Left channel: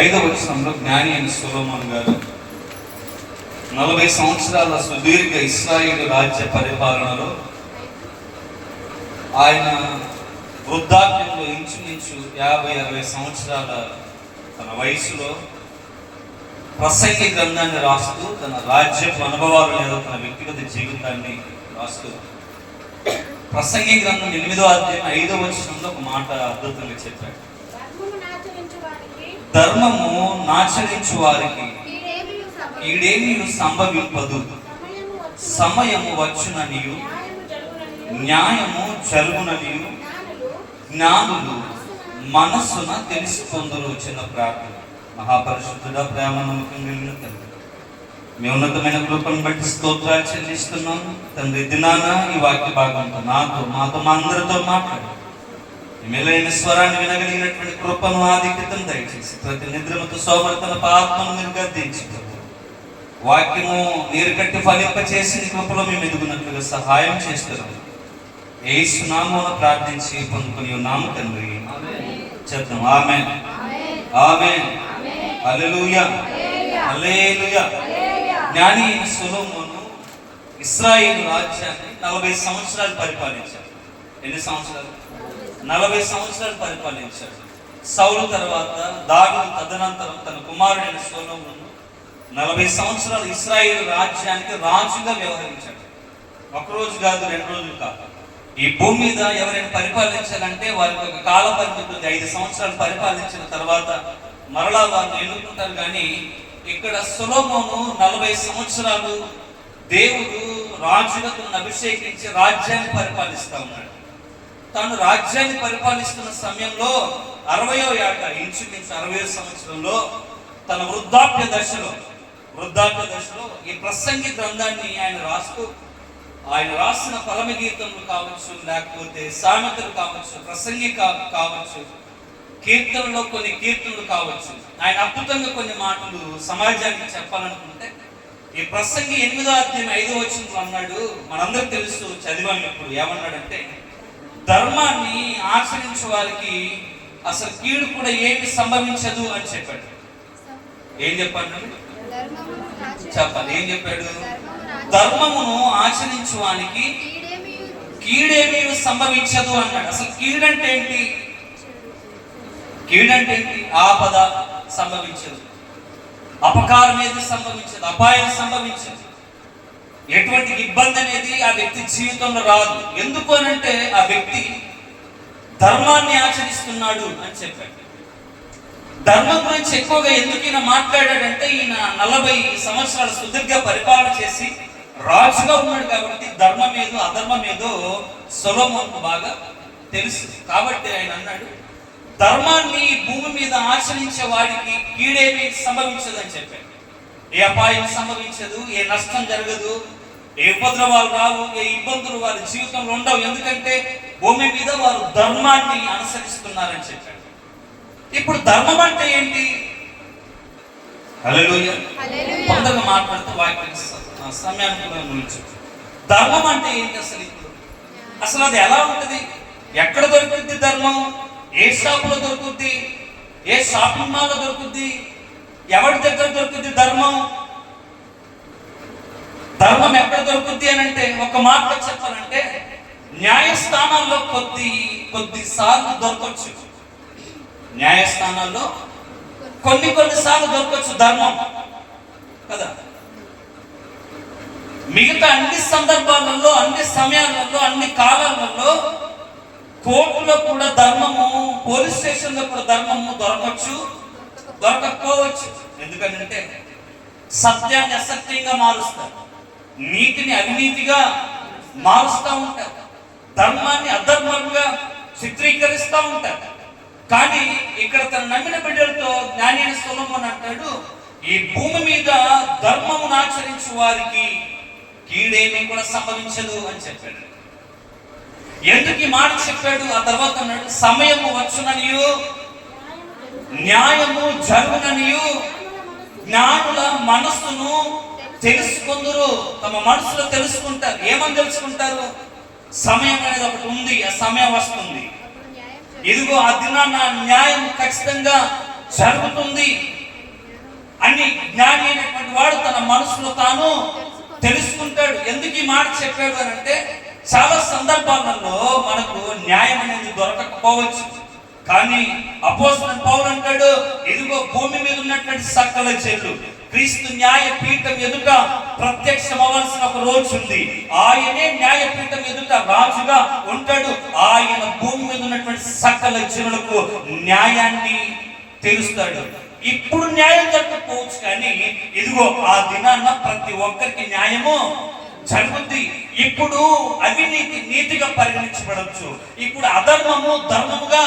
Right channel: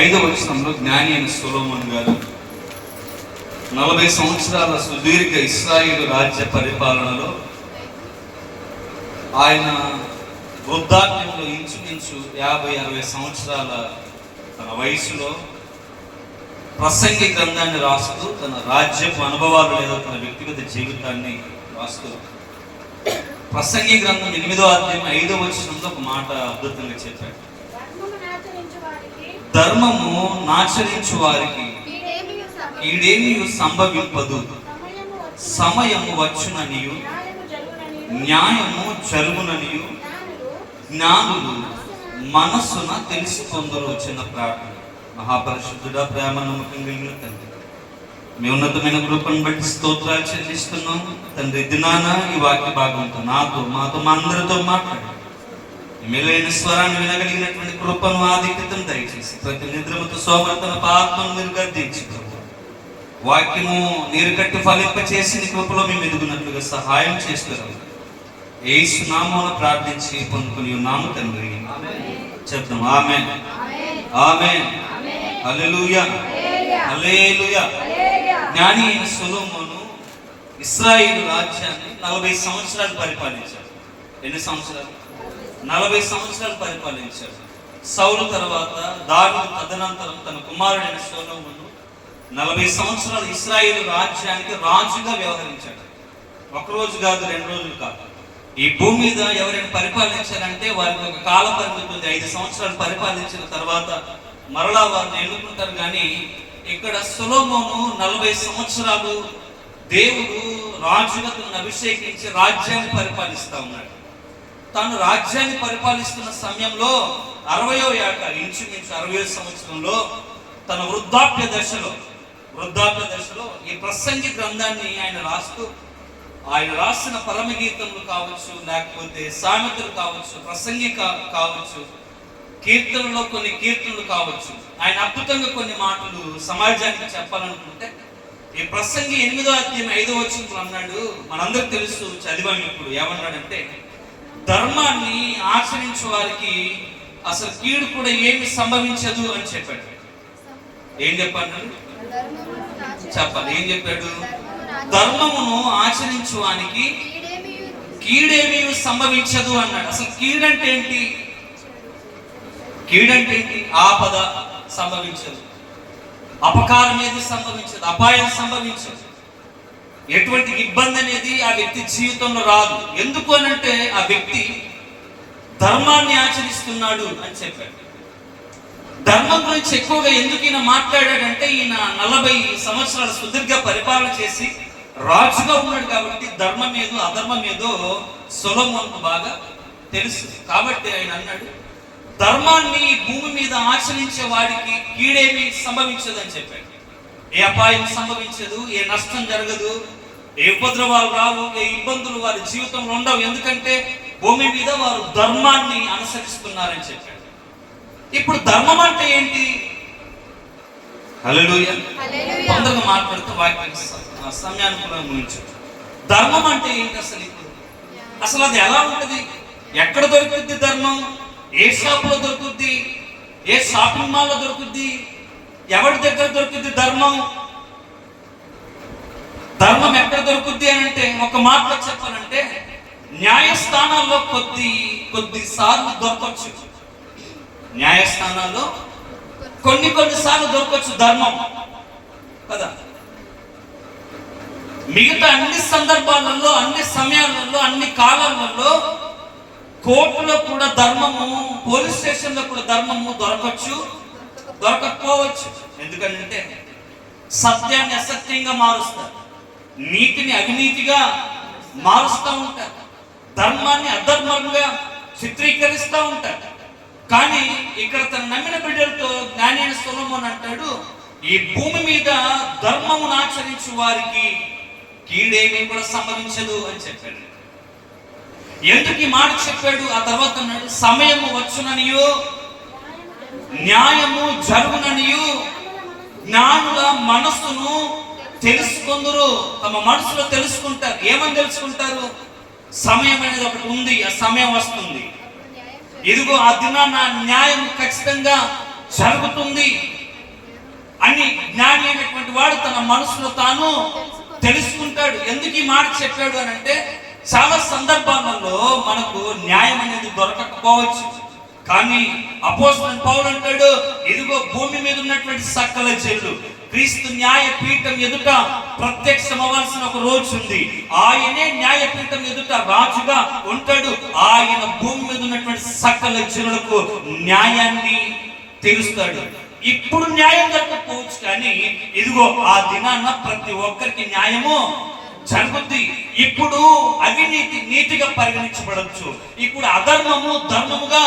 5వ వచనంలో జ్ఞాని అయిన సొలొమోను గారు 40 సంవత్సరాల సుదీర్ఘ ఇశ్రాయేలు రాజ్య పరిపాలనలో ఆయన వృద్ధాప్యంలో ఇంచుమించు 50-60 సంవత్సరాల తన వయసులో ప్రసంగి గ్రంథాన్ని రాస్తూ తన రాజ్యపు అనుభవాలు లేదో తన వ్యక్తిగత జీవితాన్ని రాస్తూ ప్రసంగి గ్రంథం 8వ అధ్యాయం 5వ వచనంలో ఒక మాట అద్భుతంగా చెప్పాడు. ధర్మము నాచరించు వారికి ఈడేమీ సంభవింపదు, సమయము వచ్చుననియు న్యాయము జరుగుననియు జ్ఞానులు మనస్సున తెలుసుకొందురు. చిన్న ప్రార్థన. మహాపరిశుద్ధుడా, ప్రేమ నమ్మకం కలిగిన తండ్రి, మీ ఉన్నతమైన కృపను బట్టి స్తోత్రాలు చెల్లిస్తున్నాను తండ్రి. దినాన ఈ వాక్య భాగంతో మాతో మా అందరితో మాట్లాడి మేలైన స్వరాన్ని వినగలిగినటువంటి కృపను ఆధిక్యతను దయచేసి ప్రతి నిద్రమతో సోమర్తన పాత్మను మీరు గద్దించుకోండి. వాక్యము నీరు కట్టి ఫలింప చేసి నీ కృపలో మేము ఎదుగునట్లుగా సహాయం చేస్తున్నాం. యేసు నామమున ప్రార్థించి పొందుకుని ఉన్నాము తండ్రి. చెప్తాం ఆమేన్, ఆమేన్, హల్లెలూయా, హల్లెలూయా. జ్ఞాని అయిన సొలొమోను ఇశ్రాయేలు రాజ్యాన్ని 40 సంవత్సరాలు పరిపాలించాడు. ఎన్ని సంవత్సరాలు? 40 సంవత్సరాలు పరిపాలించాడు. సౌలు తర్వాత దావీదు తదనంతరం తన కుమారుడైన సొలొమోను 40 సంవత్సరాలు ఇశ్రాయేలు రాజ్యానికి రాజుగా వ్యవహరించాడు. ఒకరోజు కాదు, 2 రోజులు కాదు. ఈ భూమి మీద ఎవరైనా పరిపాలించాలంటే వారికి ఒక కాల పరిమితి ఉంది. 5 సంవత్సరాలు పరిపాలించిన తర్వాత మరలా వారిని ఎన్నుకుంటారు. కానీ ఇక్కడ సొలొమోను 40 సంవత్సరాలు దేవుడు రాజుగా తనను అభిషేకించి రాజ్యాన్ని పరిపాలిస్తూ ఉన్నాడు. తాను రాజ్యాన్ని పరిపాలిస్తున్న సమయంలో 60వ ఏట, ఇంచుమించు 60వ సంవత్సరంలో తన వృద్ధాప్య దశలో ఈ ప్రసంగి గ్రంథాన్ని ఆయన రాస్తూ, ఆయన రాసిన పరమగీతములు కావచ్చు, లేకపోతే సామెతలు కావచ్చు, ప్రసంగి కావచ్చు, కీర్తనలో కొన్ని కీర్తనలు కావచ్చు, ఆయన అద్భుతంగా కొన్ని మాటలు సమాజానికి చెప్పాలనుకుంటే ఈ ప్రసంగి 8వ అధ్యాయం 5వ వచనంలో అన్నాడు. మనందరికి తెలుసు, చదివాము. ఇప్పుడు ఏమన్నాడంటే, ధర్మాన్ని ఆచరించే వారికి అసలు కీడు కూడా ఏమి సంభవించదు అని చెప్పాడు. ఏం చెప్పాడు? చెప్పాలి. ఏం చెప్పాడు? ధర్మమును ఆచరించు వానికి కీడేమీ సంభవించదు అన్నాడు. అసలు కీడంటే ఏంటి? కీడంటే ఏంటి? ఆపద సంభవించదు, అపకారం అనేది సంభవించదు, అపాయం సంభవించదు, ఎటువంటి ఇబ్బంది అనేది ఆ వ్యక్తి జీవితంలో రాదు. ఎందుకు అనంటే ఆ వ్యక్తి ధర్మాన్ని ఆచరిస్తున్నాడు అని చెప్పాడు. ధర్మం గురించి ఎక్కువగా ఎందుకు ఈయన మాట్లాడాడంటే, ఈయన 40 సంవత్సరాలు సుదీర్ఘ పరిపాలన చేసి రాజుగా ఉన్నాడు కాబట్టి ధర్మం ఏదో అధర్మం ఏదో సొలొమోనుకు బాగా తెలుసు. కాబట్టి ఆయన అన్నాడు, ధర్మాన్ని భూమి మీద ఆచరించే వాడికి కీడేమీ సంభవించదు అని చెప్పాడు. ఏ అపాయం సంభవించదు, ఏ నష్టం జరగదు, ఏ ఉపద్రవాలు రావు, ఏ ఇబ్బందులు వారి జీవితంలో ఉండవు. ఎందుకంటే భూమి మీద వారు ధర్మాన్ని అనుసరిస్తున్నారని చెప్పాడు. ఇప్పుడు ధర్మం అంటే ఏంటి? హల్లెలూయా. తొందరగా మాట్లాడుతూ వాక్యం సమయానుకూలంగా గురించి ధర్మం అంటే ఏంటి అసలు? అసలు అది ఎలా ఉంటుంది? ఎక్కడ దొరుకుద్ది ధర్మం? ఏ షాపులో దొరుకుద్ది? ఏ షాపింగ్ మాల్లో దొరుకుద్ది? ఎవరి దగ్గర దొరుకుద్ది ధర్మం? ధర్మం ఎక్కడ దొరుకుద్ది అని అంటే, ఒక మాటలో చెప్పాలంటే, న్యాయస్థానాల్లో కొద్దిసార్లు దొరకవచ్చు. న్యాయస్థానాల్లో కొన్నిసార్లు దొరకవచ్చు ధర్మం కదా. మిగతా అన్ని సందర్భాలలో, అన్ని సమయాలలో, అన్ని కాలాలలో కోర్టులో కూడా ధర్మము, పోలీస్ స్టేషన్లో కూడా ధర్మము దొరకవచ్చు, దొరకకపోవచ్చు. ఎందుకంటే సత్యాన్ని అసత్యంగా మారుస్తారు, నీతిని అవినీతిగా మారుస్తూ ఉంటారు, ధర్మాన్ని అధర్మంగా చిత్రీకరిస్తూ ఉంటారు. కానీ ఇక్కడ తన నమ్మిన బిడ్డలతో జ్ఞాని అయిన సొలొమోను అంటాడు, ఈ భూమి మీద ధర్మమును ఆచరించు వారికి కీడేమీ కూడా సంభవించదు అని చెప్పాడు. ఎందుకు ఈ మాట చెప్పాడు? ఆ తర్వాత అన్నాడు, సమయము వచ్చుననియు న్యాయము జరుగుననియు జ్ఞానుల మనస్సును తెలుసుకుందరు. తమ మనసులో తెలుసుకుంటారు. ఏమని తెలుసుకుంటారు? సమయం అనేది ఒకటి ఉంది, ఆ సమయం వస్తుంది, ఇదిగో ఆ దినాన న్యాయం ఖచ్చితంగా జరుగుతుంది అని జ్ఞాని అయినటువంటి వాడు తన మనసులో తాను తెలుసుకుంటాడు. ఎందుకు ఈ మాట చెప్పాడు అని అంటే, చాలా సందర్భాలలో మనకు న్యాయం అనేది దొరకకపోవచ్చు. కానీ అపోస్తలుడైన పౌలు అంటాడు, ఇదిగో భూమి మీద ఉన్నటువంటి సకల జనులు క్రీస్తు న్యాయ పీఠం ఎదుట ప్రత్యక్షం అవ్వాల్సిన ఒక రోజు ఉంది. ఆయనే న్యాయపీఠం ఎదుట రాజుగా ఉంటాడు. ఆయన భూమి మీద ఉన్నటువంటి సకల జనులకు న్యాయాన్ని తీరుస్తాడు. ఇప్పుడు న్యాయం జరగకపోవచ్చు, కానీ ఇదిగో ఆ దినాన ప్రతి ఒక్కరికి న్యాయము జరుగుద్ది. ఇప్పుడు అవినీతి నీతిగా పరిగణించబడచ్చు, ఇప్పుడు అధర్మము ధర్మముగా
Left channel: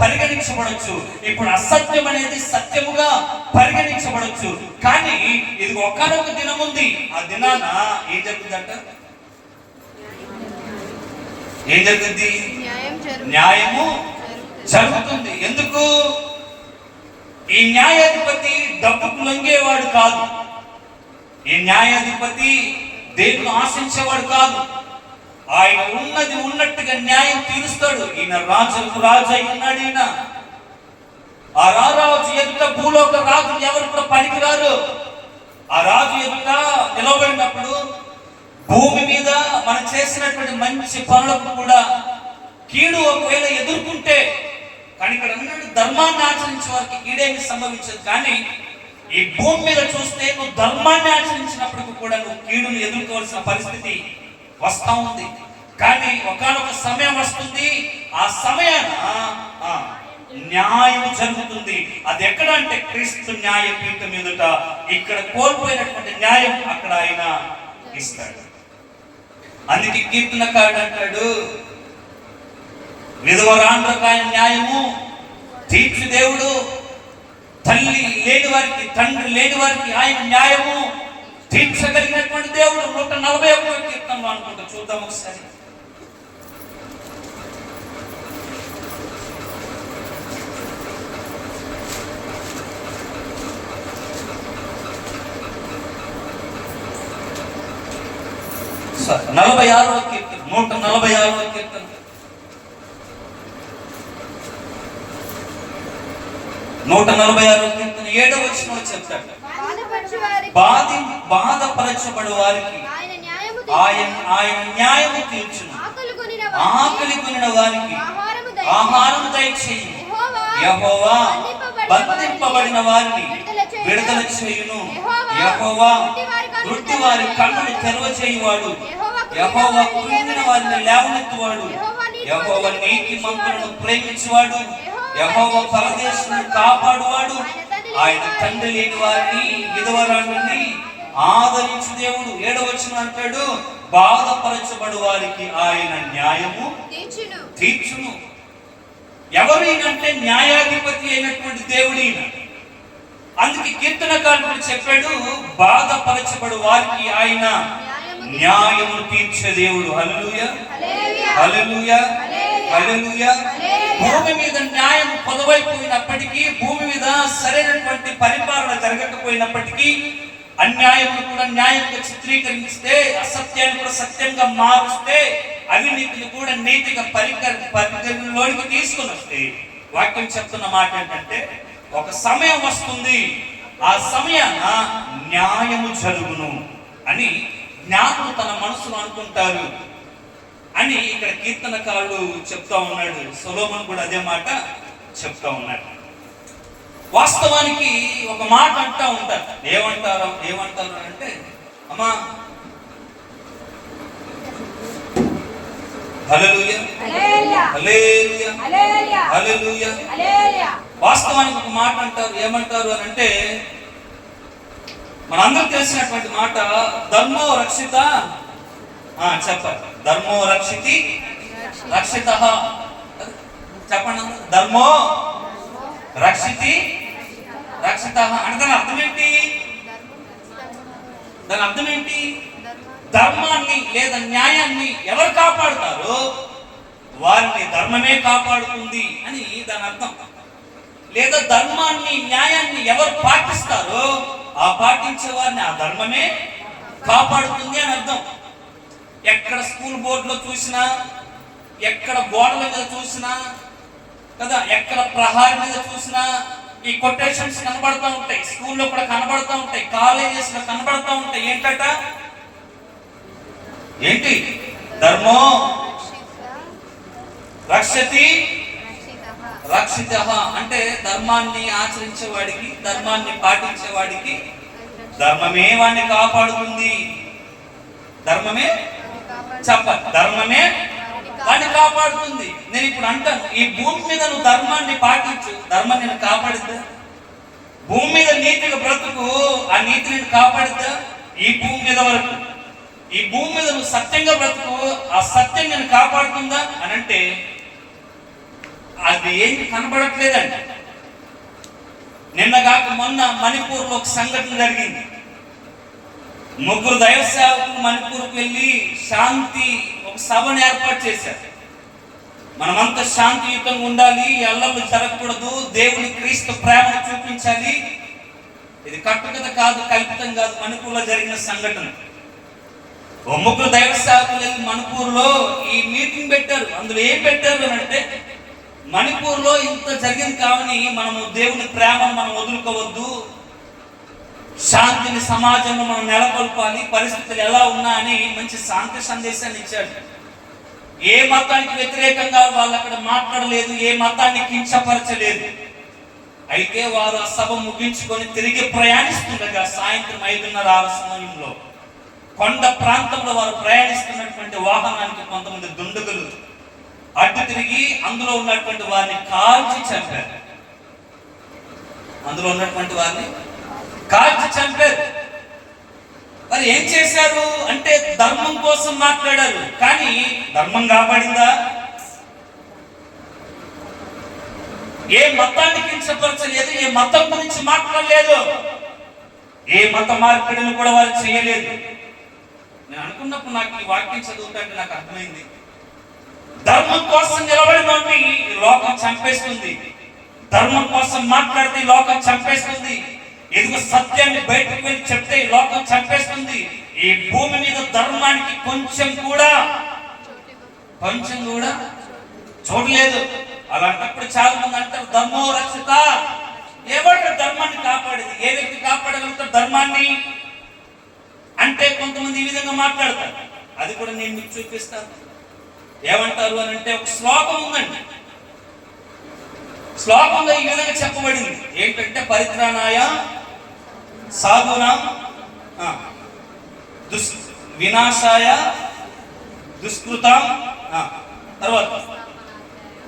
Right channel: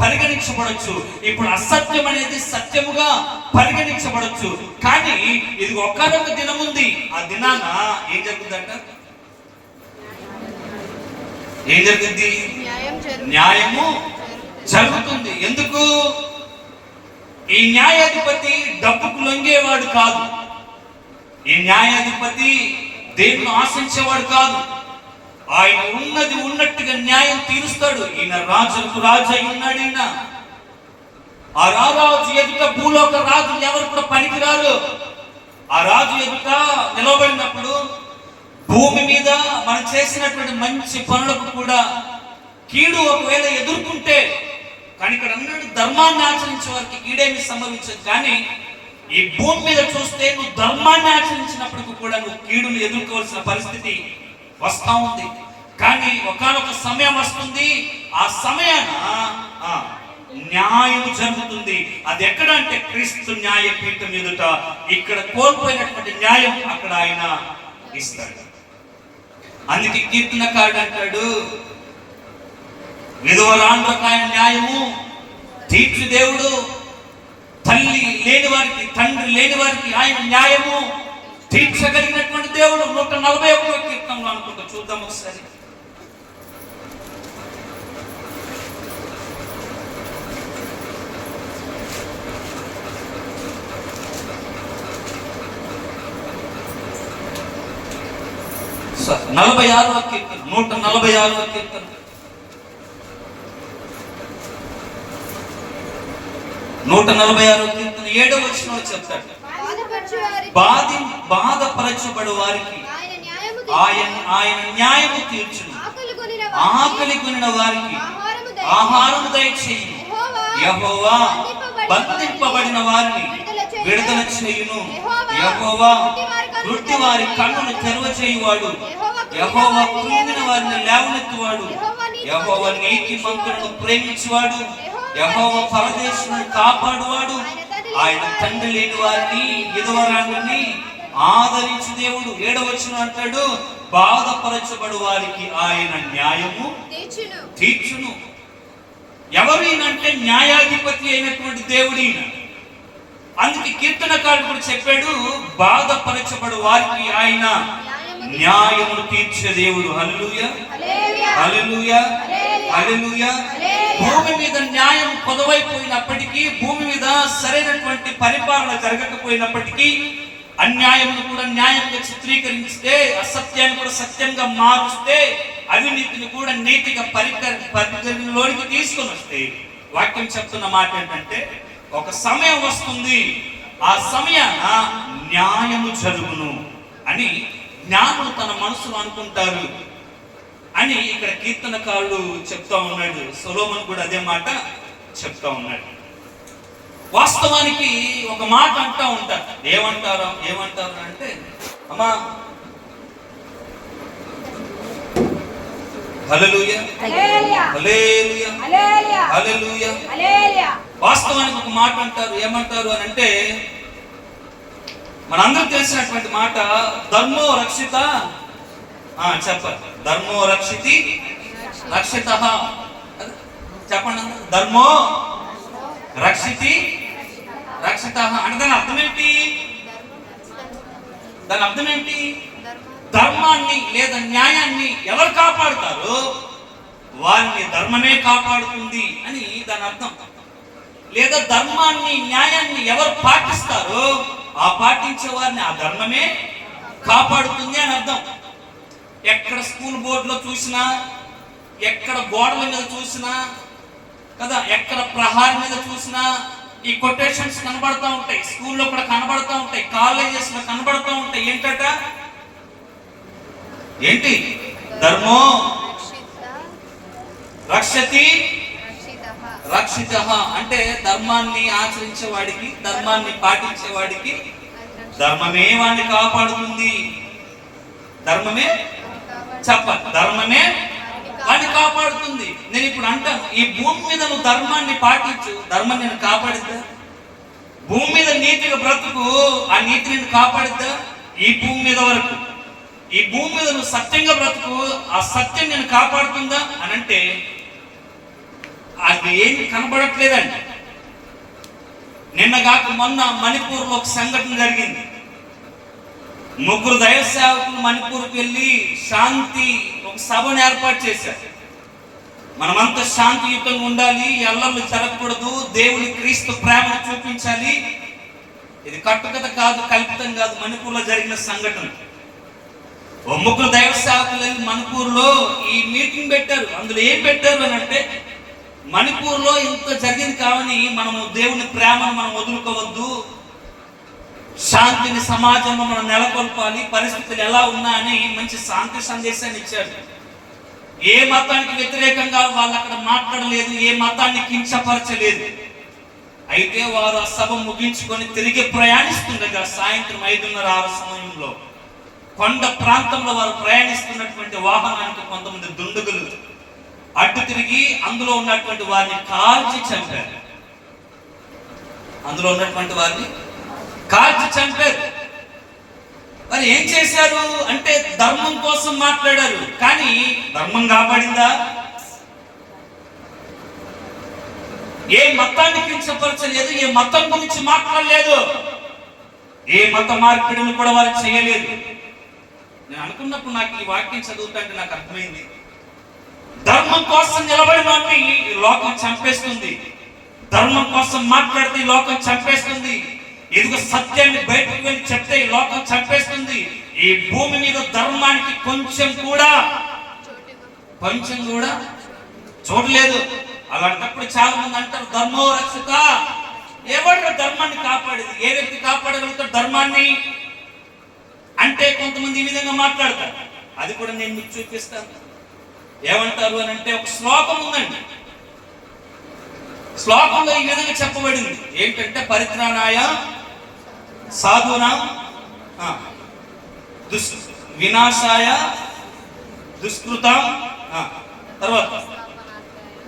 పరిగణించబడచ్చు, ఇప్పుడు అసత్యం అనేది సత్యముగా పరిగణించబడచ్చు. కానీ ఇది ఒక్కనొక దినం ఉంది. ఆ దినాన ఏం జరుగుతుందంట? ఏం జరుగుద్ది? న్యాయము జరుగుతుంది. ఎందుకు? ఈ న్యాయాధిపతి డబ్బుకు లొంగేవాడు కాదు. ఈ న్యాయాధిపతి దేన్ని ఆశించేవాడు కాదు. ఆయన ఉన్నది ఉన్నట్టుగా న్యాయం తీరుస్తాడు. ఈయన రాజులకు రాజు అయి ఉన్నాడు. ఈయన ఆ రాజు ఎదుట భూలోక రాజు ఎవరు కూడా పనికిరారు. ఆ రాజు ఎదుట నిలబడినప్పుడు భూమి మీద మనం చేసినటువంటి మంచి పనులకు కూడా కీడు ఒకవేళ ఎదుర్కొంటే, కానీ ఇక్కడ అన్నాడు ధర్మాన్ని ఆచరించే వారికి కీడేమి సంభవించదు. కానీ ఈ భూమి మీద చూస్తే నువ్వు ధర్మాన్ని ఆచరించినప్పటికీ కూడా నువ్వు కీడును ఎదుర్కోవాల్సిన పరిస్థితి వస్తా ఉంది. కానీ ఒకానొక సమయం వస్తుంది, ఆ సమయాన న్యాయం జరుగుతుంది. అది ఎక్కడ అంటే క్రీస్తు న్యాయపీఠం ఎదుట. ఇక్కడ కోల్పోయినటువంటి న్యాయం అక్కడ ఆయన ఇస్తాడు. అందుకే కీర్తనకారుడు అంటాడు, విధవరాండ్రకు ఆయన న్యాయము తీర్చు దేవుడు, తల్లి లేని వారికి తండ్రి లేని వారికి ఆయన న్యాయము తీర్చగలిగినటువంటి దేవుడు. 141వ కీర్తనలో అనుకుంటా, చూద్దాం ఒకసారి. సార్ 46వ కీర్తన, 146వ కీర్తన. 146వ కీర్తన 7వ వచనంలో చెప్తాడు, బాధపరచబడు వారికి ఆయన న్యాయము తీర్చును, ఆకలి కొనిన వారికి ఆహారము దయచేయును, యెహోవా బంధింపబడిన వారిని విడుదల చేయును, యెహోవా గుడ్డి వారి కన్నులు తెరవచేయువాడు, యెహోవా కృంగిన వారిని లేవనెత్తువాడు, యెహోవా నీతిమంతులను ప్రేమించువాడు, యెహోవా పరదేశులను కాపాడువాడు, ఆయన తండ్రి లేని వారిని విధవరాండ్రుని ఆదరించు దేవుడు. 7వ వచనం అంటాడు, బాధపరచబడు వారికి ఆయన న్యాయము తీర్చును. ఎవరైనంటే న్యాయాధిపతి అయినటువంటి దేవుడు ఈయన. అందుకే కీర్తనకారుడు కూడా చెప్పాడు, బాధపరచబడు వారికి ఆయన న్యాయము తీర్చే దేవుడు. హల్లెలూయా, హల్లెలూయా, హల్లెలూయా. భూమి మీద న్యాయం పొదవైపోయినప్పటికీ, భూమి మీద సరైనటువంటి పరిపాలన జరగకపోయినప్పటికీ, అన్యాయమును కూడా న్యాయంగా చిత్రీకరిస్తే, అసత్యాన్ని కూడా సత్యంగా మారుస్తే, అవినీతిని కూడా నీతిగా పరిగణలోనికి తీసుకుని వస్తే, వాక్యం చెప్తున్న మాట ఏంటంటే, ఒక సమయం వస్తుంది, ఆ సమయాన న్యాయము జరుగును అని జ్ఞానులు తన మనసులో అనుకుంటారు అని ఇక్కడ కీర్తనకారుడు చెప్తా ఉన్నాడు. సొలొమోను కూడా అదే మాట చెప్తా ఉన్నాడు. వాస్తవానికి ఒక మాట అంటా ఉంటారు, ఏమంటారు అంటే, అమ్మా హల్లెలూయా, హల్లెలూయా, హల్లెలూయా. వాస్తవానికి ఒక మాట అంటారు, ఏమంటారు అని అంటే, మనందరూ తెలిసినటువంటి మాట, ధర్మో రక్షిత. చెప్పండి, ధర్మో రక్షితి రక్షిత. చెప్పండి, ధర్మో రక్షితి రక్షిత అంటే దాని అర్థం ఏంటి? దాని అర్థం ఏంటి? ధర్మాన్ని లేదా న్యాయాన్ని ఎవరు కాపాడుతారో వారిని ధర్మమే కాపాడుతుంది అని దాని అర్థం. లేదా ధర్మాన్ని న్యాయాన్ని ఎవరు పాటిస్తారో ఆ పాటించే వారిని ఆ ధర్మమే కాపాడుతుంది అని అర్థం. ఎక్కడ స్కూల్ బోర్డులో చూసినా, ఎక్కడ గోడల మీద చూసినా కదా, ఎక్కడ ప్రహారీ మీద చూసినా, ఈ కొటేషన్స్ కనబడుతూ ఉంటాయి, స్కూల్లో కూడా కనబడుతూ ఉంటాయి, కాలేజెస్ లో కనబడుతూ ఉంటాయి. ఏంటట? ఏంటి? ధర్మో రక్షతి రక్షిత అంటే ధర్మాన్ని ఆచరించేవాడికి, ధర్మాన్ని పాటించేవాడికి ధర్మమే వాడిని కాపాడుతుంది. ధర్మమే ధర్మమే వాడిని కాపాడుతుంది. నేను ఇప్పుడు అంటాను, ఈ భూమి మీద నువ్వు ధర్మాన్ని పాటించు, ధర్మం నేను కాపాడుద్దా? భూమి మీద నీతిగా బ్రతుకు, ఆ నీతి నేను కాపాడుద్దా? ఈ భూమి మీద వరకు, ఈ భూమి మీద నువ్వు సత్యంగా బ్రతుకు, ఆ సత్యం నేను కాపాడుతుందా అని అంటే అది ఏమి కనబడట్లేదండి. నిన్నగాక మొన్న మణిపూర్లో ఒక సంఘటన జరిగింది. 3 దైవ సేవకులు మణిపూర్కి వెళ్ళి శాంతి ఒక సభను ఏర్పాటు చేశారు. మనమంతా శాంతియుతంగా ఉండాలి, ఎల్లలు జరగకూడదు, దేవుని క్రీస్తు ప్రేమను చూపించాలి. ఇది కట్టుకథ కాదు, కల్పితం కాదు, మణిపూర్లో జరిగిన సంఘటన. 3 దైవ సేవకులు వెళ్ళి మణిపూర్లో ఈ మీటింగ్ పెట్టారు. అందులో ఏం పెట్టారు అని అంటే, మణిపూర్లో ఇంత జరిగింది కావని మనము దేవుని ప్రేమను మనం వదులుకోవద్దు, శాంతిని సమాజంలో మనం నెలకొల్పాలి, పరిస్థితులు ఎలా ఉన్నా అని మంచి శాంతి సందేశాన్ని ఇచ్చాడు. ఏ మతానికి వ్యతిరేకంగా వాళ్ళు అక్కడ మాట్లాడలేదు, ఏ మతాన్ని కించపరచలేదు. అయితే వారు ఆ సభ ముగించుకొని తిరిగి ప్రయాణిస్తుండగా సాయంత్రం 5:30-6 సమయంలో కొండ ప్రాంతంలో వారు ప్రయాణిస్తున్నటువంటి వాహనానికి కొంతమంది దుండగులు అడ్డు తిరిగి అందులో ఉన్నటువంటి వారిని కాల్చి చంపారు. అందులో ఉన్నటువంటి వారిని కాల్చి చంపారు. మరి ఏం చేశారు అంటే ధర్మం కోసం మాట్లాడారు, కానీ ధర్మం కాపాడిందా? ఏ మతాన్ని కించపరచలేదు, ఏ మతం గురించి మాట్లాడలేదు, ఏ మత మార్పిడిని కూడా వారు చేయలేదు. నేను అనుకున్నప్పుడు నాకు ఈ వాక్యం చదువుతుంటే నాకు అర్థమైంది, ధర్మం కోసం నిలబడి వాడిని ఈ లోకం చంపేస్తుంది, ధర్మం కోసం మాట్లాడితే ఈ లోకం చంపేస్తుంది, ఇదిగో సత్యాన్ని బయటకు వెళ్ళి చెప్తే ఈ లోకం చంపేస్తుంది. ఈ భూమి మీద ధర్మానికి కొంచెం కూడా చోటు లేదు. అలాంటప్పుడు చాలా మంది అంటారు ధర్మో రక్షిత. ఎవరు ధర్మాన్ని కాపాడేది? ఏ వ్యక్తి కాపాడగలుగుతాడు ధర్మాన్ని అంటే కొంతమంది ఈ విధంగా మాట్లాడతారు. అది కూడా నేను మీకు చూపిస్తాను. ఏమంటారు అని అంటే, ఒక శ్లోకం ఉందండి, శ్లోకంలో ఈ విధంగా చెప్పబడింది. ఏంటంటే, పరిత్రాణాయ సాధూనాం వినాశాయ దుష్కృతం, తర్వాత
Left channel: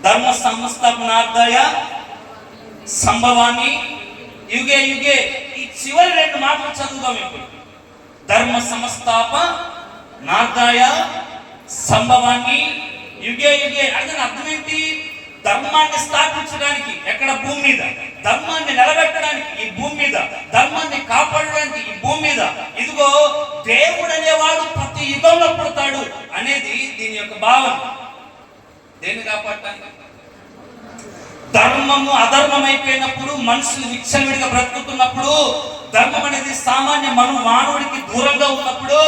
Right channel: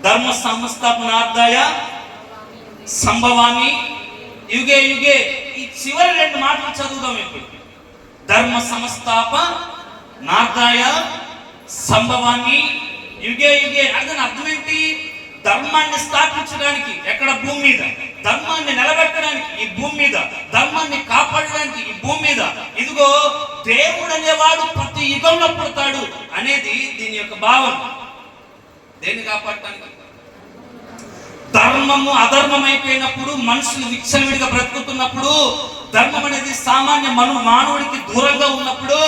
ధర్మ సంస్థాపనార్థాయ సంభవామి యుగే యుగే. ఈ చివరి 2 మాటలు చదువుదాం ఇప్పుడు. ధర్మ సంస్థాపనార్థాయ సంభవాన్ని యుగే యుగే. దాని అర్థం ఏంటి? ధర్మాన్ని స్థాపించడానికి ఎక్కడ? భూమి మీద. ధర్మాన్ని నిలబెట్టడానికి ఈ భూమి మీద, ధర్మాన్ని కాపాడడానికి ఈ భూమి మీద. ఇదిగో దేవుడు అనేవాడు ప్రతి యుగంలో పుడతాడు అనేది దీని యొక్క భావం. దేన్ని కాపాడటానికి? ధర్మము అధర్మం అయిపోయినప్పుడు, మనుషులు విచ్చలవిడిగా బ్రతుకుతున్నప్పుడు, ధర్మం అనేది సామాన్య మానవుడికి దూరంగా ఉన్నప్పుడు,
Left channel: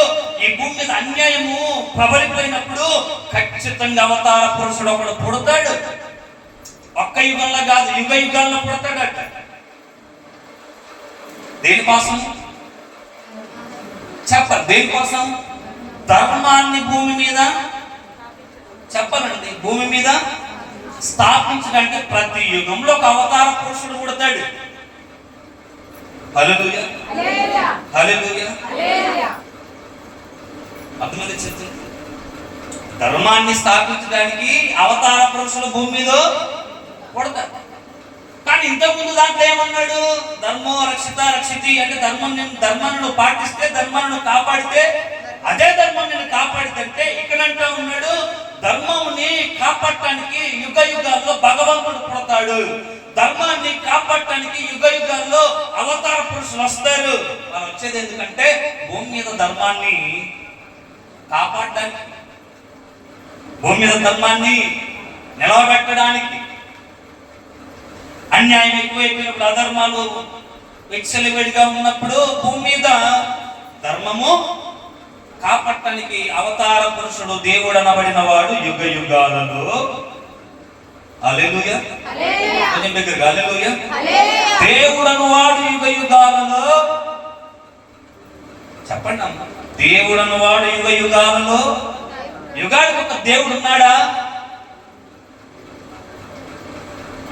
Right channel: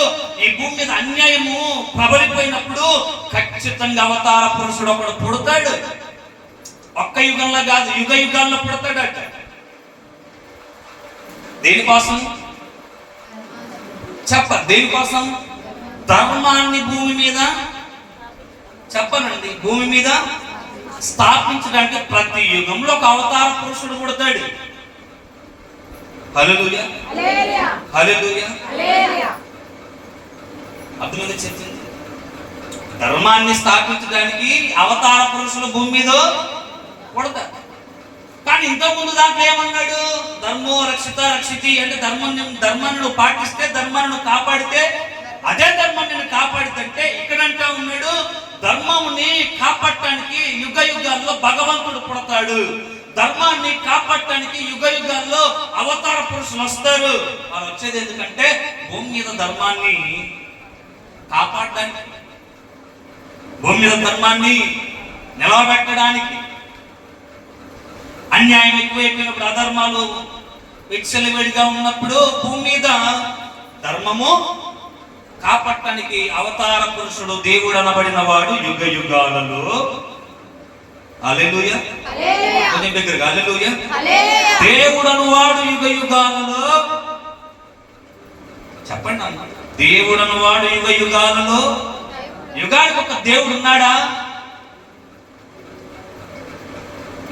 ఈ భూమి మీద అన్యాయము ప్రబలిపోయినప్పుడు ఖచ్చితంగా అవతార పురుషుడు ఒకడు పుడతాడు. ఒక్క యుగంలో కాదు, యుగ యుగాల్లో పుడతాడట. దేనికోసం దేనికోసం? ధర్మాన్ని భూమి మీద చెప్పనండి, భూమి మీద స్థాపించడానికి ప్రతి యుగంలో ఒక అవతార పురుషుడు పుడతాడు. హల్లెలూయా, హల్లెలూయా. అర్థమైంది చెప్తుంది. ధర్మాన్ని స్థాపించడానికి అవతార పురుషులు భూమి మీద పుడతారు. కానీ ఇంతకుముందు దాంట్లో ఏమన్నాడు? ధర్మో రక్షిత రక్షితి అంటే ధర్మాన్ని నువ్వు పాటిస్తే, ధర్మాన్ని నువ్వు కాపాడితే, అదే ధర్మం నేను కాపాడితే. ఇక్కడంటా ఉన్నాడు, ధర్మంని కాపాడటానికి యుగ యుగాల్లో భగవంతుడు పుడతాడు, ధర్మాన్ని కాపాడటానికి యుగ యుగాల్లో అవతార పురుషులు వస్తారు. వారు వచ్చేది ఎందుకంటే భూమి మీద ధర్మాన్ని కాపాడడానికి, భూమి మీద ధర్మాన్ని నిలబెట్టడానికి. అన్యాయం ఎక్కువైపోయినప్పుడు, అధర్మాలు విచ్చలవిడిగా ఉన్నప్పుడు భూమి మీద ధర్మము కాపాడటానికి అవతార పురుషుడు దేవుడు అనబడిన వాడు యుగ యుగాలలో హల్లెలూయా. కొంచెం దగ్గరగా హల్లెలూయా. దేవుడను వాడు యుగ యుగాలలో, చెప్పండి అమ్మ, దేవుడను వాడు యుగ యుగాలలో. యుగానికి ఒక దేవుడు ఉన్నాడా?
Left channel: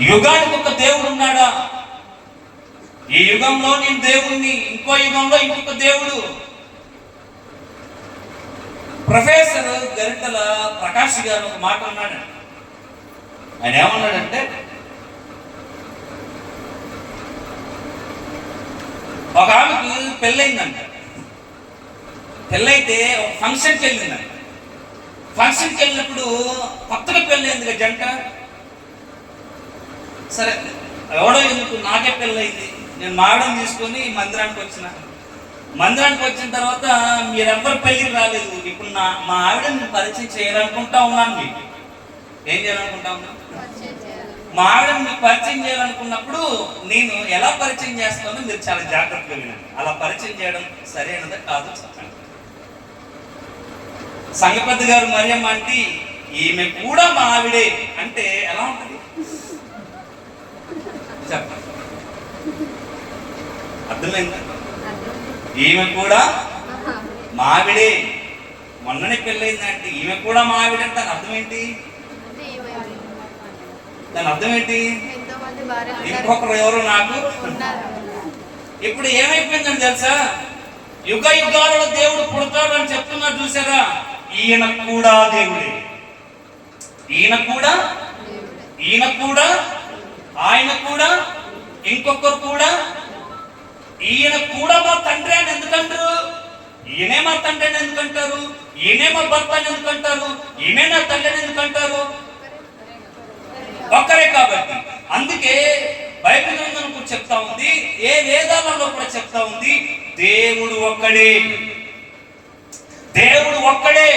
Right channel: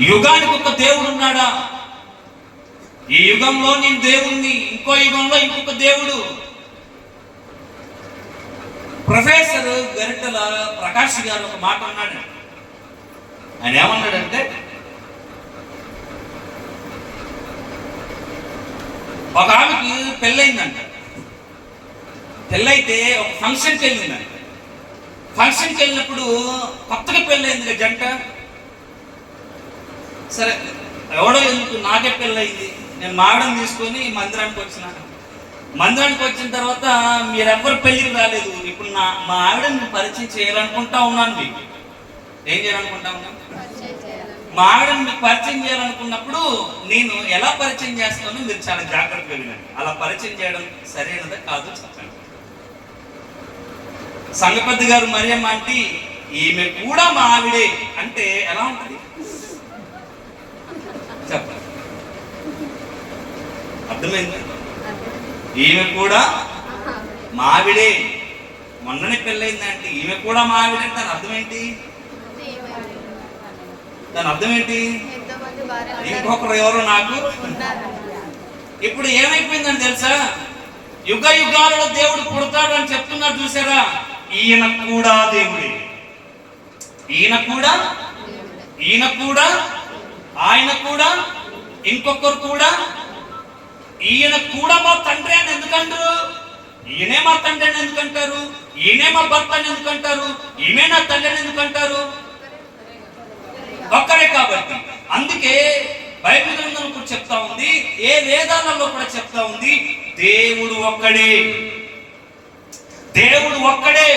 యుగానికి ఒక దేవుడు ఉన్నాడా? ఈ యుగంలో నేను దేవుణ్ణి, ఇంకో యుగంలో ఇంకొక దేవుడు. ప్రొఫెసర్ గరిటల ప్రకాష్ గారు ఒక మాట అన్నాడు. ఆయన ఏమన్నాడంటే, ఒక ఆమెకి పెళ్ళయిందంట. పెళ్ళైతే ఒక ఫంక్షన్కి వెళ్ళిందంట. ఫంక్షన్కి వెళ్ళినప్పుడు కొత్తగా పెళ్ళయింది కదా జంట. సరే ఎవడో ఎందుకు, నాకే పెళ్ళయింది, నేను మావిడని తీసుకొని మందిరానికి వచ్చిన. మందిరానికి వచ్చిన తర్వాత మీరెవ్వరు పెళ్ళికి రాలేదు. ఇప్పుడు మా ఆవిడని నేను పరిచయం చేయాలనుకుంటా ఉన్నాను. మీకు ఏం చేయాలనుకుంటా ఉన్నాను? మా ఆవిడని మీకు పరిచయం చేయాలనుకున్నప్పుడు నేను ఎలా పరిచయం చేస్తానో మీరు చాలా జాగ్రత్తగా వినండి. అలా పరిచయం చేయడం సరైనదా కాదు చెప్పండి. సంగపద్ది గారు మరియమ్మ అంటే ఈమె కూడా మా ఆవిడే అంటే ఎలా ఉంటుంది చెప్పండి? అర్థమైందా? ఈమె కూడా మావిడే, మొన్ననే పెళ్ళయిందంటే ఈమె కూడా మావిడే అంటే దాని అర్థం ఏంటి? దాని అర్థం ఏంటి? ఇంకొకరు ఎవరు నాకు. ఇప్పుడు ఏమైపోయిందని తెలుసా? యుగ యుగాలలో దేవుడు పుడతాడు అని చెప్తున్నారు చూసారా? ఈయన కూడా దేవుడే, ఈయన కూడా, ఈయన కూడా, ఆయన కూడా, ఇంకొకరు కూడా. ఈయన కూడా మా తండ్రి అని ఎందుకంటారు? ఈయనే మా తండ్రి అని ఎందుకంటారు? ఈయనే మా భర్త అని ఎందుకంటారు? ఈయనే నా తండ్రి అని ఎందుకంటారు? ఒక్కరే కాబట్టి. అందుకే బైబిల్ గ్రంథంలో కూడా చెప్తా ఉంది, ఏ వేదాలలో కూడా చెప్తా ఉంది, దేవుడు ఒక్కడే, దేవుడు ఒక్కడే.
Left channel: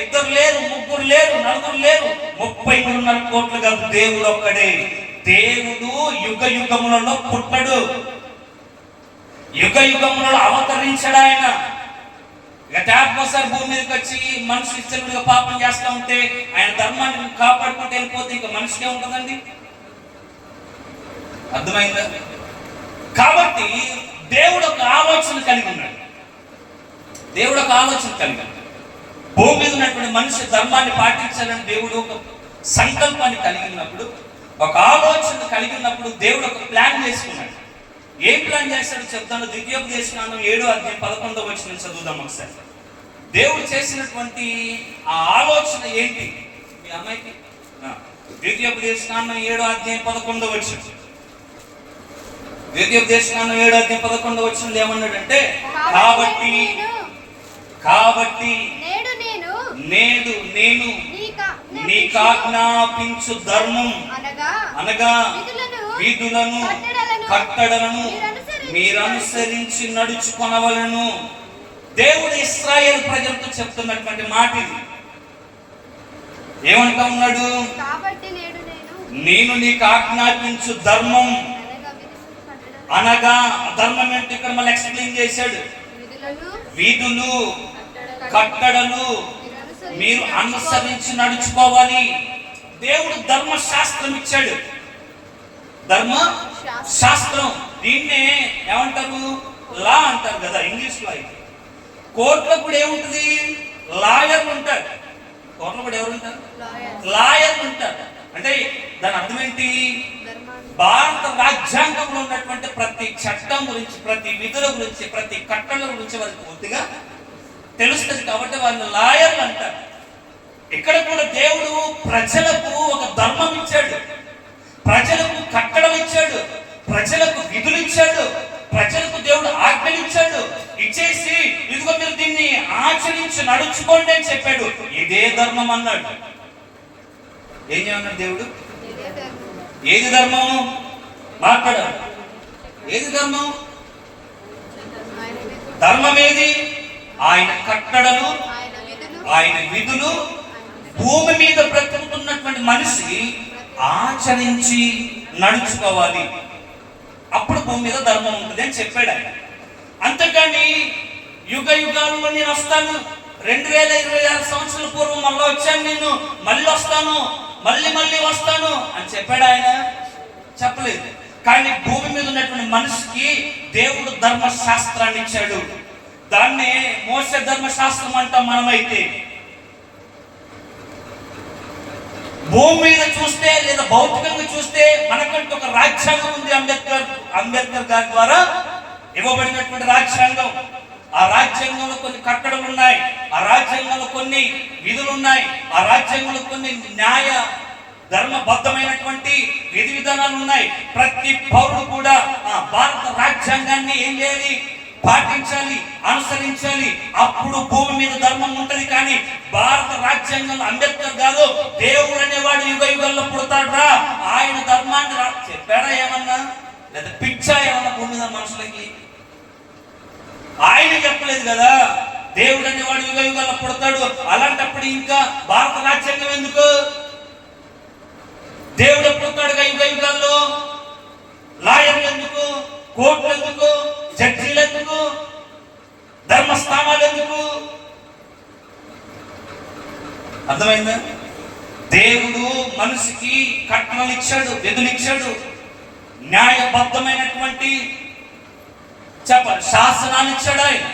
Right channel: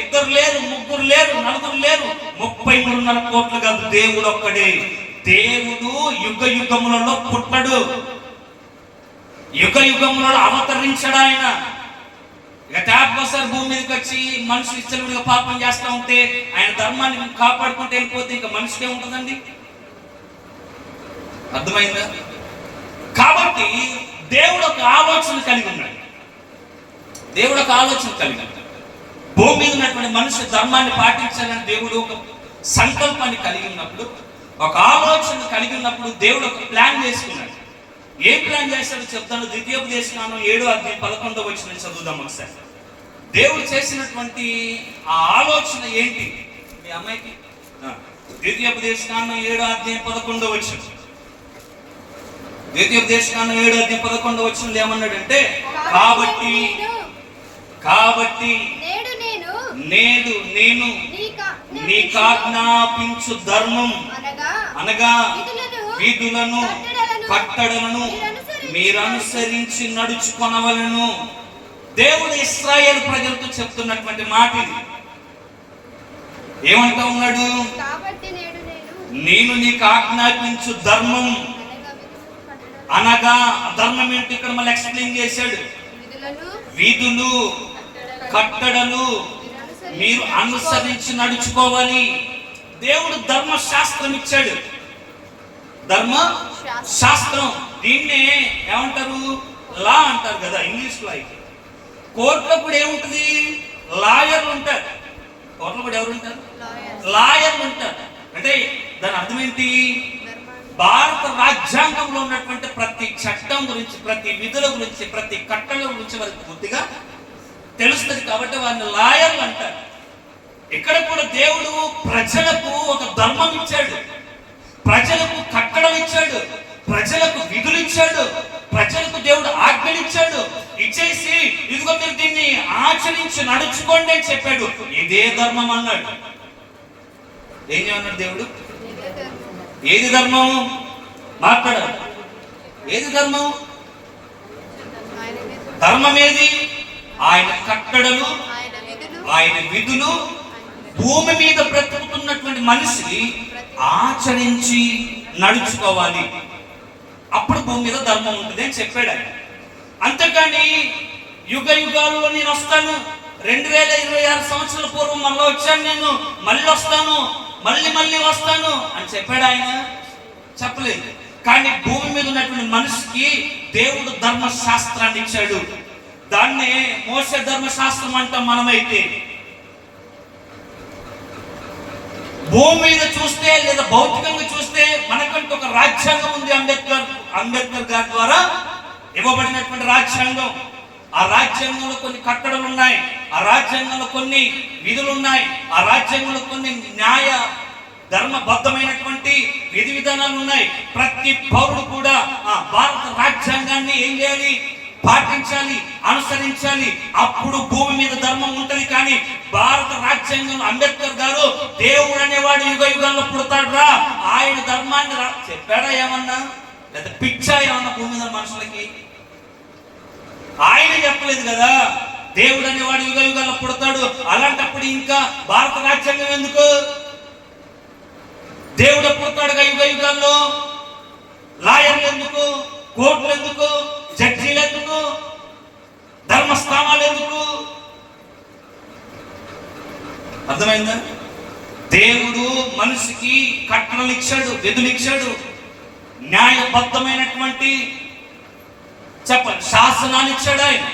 ఇద్దరు లేరు, ముగ్గురు లేరు, నలుగురు లేరు, 33.5 కోట్లు కాదు, దేవుడు ఒక్కడే. దేవుడు యుగ యుగములలో పుట్టడు, యుగ యుగములలో అవతరించడు. ఆయన ఇక ఒకసారి భూమి మీదకి వచ్చి మనుషులు ఇష్టలుగా పాపం చేస్తూ ఉంటే ఆయన ధర్మాన్ని కాపాడుకుంటూ వెళ్ళిపోతే ఇంకా మనిషికే ఉంటుందండి. అర్థమైందా? కాబట్టి దేవుడు ఒక ఆలోచన కలిగి ఉన్నాడు. దేవుడు ఒక ఆలోచన కలిగి ఉన్నాడు. భూమి మీద ఉన్నటువంటి మనిషి ధర్మాన్ని పాటించాలని దేవుడు ఒక సంకల్పాన్ని కలిగి ఉన్నప్పుడు, ఒక ఆలోచన కలిగి ఉన్నప్పుడు దేవుడు ఒక ప్లాన్ చేసుకున్నాడు. ఏం ప్లాన్ చేస్తాడో చెప్తాను. ద్వితీయోపదేశకాండం 7:11 చదువుదాం ఒకసారి. దేవుడు చేసినటువంటి ఆ ఆలోచన ఏంటి? మీ అమ్మాయికి ద్వితీయోపదేశకాండం 7:11. ద్వితీయోపదేశకాండం 7:11 ఏమన్నాడంటే, కాబట్టి నేడు నేను నీకాజ్ఞాపించు ధర్మం అనగా విధులను కట్టడలను మీరు అనుసరించి నడుచుకొనవలెను. దేవుడు ఇశ్రాయేలు ప్రజలతో చెప్తున్నటువంటి మాట ఇది. ఏమంటా ఉన్నాడు? నేను నీకు ఆజ్ఞాపించు ధర్మం అనగా, ధర్మం ఏంటి ఇక్కడ మళ్ళీ ఎక్స్ప్లెయిన్ చేశాడు. విధులు కట్టడలు మీరు అనుసరించి నడుచుకోవాలి. దేవుడు ధర్మశాస్త్రం ఇచ్చాడు. ధర్మ శాస్త్రం, దీన్నే ఏమంటారు? లా అంటారు కదా ఇంగ్లీష్ లో. అయితే కోర్టులో కూడా ఏముంటుంది? లాయర్లు ఉంటారు. కోర్టులో కూడా ఎవరు ఉంటారు? లాయర్లు ఉంటారు. అంటే దాని అర్థం ఏంటి? భారత రాజ్యాంగంలో ఉన్నటువంటి ప్రతి చట్టం గురించి, ప్రతి విధుల గురించి, ప్రతి కట్టడల గురించి వారికి పూర్తిగా తెలుస్తుంది. కాబట్టి వారిని లాయర్లు అంటారు. ఇక్కడ కూడా దేవుడు ప్రజలకు ఒక ధర్మం ఇచ్చాడు, ప్రజలకు కట్టడలు ఇచ్చాడు, ప్రజలకు విధులు ఇచ్చాడు, ప్రజలకు దేవుడు ఆజ్ఞలు ఇచ్చాడు. ఇచ్చేసి ఇదిగో మీరు దీన్ని ఆచరించి నడుచుకోండి అని చెప్పాడు. ఇదే ధర్మం అన్నాడు. ఏం చేయమన్నాడు దేవుడు? ఏది ధర్మం? మాట్లాడాడు. ఏది ధర్మం? ధర్మం ఏది? ఆయన కట్టడలు, ఆయన విధులు భూమి మీద బ్రతుకుతున్నటువంటి మనిషి ఆచరించి నడుచుకోవాలి. అప్పుడు భూమి మీద ధర్మం ఉంటుంది అని చెప్పాడు ఆయన. అంతేకాని యుగ యుగాల్లో నేను వస్తాను, 2026 సంవత్సరాల పూర్వం మళ్ళీ వచ్చాను, నేను మళ్ళీ వస్తాను, మళ్ళీ మళ్ళీ వస్తాను అని చెప్పాడు ఆయన? చెప్పలేదు. కానీ భూమి మీద ఉన్నటువంటి మనిషికి దేవుడు ధర్మశాస్త్రాన్ని ఇచ్చాడు. దాన్నే మోసే ధర్మశాస్త్రం అంటాం మనమైతే. భూమి మీద చూస్తే లేదా భౌతికంగా చూస్తే మనకంటూ ఒక రాజ్యాంగం ఉంది. అంబేద్కర్ గారి ద్వారా ఇవ్వబడినటువంటి రాజ్యాంగం. ఆ రాజ్యాంగంలో కొన్ని కట్టడలు ఉన్నాయి, ఆ రాజ్యాంగంలో కొన్ని విధులు ఉన్నాయి, ఆ రాజ్యాంగంలో కొన్ని న్యాయ ధర్మబద్ధమైనటువంటి విధి విధానాలు ఉన్నాయి. ప్రతి పౌరుడు కూడా ఆ భారత రాజ్యాంగాన్ని ఏం చేయాలి? పాటించాలి, అనుసరించాలి. అప్పుడు భూమి మీద ధర్మం ఉంటది. కానీ భారత రాజ్యాంగంలో అంబేద్కర్ గారు దేవుడు అనేవాడు యుగ యుగాల్లో పుడతాడ్రా, ఆయన ధర్మాన్ని చెప్పాడా ఏమన్నా? లేదా పిచ్చా ఏమన్నా భూమి మీద మనుషులకి? ఆయన చెప్పలేదు కదా దేవుడు అనేవాడు యుగ యుగాల్లో పుడతాడు. అలాంటప్పుడు ఇంకా భారత రాజ్యాంగం ఎందుకు? దేవుడు పుడతాడుగా యుగ యుగాల్లో. లాయర్లు ఎందుకు? కోర్టులు ఎందుకు? జడ్జీలు ఎందుకు? ధర్మస్థానాలు ఎందుకు? అర్థమైందా? దేవుడు మనిషికి కట్టడలు ఇచ్చాడు, విధులు ఇచ్చాడు, న్యాయబద్ధమైనటువంటి చెప్పండి శాసనాన్ని ఇచ్చాడు ఆయన.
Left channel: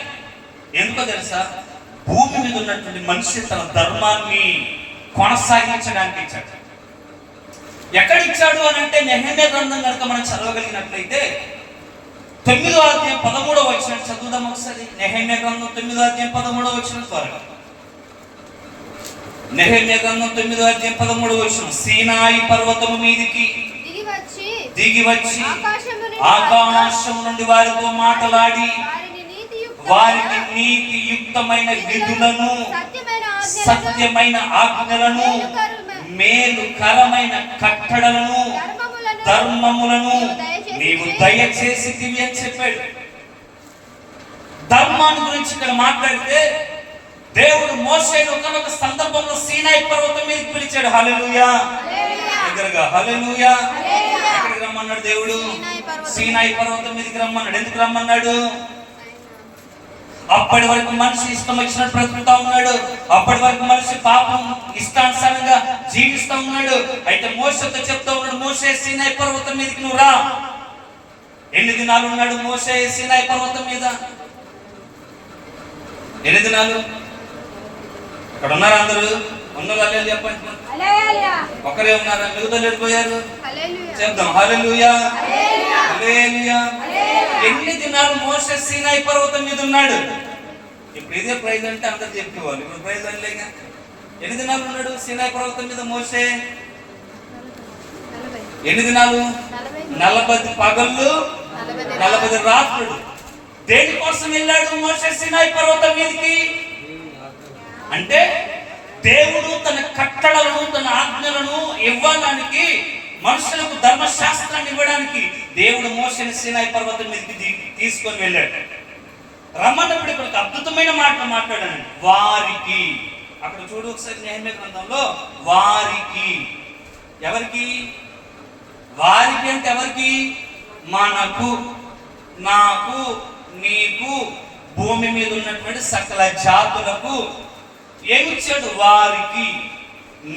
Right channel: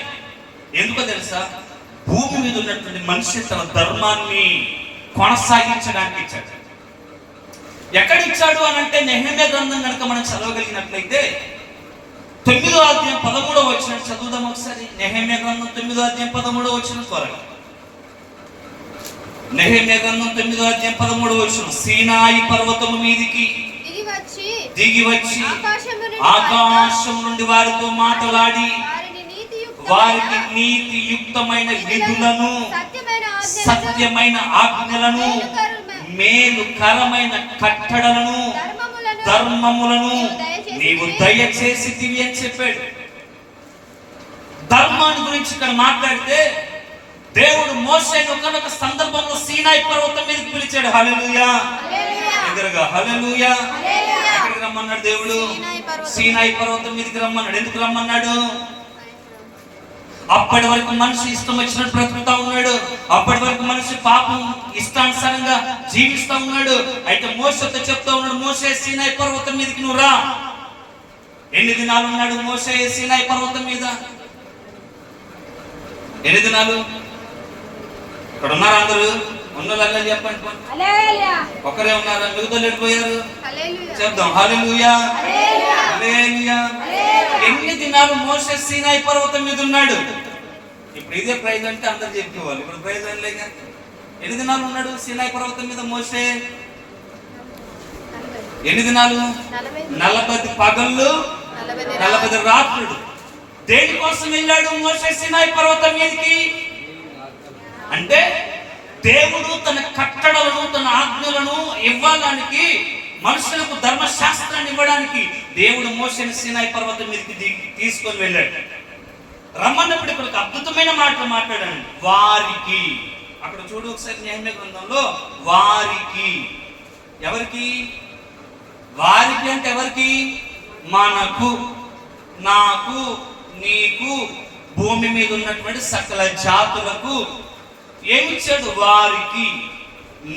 ఎందుకో తెలుసా? భూమి మీద ఉన్నటువంటి మనిషి తన ధర్మాన్ని కొనసాగించడానికి ఇచ్చాడు. ఎక్కడిచ్చాడు అని అంటే నెహెమ్యా గ్రంథం కనుక మనం చదవగలిగినట్లయితే 9వ అధ్యాయం 13వ వచనం చదువుదాం ఒకసారి. నెహెమ్యా గ్రంథం 9వ అధ్యాయం 13వ వచనం త్వరగా. నెహెమ్యా గ్రంథం 9వ అధ్యాయం 13వ వచనం. సీనాయి పర్వతము మీదికి దిగి వచ్చి ఆకాశం నుండి వారితో మాట్లాడి వారికి నీతియుక్తమైన విధులను, సత్యమైన ఆజ్ఞలను, మేలుకరమైన కట్టడలను, ధర్మములను నీవు దయచేసితివి అని చెప్పాడు. ధర్మాన్ని గురించి ఇక్కడ మాట్లాడితే దేవుడు మోషేను ఒకనొక సందర్భంలో సీనాయి పర్వతం మీదకి పిలిచాడు. హల్లెలూయా, ఎదురుగా హల్లెలూయా. ఎక్కడికి రమ్మన్నాడు దేవుడు? సీనాయి పర్వతం మీదకి రమ్మన్నాడు. ఎందుకు రమ్మన్నాడు? అప్పటి వరకు మనిషి ఇష్టం వచ్చినట్టు బ్రతుకుతా ఉన్నాడు. అప్పటి వరకు మనిషి పాపం ఇష్టానుసారంగా జీవిస్తూ ఉన్నాడు. అయితే మోషేతో చెప్తా ఉన్నాడు, మోషే సీనాయి పర్వతం మీదకి నువ్వు రా. ఎన్ని దినాలు ఉన్నాడు మోషే సీనాయి పర్వతం మీద? ఎన్ని దినాలు? ఇక్కడ ఉన్నారు అందరూ? ఉన్నోళ్ళు హల్లెలూయా చెప్పండి. ఒకరే ఉన్నారా? మిగతా వెళ్ళిపోయారు. చెప్దాం హల్లెలూయా, హల్లెలూయా. ఎన్ని దినాలు మోషే సీనాయి పర్వతం మీద ఉన్నాడు? ఇప్పుడు ఇదే ప్రైజ్ అంటే అందరు చెప్పేవాళ్ళు. ఇప్పుడు ప్రైజ్ అనలేక ఎన్ని దినాలు ఉన్నాడు సీనాయి పర్వతం మీద మోషే? ఎన్ని దినాలు? 40 పగళ్ళు 40 రాత్రులు. దేనికోసం వెళ్ళాడు మోషే సీనాయి పర్వతం మీదకి? అంటే దేవుడు తన కట్టడలను, తన ఆజ్ఞలను ఇవ్వడానికి, మనుషులకు ధర్మశాస్త్రాన్ని ఇవ్వడానికి దేవుడు మోషేని సీనాయి పర్వతం మీదకి తీసుకొని వెళ్ళాడు. రమ్మన్నప్పుడు ఇక్కడ ఒక అద్భుతమైన మాటలు మాట్లాడానండి. వారికి, అక్కడ చూడు ఒకసారి నెహెమ్యా గ్రంథంలో, వారికి. ఎవరికి? వారికి అంటే ఎవరికి? మనకు, నాకు, నీకు, భూమి మీద ఉన్నటువంటి సకల జాతులకు ఏమిచ్చాడు? వారికి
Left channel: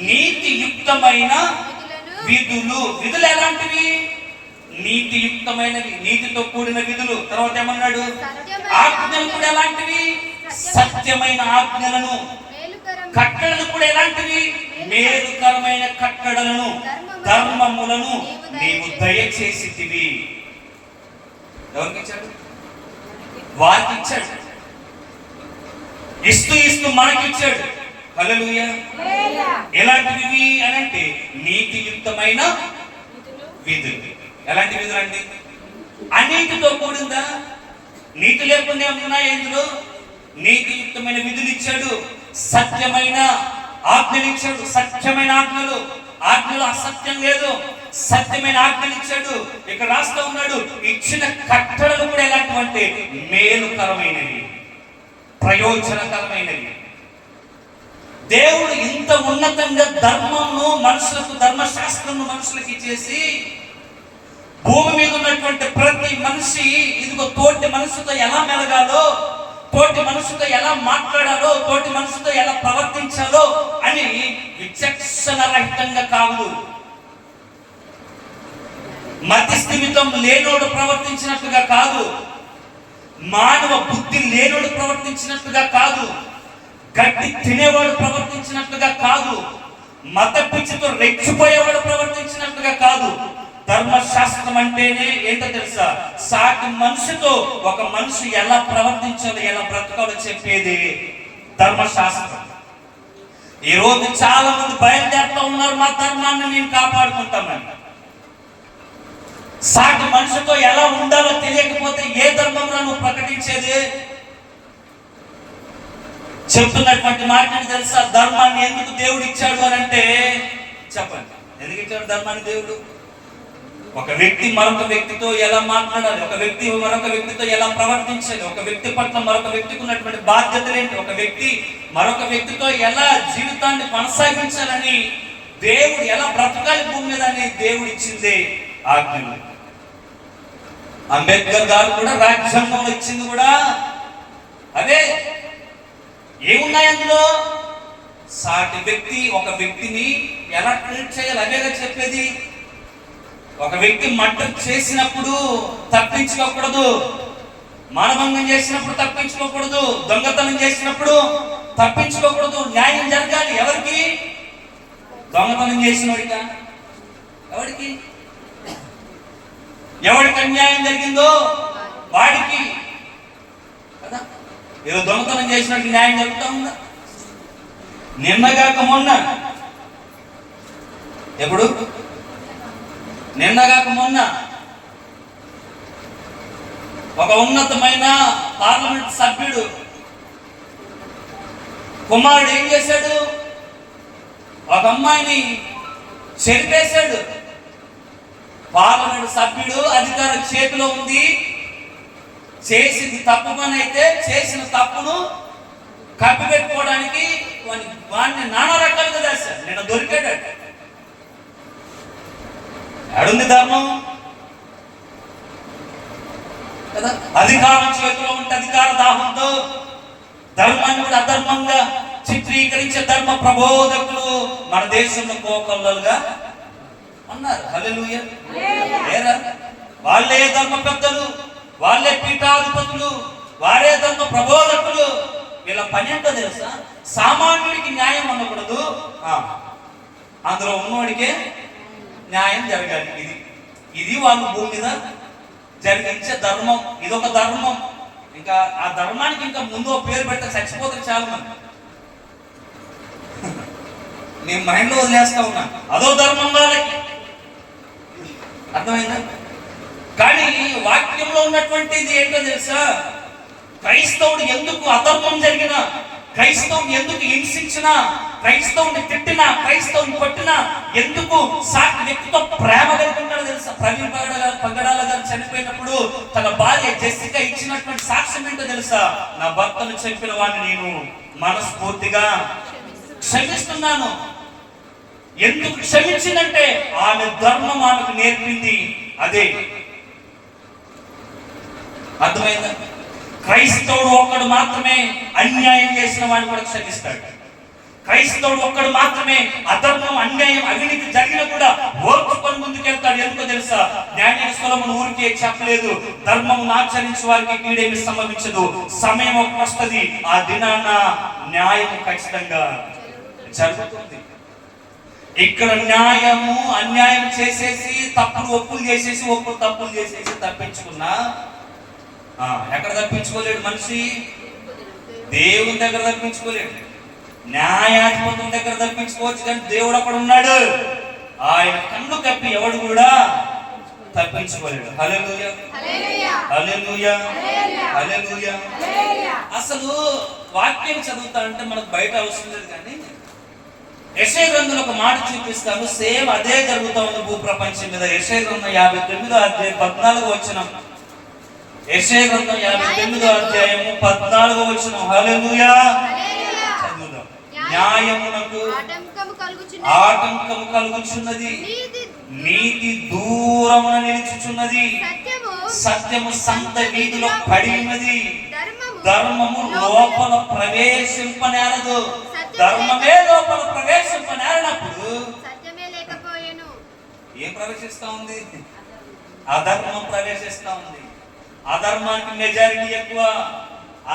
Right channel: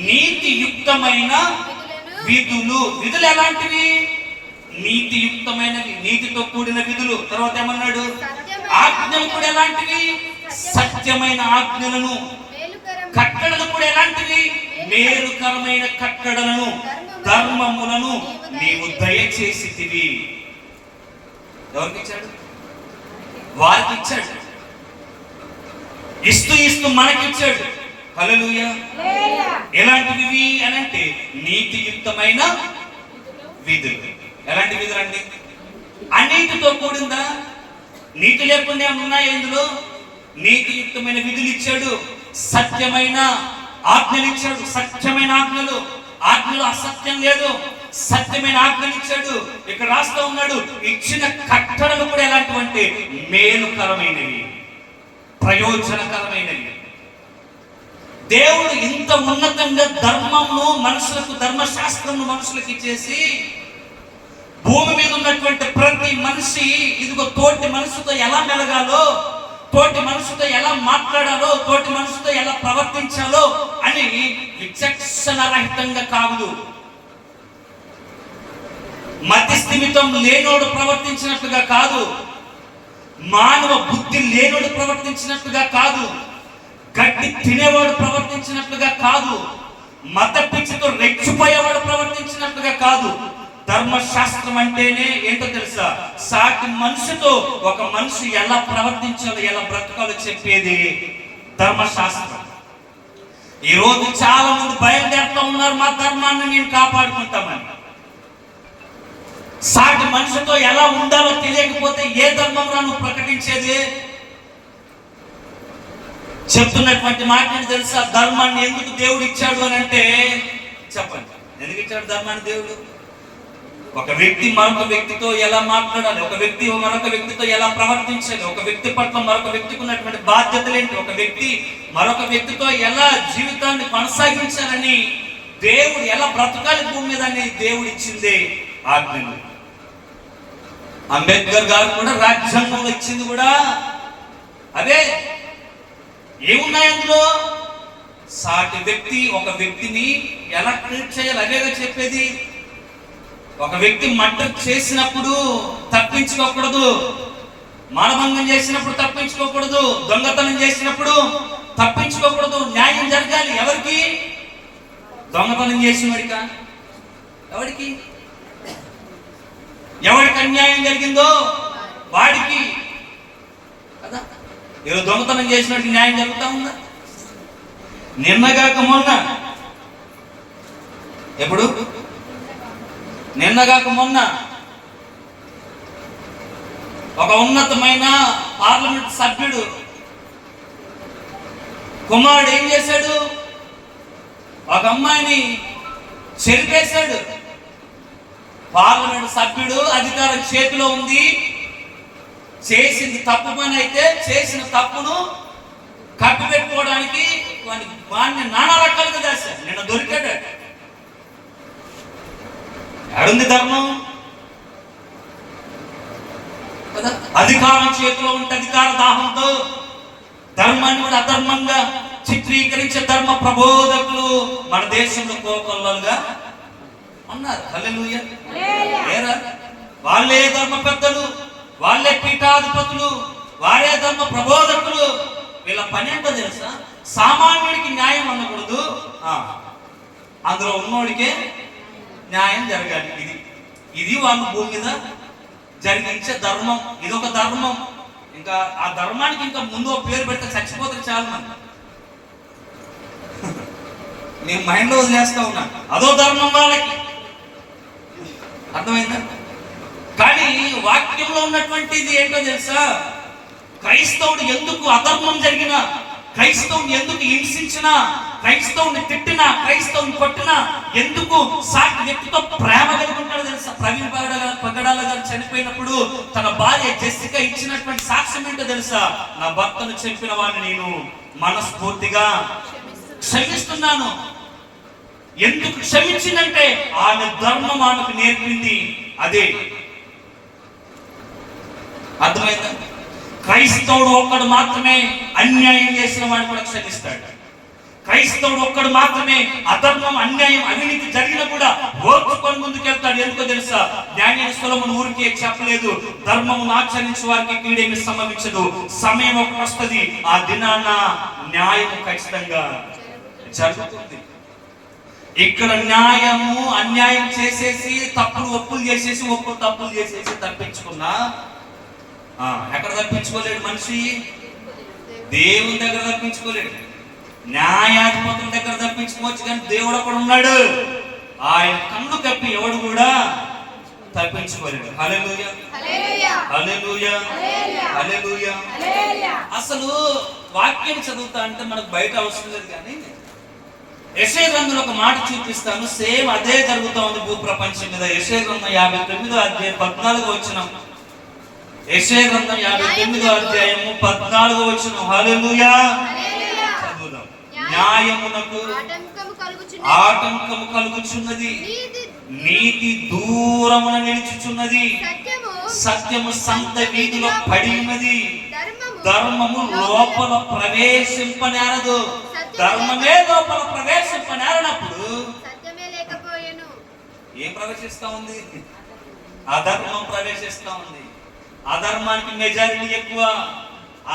నీతియుక్తమైన విధులు. విధులు ఎలాంటివి? నీతియుక్తమైనవి, నీతితో కూడిన విధులు. తర్వాత ఏమన్నాడు? ఆజ్ఞలు కూడా ఎలాంటివి? సత్యమైన ఆజ్ఞలను. కట్టడలు కూడా ఎలాంటివి? మేలుకరమైన కట్టడలను, ధర్మములను నీవు దయచేసితివి. ఎవరికి ఇచ్చాడు? వారికి ఇచ్చాడు. ఇస్తూ ఇస్తూ మనకిచ్చాడు. హల్లెలూయా. ఎలాంటివి అని అంటే నీతియుక్తమైన విధులు. ఎలాంటి విధులు అండి? అన్నిటితో కూడిందా? నీతి లేకుండా ఉన్నాయి ఇందులో? నీతియుక్తమైన విధులు ఇచ్చాడు, సత్యమైన ఆజ్ఞలు ఇచ్చాడు. సత్యమైన ఆజ్ఞలు, ఆజ్ఞలు అసత్యం లేదు, సత్యమైన ఆజ్ఞలు ఇచ్చాడు. ఇక్కడ రాస్తూ ఉన్నాడు, ఇచ్చిన కట్టడలు కూడా ఎలాంటివంటే మేలుకరమైనవి, ప్రయోజనకరమైనవి. దేవుడు ఇంత ఉన్నతంగా ధర్మంను మనుషులకు, ధర్మశాస్త్రము మనుషులకు ఇచ్చేసి భూమి మీద ఉన్నటువంటి ప్రతి మనిషి ఇదిగో తోటి మనుషులతో ఎలా మెలగాలో, తోటి మనుషులతో ఎలా మాట్లాడాలో, తోటి మనుషులతో ఎలా ప్రవర్తించాలో అని విచక్షణ రహితంగా కాదు, మధ్యస్థిమితం లేనోడు ప్రవర్తించినట్టుగా కాదు, మానవ బుద్ధి లేనోడు ప్రవర్తించినట్టుగా కాదు, గడ్డి తినేవాడు ప్రవర్తించినట్టుగా కాదు, మత పిచ్చితో రెచ్చిపోయేవాడు ప్రవర్తించినట్టుగా కాదు. ధర్మశాస్త్రం అంటేనే ఏంటో తెలుసా? సాటి మనిషితో ఒక మనిషి ఎలా ప్రవర్తించాలో, ఎలా బ్రతకాలో చెప్పేది ధర్మశాస్త్రం. ఈ రోజు చాలా మంది బయలుదేరుతూ ఉన్నారు, మా ధర్మాన్ని మేము కాపాడుకుంటామని. సాటి మనిషితో ఎలా ఉండాలో తెలియకపోతే ఏ ధర్మంలో నువ్వు ప్రకటించేది? చెప్తున్నటువంటి మాటని తెలుసా? ధర్మాన్ని ఎందుకు దేవుడు ఇచ్చాడు అని అంటే, చెప్పండి, ఎందుకు ఇచ్చాడు ధర్మాన్ని దేవుడు? ఒక వ్యక్తి మరొక వ్యక్తితో ఎలా మాట్లాడాలి, ఒక వ్యక్తి మరొక వ్యక్తితో ఎలా ప్రవర్తించాలి, ఒక వ్యక్తి పట్ల మరొక వ్యక్తికి ఉన్నటువంటి బాధ్యతలు ఏంటి, ఒక వ్యక్తి మరొక వ్యక్తితో ఎలా జీవితాన్ని కొనసాగించాలని, దేవుడు ఎలా బ్రతకాలి భూమి మీద అని దేవుడు ఇచ్చింది ఆజ్ఞలు. అంబేద్కర్ గారు కూడా రాజ్యాంగంలో ఇచ్చింది కూడా అదే. ఏమున్నాయి అందులో? సాటి వ్యక్తి ఒక వ్యక్తిని ఎలా ట్రీట్ చేయాలి అవేగా చెప్పేది. ఒక వ్యక్తి మర్డర్ చేసినప్పుడు తప్పించుకోకూడదు, మానభంగం చేసినప్పుడు తప్పించుకోకూడదు, దొంగతనం చేసినప్పుడు తప్పించుకోకూడదు. న్యాయం జరగాలి. ఎవరికి? దొంగతనం చేసినవాడికా? ఎవరికి? ఎవరికి అన్యాయం జరిగిందో వాడికి కదా. ఈరోజు దొంగతనం చేసినట్టు న్యాయం జరుగుతూ ఉందా? నిన్నగాక మొన్న, ఎప్పుడు? నిన్నగాక మొన్న ఒక ఉన్నతమైన పార్లమెంట్ సభ్యుడు కుమారుడు ఏం చేశాడు? ఒక అమ్మాయిని చెరిపేశాడు. పార్లమెంట్ సభ్యుడు, అధికారం చేతిలో ఉంది, చేసింది తప్పు పని అయితే చేసిన తప్పును కప్పిపెట్టుకోవడానికి వాడిని నానా రకాలుగా చేశాడు. నిన్న దొరికాడు. ఎడుంది ధర్మం కదా? అధికారం చేతిలో ఉంటే అధికార దాహంతో ధర్మాన్ని కూడా అధర్మంగా చిత్రీకరించే ధర్మ ప్రబోధకులు మన దేశంలో కోకొల్లలుగా ఉన్నారు. హల్లెలూయా. వాళ్ళే ధర్మ పెద్దలు, వాళ్ళే పీఠాధిపతులు, వారే ధర్మ ప్రబోధకులు. వీళ్ళ పని ఏంటో తెలుసా? సామాన్యుడికి న్యాయం అనకూడదు, అందులో ఉన్నోడికే న్యాయం జరగాలి. ఇది వాళ్ళు భూమి మీద జరిగించే ధర్మం. ఇదొక ధర్మం. ఇంకా ఆ ధర్మానికి ఇంకా ముందు పేరు పెడితే చచ్చిపోతారు చాలా మంది. నేను మైండ్లో వదిలేస్తా ఉన్నా, అదో ధర్మం వాళ్ళకి. అర్థమైందా? కానీ వాక్యంలో ఉన్నటువంటిది ఏంటో తెలుసా? క్రైస్తవుడు ఎందుకు అధర్మం జరిగినా, క్రైస్తవుని ఎందుకు హింసించినా, క్రైస్తవుని తిట్టినా, క్రైస్తవుని కొట్టినా, ఎందుకు సాటి వ్యక్తితో ప్రేమ కలిగి ఉంటాడో తెలుసా? ప్రవీణ్ పగడాల గారు చనిపోయినప్పుడు తన భార్య జెస్సిక ఇచ్చినటువంటి సాక్ష్యం ఏంటో తెలుసా? నా భర్తను చెప్పిన వాడిని నేను మనస్ఫూర్తిగా క్షమిస్తున్నాను. ఎందుకు క్షమించిందంటే ఆమె ధర్మం ఆమెకు నేర్పింది అదే. అర్థమైందా? క్రైస్తవుడు ఒక్కడు మాత్రమే అన్యాయం చేసిన వాడిని కూడా క్షమిస్తాడు. క్రైస్తవుడు ఒక్కడు మాత్రమే అధర్మం, అన్యాయం, అవినీతి జరిగినా కూడా ఓర్చుకొని ముందుకెళ్తాడు. ఎందుకో తెలుసా? జ్ఞాని సొలొమోను ఊరికే చెప్పలేదు, ధర్మమును ఆచరించే వారికి కీడేమి సంభవించదు. సమయం ఒకటి వస్తుంది, ఆ దినాన న్యాయం ఖచ్చితంగా జరుగుతుంది. ఇక్కడ న్యాయము అన్యాయం చేసేసి, తప్పుడు ఒప్పులు చేసేసి, ఒప్పులు తప్పులు చేసేసి తప్పించుకున్నా ఎక్కడ తప్పించుకోలేడు మనిషి? దేవుని దగ్గర తప్పించుకోలేడు. న్యాయాధిపతుల దగ్గర తప్పించుకోవచ్చు, కానీ దేవుడు అక్కడ ఉన్నాడు. ఆయన కన్ను కప్పి ఎవడు కూడా తప్పించుకోలేడు. హల్లెలూయా, హల్లెలూయా, హల్లెలూయా. అసలు వాక్యాన్ని చదువుతా అంటే మనకు బయట అవసరం లేదు, కానీ యెషయా గ్రంథంలో ఒక మాట చూపిస్తాను. సేమ్ అదే జరుగుతా ఉంది భూప్రపంచం మీద. యెషయా గ్రంథం 59వ అధ్యాయం 14వ వచనం. యెషయా గ్రంథం 59వ అధ్యాయము 14వ వచనం. హల్లెలూయా. న్యాయమునకు ఆటంకము కలుగుచున్నది, నీతి దూరమున నిలుచుచున్నది, సత్యము సత్యము సంత వీధిలో పడి ఉన్నది. ధర్మము ధర్మము లోపల ప్రవేశింపనేరదు. ధర్మమే లోపల ప్రవేశింపనేరనప్పుడు సత్యమే లేకపోయెను. ఏం ప్రవేశిస్తా ఉంది? అధర్మం ప్రవేశిస్తా ఉంది. అధర్మానికి మెజారిటీ ఎక్కువ,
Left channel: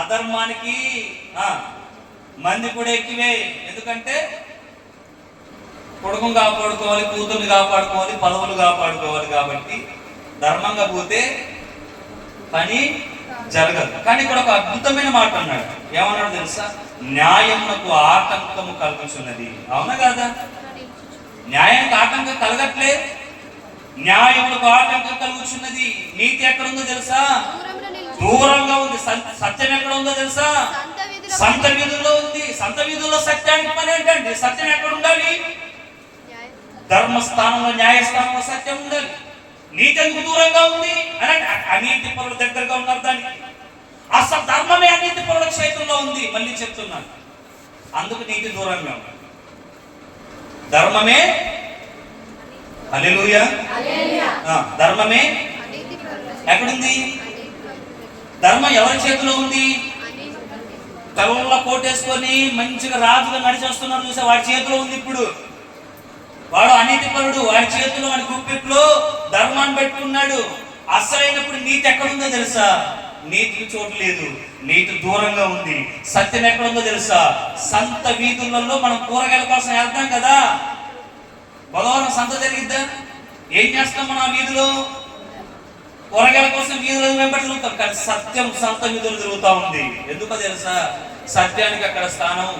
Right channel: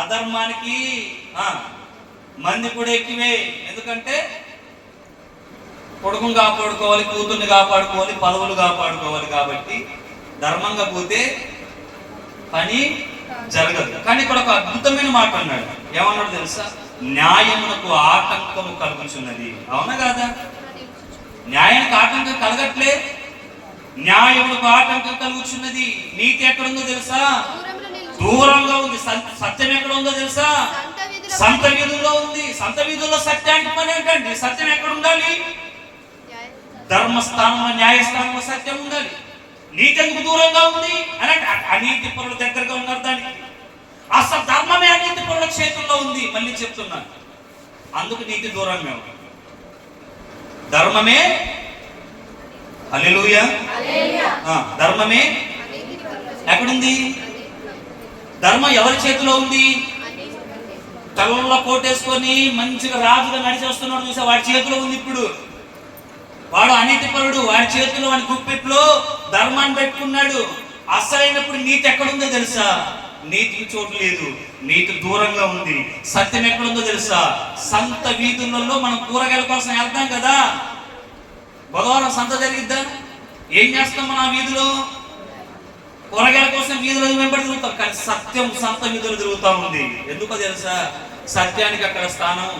అధర్మానికి మంది కూడా ఎక్కువే. ఎందుకంటే కొడుకుని కాపాడుకోవాలి, కూతుర్ని కాపాడుకోవాలి, పదవులు కాపాడుకోవాలి. కాబట్టి ధర్మంగా పోతే పని జరగదు. కానీ ఇక్కడ ఒక అద్భుతమైన మాట అన్నాడు. ఏమన్నాడు తెలుసా? న్యాయమునకు ఆటంకము కలుగుచున్నది. అవునా కాదా? న్యాయానికి ఆటంకం కలగట్లే, న్యాయమునకు ఆటంకం కలుగుచున్నది. నీతి ఎక్కడుందో తెలుసా? దూరంగా ఉంది. సత్యం ఎక్కడ ఉందో తెలుసా? సంత వీధుల్లో ఉంది. సంత వీధుల్లో సత్యానికి పని ఏంటండి? సత్యం ఎక్కడ ఉండాలి? ధర్మస్థానంలో, న్యాయస్థానంలో సత్యం ఉండాలి. నీతి ఎందుకు దూరంగా ఉంది అని అంటే అనీతి పరుల దగ్గరగా ఉన్నారు. దానికి అసలు ధర్మమే అనీతి పరుల చేతుల్లో ఉంది. మళ్ళీ చెప్తున్నాను, అందుకు నీతి దూరంగా ఉంది. ధర్మమే, హల్లెలూయా, ధర్మమే ఎక్కడుంది? ధర్మం ఎవరి చేతిలో ఉంది? తలలో కోటేసుకొని మంచిగా రాజుగా నడిచేస్తున్నాడు చూసా, వాడి చేతిలో ఉంది. ఇప్పుడు వాడు అనీతిపరుడు, వాడి చేతిలో, వాడి గుప్పిట్లో ధర్మాన్ని పెట్టుకున్నాడు. అసలైనప్పుడు నీతి ఎక్కడుందో తెలుసా? నీతికి చోటు లేదు, నీతి దూరంగా ఉంది. సత్యం ఎక్కడుందో తెలుసా? సంత వీధులలో మనం కూరగాయల కోసం వెళ్తాం కదా, బుధవారం సంత జరిగిద్దా? ఏం చేస్తాం మనం? ఆ వీధిలో కూరగాయల కోసం వీధులు వెంబడి తిరుగుతాం. కానీ సత్యం సంత వీధులు తిరుగుతా ఉంది. ఎందుకో తెలుసా? సత్యానికి అక్కడ స్థానం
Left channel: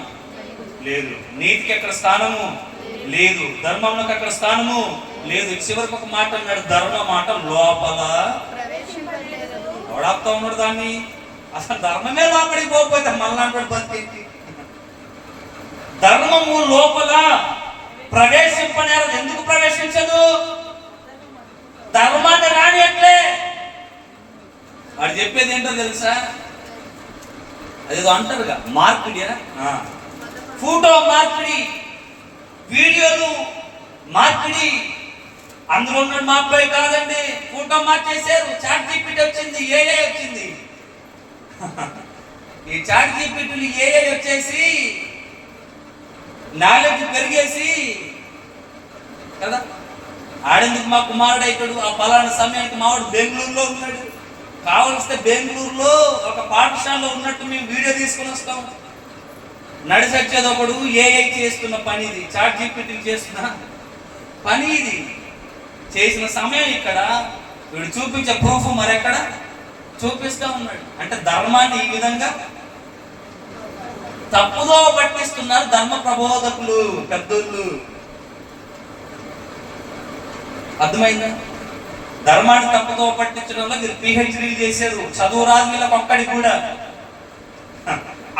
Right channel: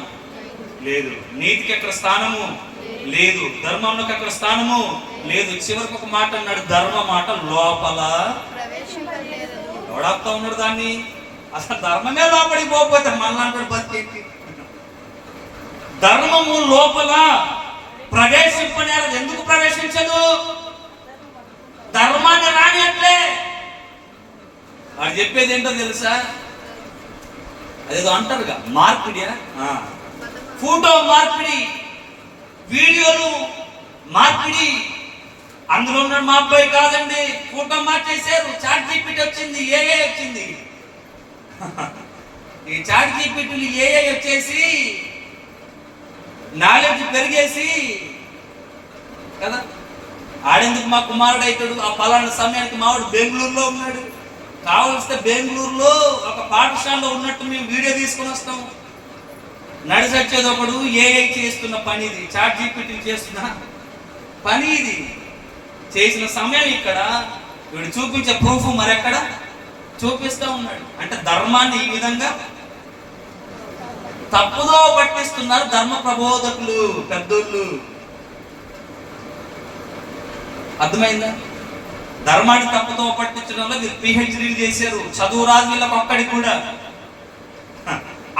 లేదు, నీతికి అక్కడ స్థానము లేదు, ధర్మంలోకి అక్కడ స్థానము లేదు. చివరికి ఒక మాట అన్నాడు, ధర్మ మాట లోపల ఎవడాపుతా ఉన్నాడు దాన్ని. అసలు ధర్మమే లోపలికి పోకపోతే మనలాంటి బతికేంటి? ధర్మము లోపల ప్రవేశింపనేది. ఎందుకు ప్రవేశించదు? ధర్మాన్ని రాని అట్లే. వాడు చెప్పేది ఏంటో తెలుసా? అదేదో అంటారుగా, మార్పిడియా, ఫోటో మార్పిడి, వీడియోలు మార్పిడి. అందులో ఉన్న మా అబ్బాయి కాదండి, ఫోటో మార్చేశారు. చాట్ జీపీటీ వచ్చింది, ఏఐ వచ్చింది. ఈ చాట్ జీపీటీలు ఏఐ వచ్చేసి నాలెడ్జ్ పెరిగేసి కదా, ఆడేందుకు మా కుమారుడు అవుతాడు. ఆ పలానా సమయానికి మావాడు బెంగళూరులో ఉన్నాడు. కావలిస్తే బెంగళూరులో ఒక పాఠశాలలో ఉన్నట్టు మేము వీడియో తీసుకొని వస్తాం. నడిచొచ్చేది ఒకడు, ఏఐ చేస్తున్న పని ఇది, చాట్ జీపీటీ చేస్తున్న పని ఇది. చేసిన సమయం ఇక్కడ, వీడు చూపించే ప్రూఫ్ మరెక్కడ చూపిస్తూ ఉన్నాడు. అంటే ధర్మాన్ని ఈ విధంగా తప్పుదో పట్టిస్తున్నారు ధర్మ ప్రబోధకులు, పెద్దోళ్ళు. అర్థమైందా? ధర్మాన్ని తప్పుతో పట్టించడంలో మీరు పిహెచ్డీలు చేశారు. చదువు రాదు వీళ్ళకి ఒక్కడికి కూడా.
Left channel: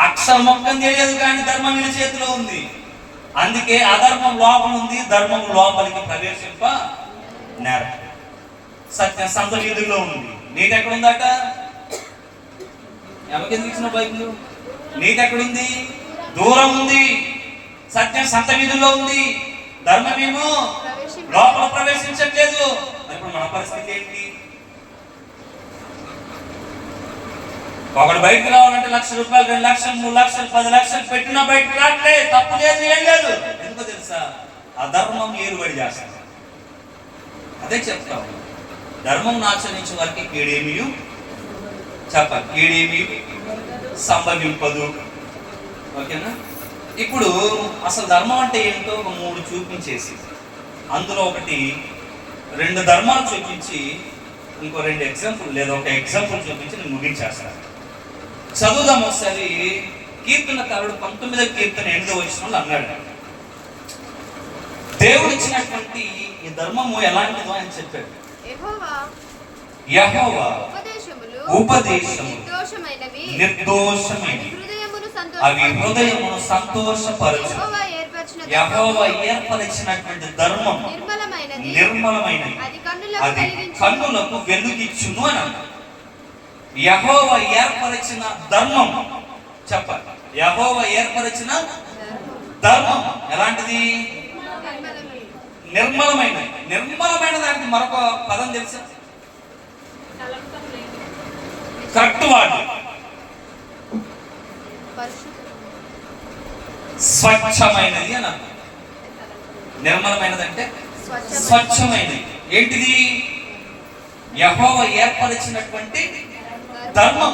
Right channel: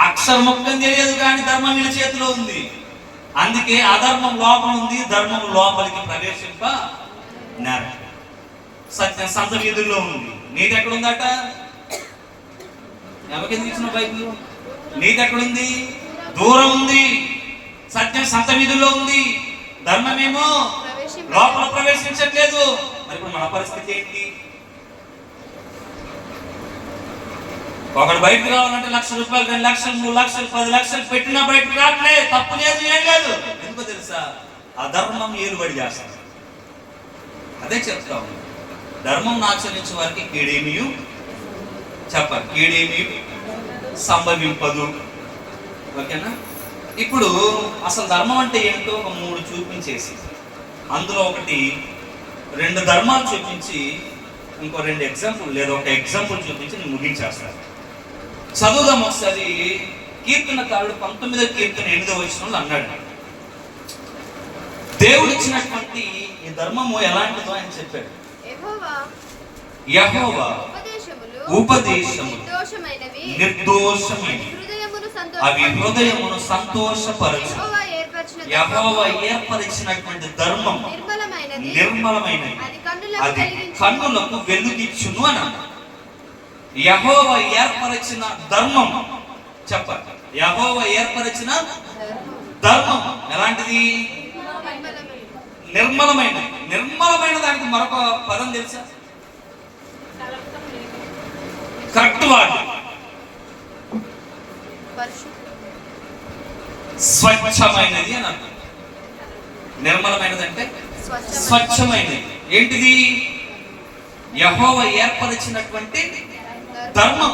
అక్షర ముఖం తెలియదు కానీ ధర్మం వీళ్ళ చేతిలో ఉంది. అందుకే అధర్మం లోపల ఉంది, ధర్మం లోపలికి ప్రవేశింప నేరం. సత్యం సంత వీధుల్లో ఉంది. నీతి ఎక్కడుందట? ఎవరికెందుకు ఇచ్చిన బైబిల్? నీతి ఎక్కడుంది? దూరం ఉంది. సత్యం సంత వీధుల్లో ఉంది, ధర్మమేమో లోపల ప్రవేశించట్లేదు. ఇప్పుడు మన పరిస్థితి ఏంటి? ఒకడు బయటకు రావాలంటే 1,00,000 రూపాయలు, 2,00,000, 3,00,000, 10,00,000 పెట్టినా బయటకు రావట్లే. తప్పు లేదు, ఏం లేదు. ఎందుకో తెలుసా? అధర్మం ఏలుబడి చేస్తారు. అదే చెప్తాం, ధర్మం ఆచరించే వారికి కీడేమీ చెప్పాలి, కీడేమీ సంభవింపదు. ఓకేనా? ఇప్పుడు అసలు ధర్మం అంటే ఏంటో ఒక 3 చూపించేసి, అందులో ఒకటి 2 ధర్మాలు చూపించి, ఇంకో 2 ఎగ్జాంపుల్ లేదా ఒక ఎగ్జాంపుల్ చూపించి నేను ముగించేస్తాను. చదువుదాం ఒకసారి. కీర్తనకారుడు 19వ కీర్తన 8వ వచనంలో అన్నాడు, దేవుడు ఇచ్చినటువంటి ఈ ధర్మము ఎలాంటిదో అని చెప్పాడు. యెహోవా ఉపదేశము నిర్దోషమైనవి, అవి హృదయమును సంతోషపరచు. యెహోవా ఏర్పరిచినటువంటి ధర్మం నిర్మలమైనది, అది కన్నులకు వెలుగిచ్చును అని అన్నాడు. యెహోవా ఏర్పరిచిన ధర్మం చెప్పాలి. యెహోవా ఏర్పరిచిన ధర్మం ఎలాంటిది? నిర్మలమైనది. నిర్మలమైన దానికి మరొక పదం తెలుసా? కరెక్ట్ వాడు స్వచ్ఛమైనది అని అర్థం. నిర్మలమైనది అంటే స్వచ్ఛమైనది. ఏంటిది? యెహోవా ఏర్పరిచినటువంటి ధర్మం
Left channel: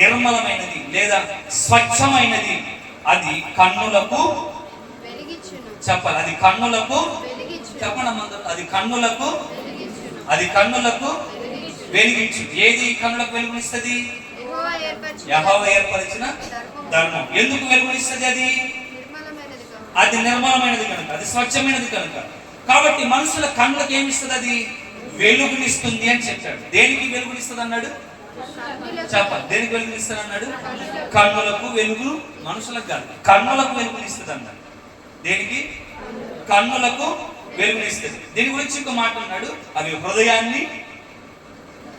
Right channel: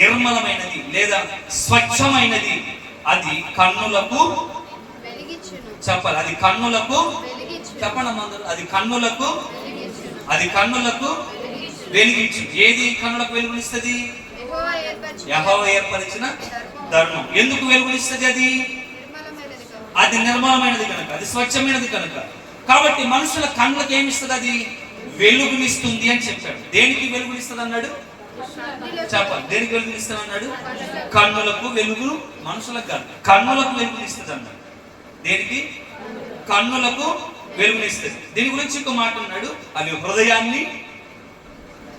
నిర్మలమైనది లేదా స్వచ్ఛమైనది. అది కన్నులకు చెప్పాలి. అది కన్నులకు చెప్పండి అందరూ. అది కన్నులకు వెలిగించు. ఏది కన్నులకు వెలుగునిస్తుంది? యెహోవా ఏర్పరిచిన ధర్మం. ఎందుకు వెలుగునిస్తుంది? అది నిర్మలమైనది కనుక, అది స్వచ్ఛమైనది కనుక. కాబట్టి మనుషుల కన్నులకు ఏమిస్తుంది? అది వెలుగునిస్తుంది అని చెప్పాడు. దేనికి వెలుగునిస్తుంది అన్నాడు? చెప్పాలి. దేనికి వెలుగునిస్తుంది అన్నాడు? కన్నులకు వెలుగు. మనుషులకు కాదు, కన్నులకు వెలుగునిస్తుంది అన్నాడు. దేనికి? కన్నులకు వెలుగునిస్తుంది. దీని గురించి ఇంకో మాట అన్నాడు. అవి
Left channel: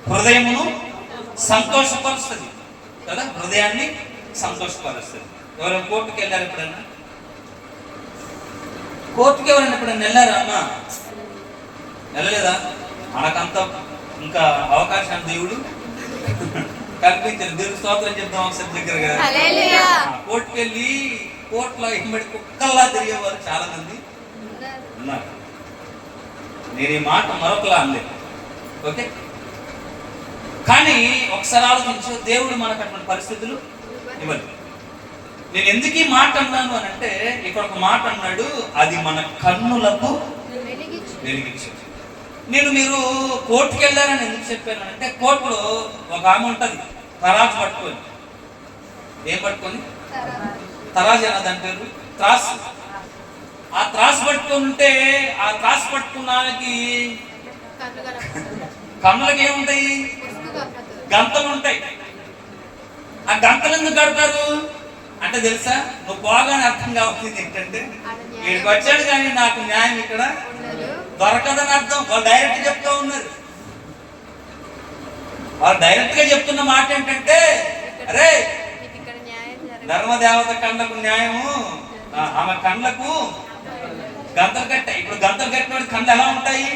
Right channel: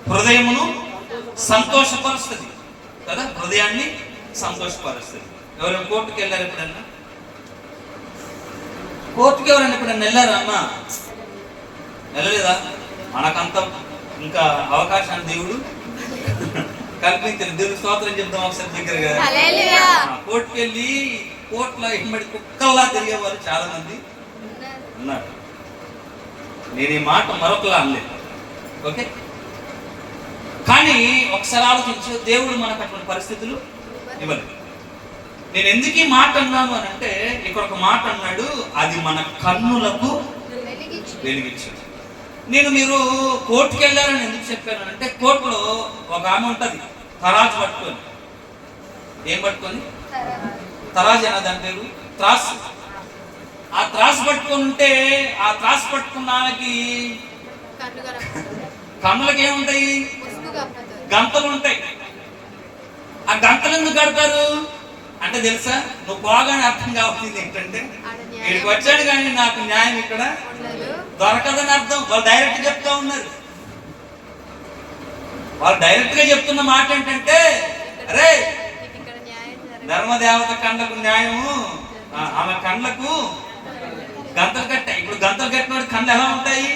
హృదయమును సంతోషపరుస్తుంది కదా. హృదయాన్ని సంతోషపరుస్తుంది. ఎవరైనా కోర్టుకు వెళ్ళారు ఎప్పుడన్నా? కోర్టుకి ఎవరైనా ఎప్పుడన్నా వెళ్ళారా అమ్మా? వెళ్ళలేదా? మనకంత ఇంకా అవకాశాన్ని దేవుడు కల్పించారు. దేవుడు స్తోత్రం చెప్తాం ఒకసారి దగ్గరగా. కోర్టుకి వెళ్ళి కోర్టులో ఎంబడి కుక్కల్లా తిరిగేవారు చాలా మంది ఉన్నారు. నేను ఈ మాట మరొకలా అనలేదు, ఓకే? కానీ ఒకసారి ఆలోచించు, దేవుడు మనకు అటువంటి పరిస్థితులు ఇవ్వలేదు. నేను ఎందుకు ఈ మాట అన్నాను అని అంటే, ఇక్కడ ఒక మాట అన్నాడు, అది మన కన్నులకు వెలిగించు. మీరు కోర్టుకి వెళ్ళారని ఎందుకు చెప్పాను అంటే, కోర్టులో ఒక ఆమె ఉంటుంది తరాజు పట్టుకొని. ఏం పట్టుకొని? తరాజు అన్న దాని పేరు త్రాసు. ఆ త్రాసు పట్టుకొని ఉంటే, ఆ త్రాసు పట్టుకున్న ఆమెకి కన్నులకి ఏముంటాయి? గంతలు ఉంటాయి. ఆ గంతలు ఎందుకు కడతారు అంటే తెలుసా? నువ్వు బాగానే అర్థం కావాల్సింది ఏంటంటే, వీడికి వచ్చాడు కానీ నాకు న్యాయం ఇక్కడ దొరకదని అర్థం. వాళ్ళు డైరెక్ట్ చెప్తా ఉన్నారు. వాళ్ళు డైరెక్ట్ గా చెప్తున్న మాట ఏంటంటే, అరే ధర్మదేవత కండ్లకు న్యాయము, ఆమె కండ్లకు గంతలు కట్టాయి. ఇప్పుడు గంతలు కట్టిన కండ్లు ఎలా ఉంటాయి?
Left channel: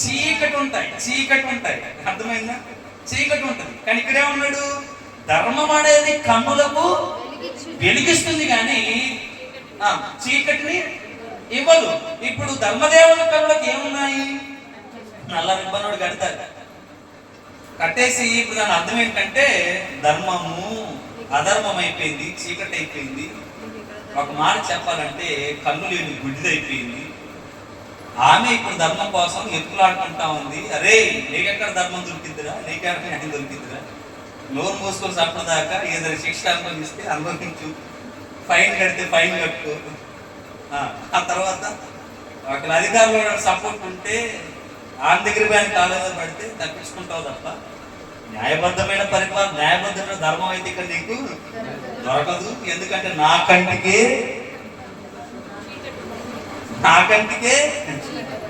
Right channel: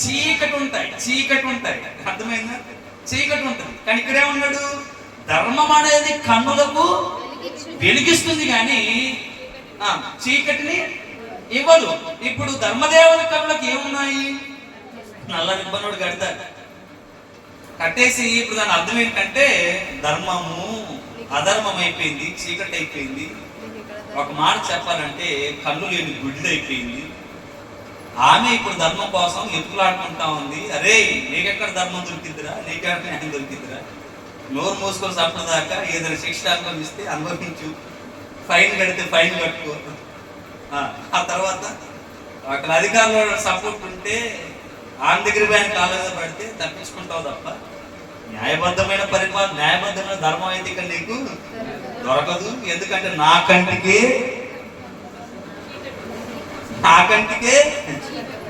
చీకటి ఉంటాయి. అర్థమైందా? చీకటి ఉంటుంది. కానీ ఇక్కడే ఉన్నాడు, ధర్మం అనేది కన్నులకు వెలిగిస్తుంది కానీ చీకటిని ఇవ్వదు. ఇప్పుడు ధర్మదేవత కళ్ళకి ఏమున్నాయి? నల్ల రిబ్బనోడు కడతారు. కట్టేసి ఇప్పుడు దాని అర్థం ఏంటంటే, ధర్మము అధర్మం అయిపోయింది, చీకటి అయిపోయింది. ఒక మాట చెప్పాలంటే, కన్ను లేని గుడ్డిదైపోయింది. ఆమె ఇప్పుడు ధర్మం కోసం ఎత్తులాడుకుంటా ఉంది. అరే నీకెక్కడ ధర్మం దొరికిద్దిరా, నీకెక్కడ న్యాయం దొరికిద్దిరా? నోరు మూసుకొని సప్పదాకా ఏదైనా శిక్ష అనుభవిస్తే అనుభవించు, ఫైన్ కడితే ఫైన్ కట్టుకో. ఆ తర్వాత అక్కడ అధికారులు సపోర్ట్ ఉంటే ఆన్ దగ్గర బ్యాంక్ కాలేజీ పడితే తప్పించుకుంటావు తప్ప, న్యాయబద్ధమైన ధర్మం అయితే ఇక్కడ నీకు దొరకదు. ఎందుకంటే నా కంటికే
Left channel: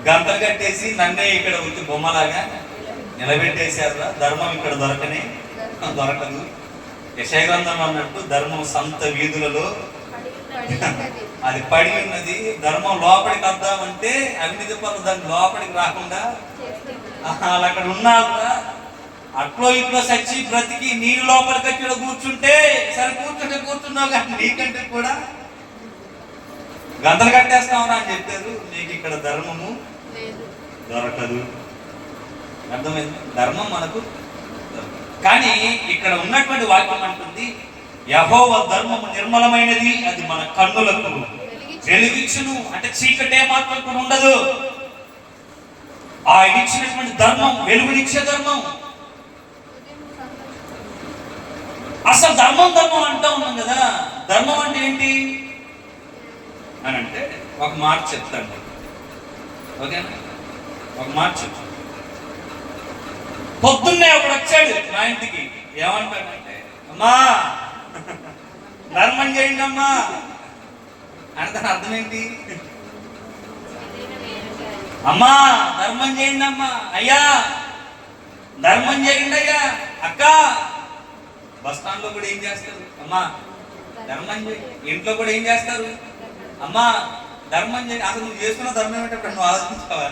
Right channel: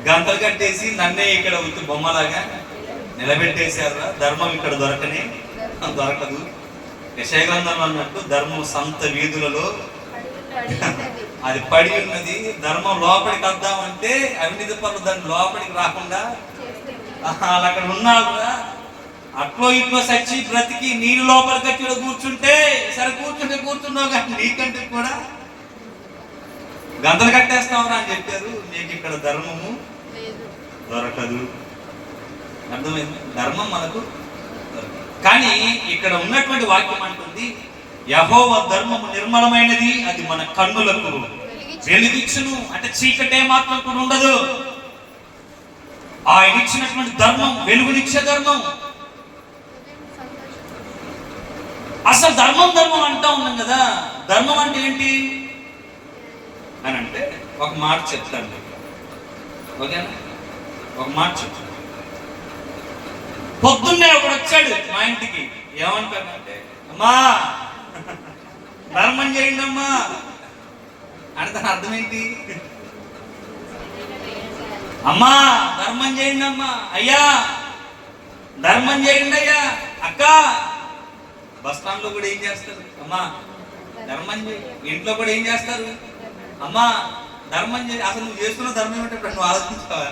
గంటలు కట్టేసి నన్నే ఇక్కడ వచ్చి బొమ్మలాగా నిలబెట్టేశారు. ధర్మం ఇక్కడ దొరకదు. యెషయా గ్రంథం అన్నట్టు ధర్మం సంత వీధులలో అది పడి ఉన్నది. ధర్మం లోపలికి వద్దామంటే అవినీతి పనులు దాని లోపలికి రాకుండా వాళ్ళు అక్కడ ఉన్నా కూడా అట్లో ఇట్లో సచ్చి బ్రతికి నీళ్ళు లోపలికి వచ్చి కూర్చుంటే సరే కూర్చున్నావు కానీ నీకంటే కూడా గంతలు కట్టేస్తామని అని చెప్పారు. నీకు ఇక్కడ ధర్మము దొరకదు. అర్థమైంది? ధర్మం మనకు కానీ ఇక్కడ ఉన్నటువంటి వాక్యం అంటుంది, యెహోవా ధర్మము నిర్మలమైనది, అది మన కన్నులకు వెలుగిచ్చును. అంటే చీకటే మాత్రం కూడా ఉండదు. ఆయన ఇచ్చినటువంటి ధర్మం వెలుగునిచ్చే ధర్మం. అసలు ధర్మం అంటా ఉన్నాం కదా. ధర్మం అంటే ఏంటి అని అంటే ఒక మాట చెప్తాను, ఓకేనా? ఒక మాట చెప్తాను. పొద్దున్నే ఒకడు వచ్చాడు మా ఇంటికి. ఏమంటాడంటే, అమ్మా ధర్మం చేయండి అమ్మా అంటే దాని అర్థం ఏంటి? అమ్మా ధర్మం చేయండి అమ్మా, అయ్యా ధర్మం చేయండి అయ్యా. అక్క బస్ స్టాండ్ లో కూడా ఏం చేస్తారు? అమ్మా ధర్మం చేయి. ఇంట్లో కూడా ఏం చేస్తారు? అమ్మా ధర్మం చేసి అసలు నువ్వు చేస్తున్న ధర్మం ఏంటంటే నువ్వు ఆలోచించావా?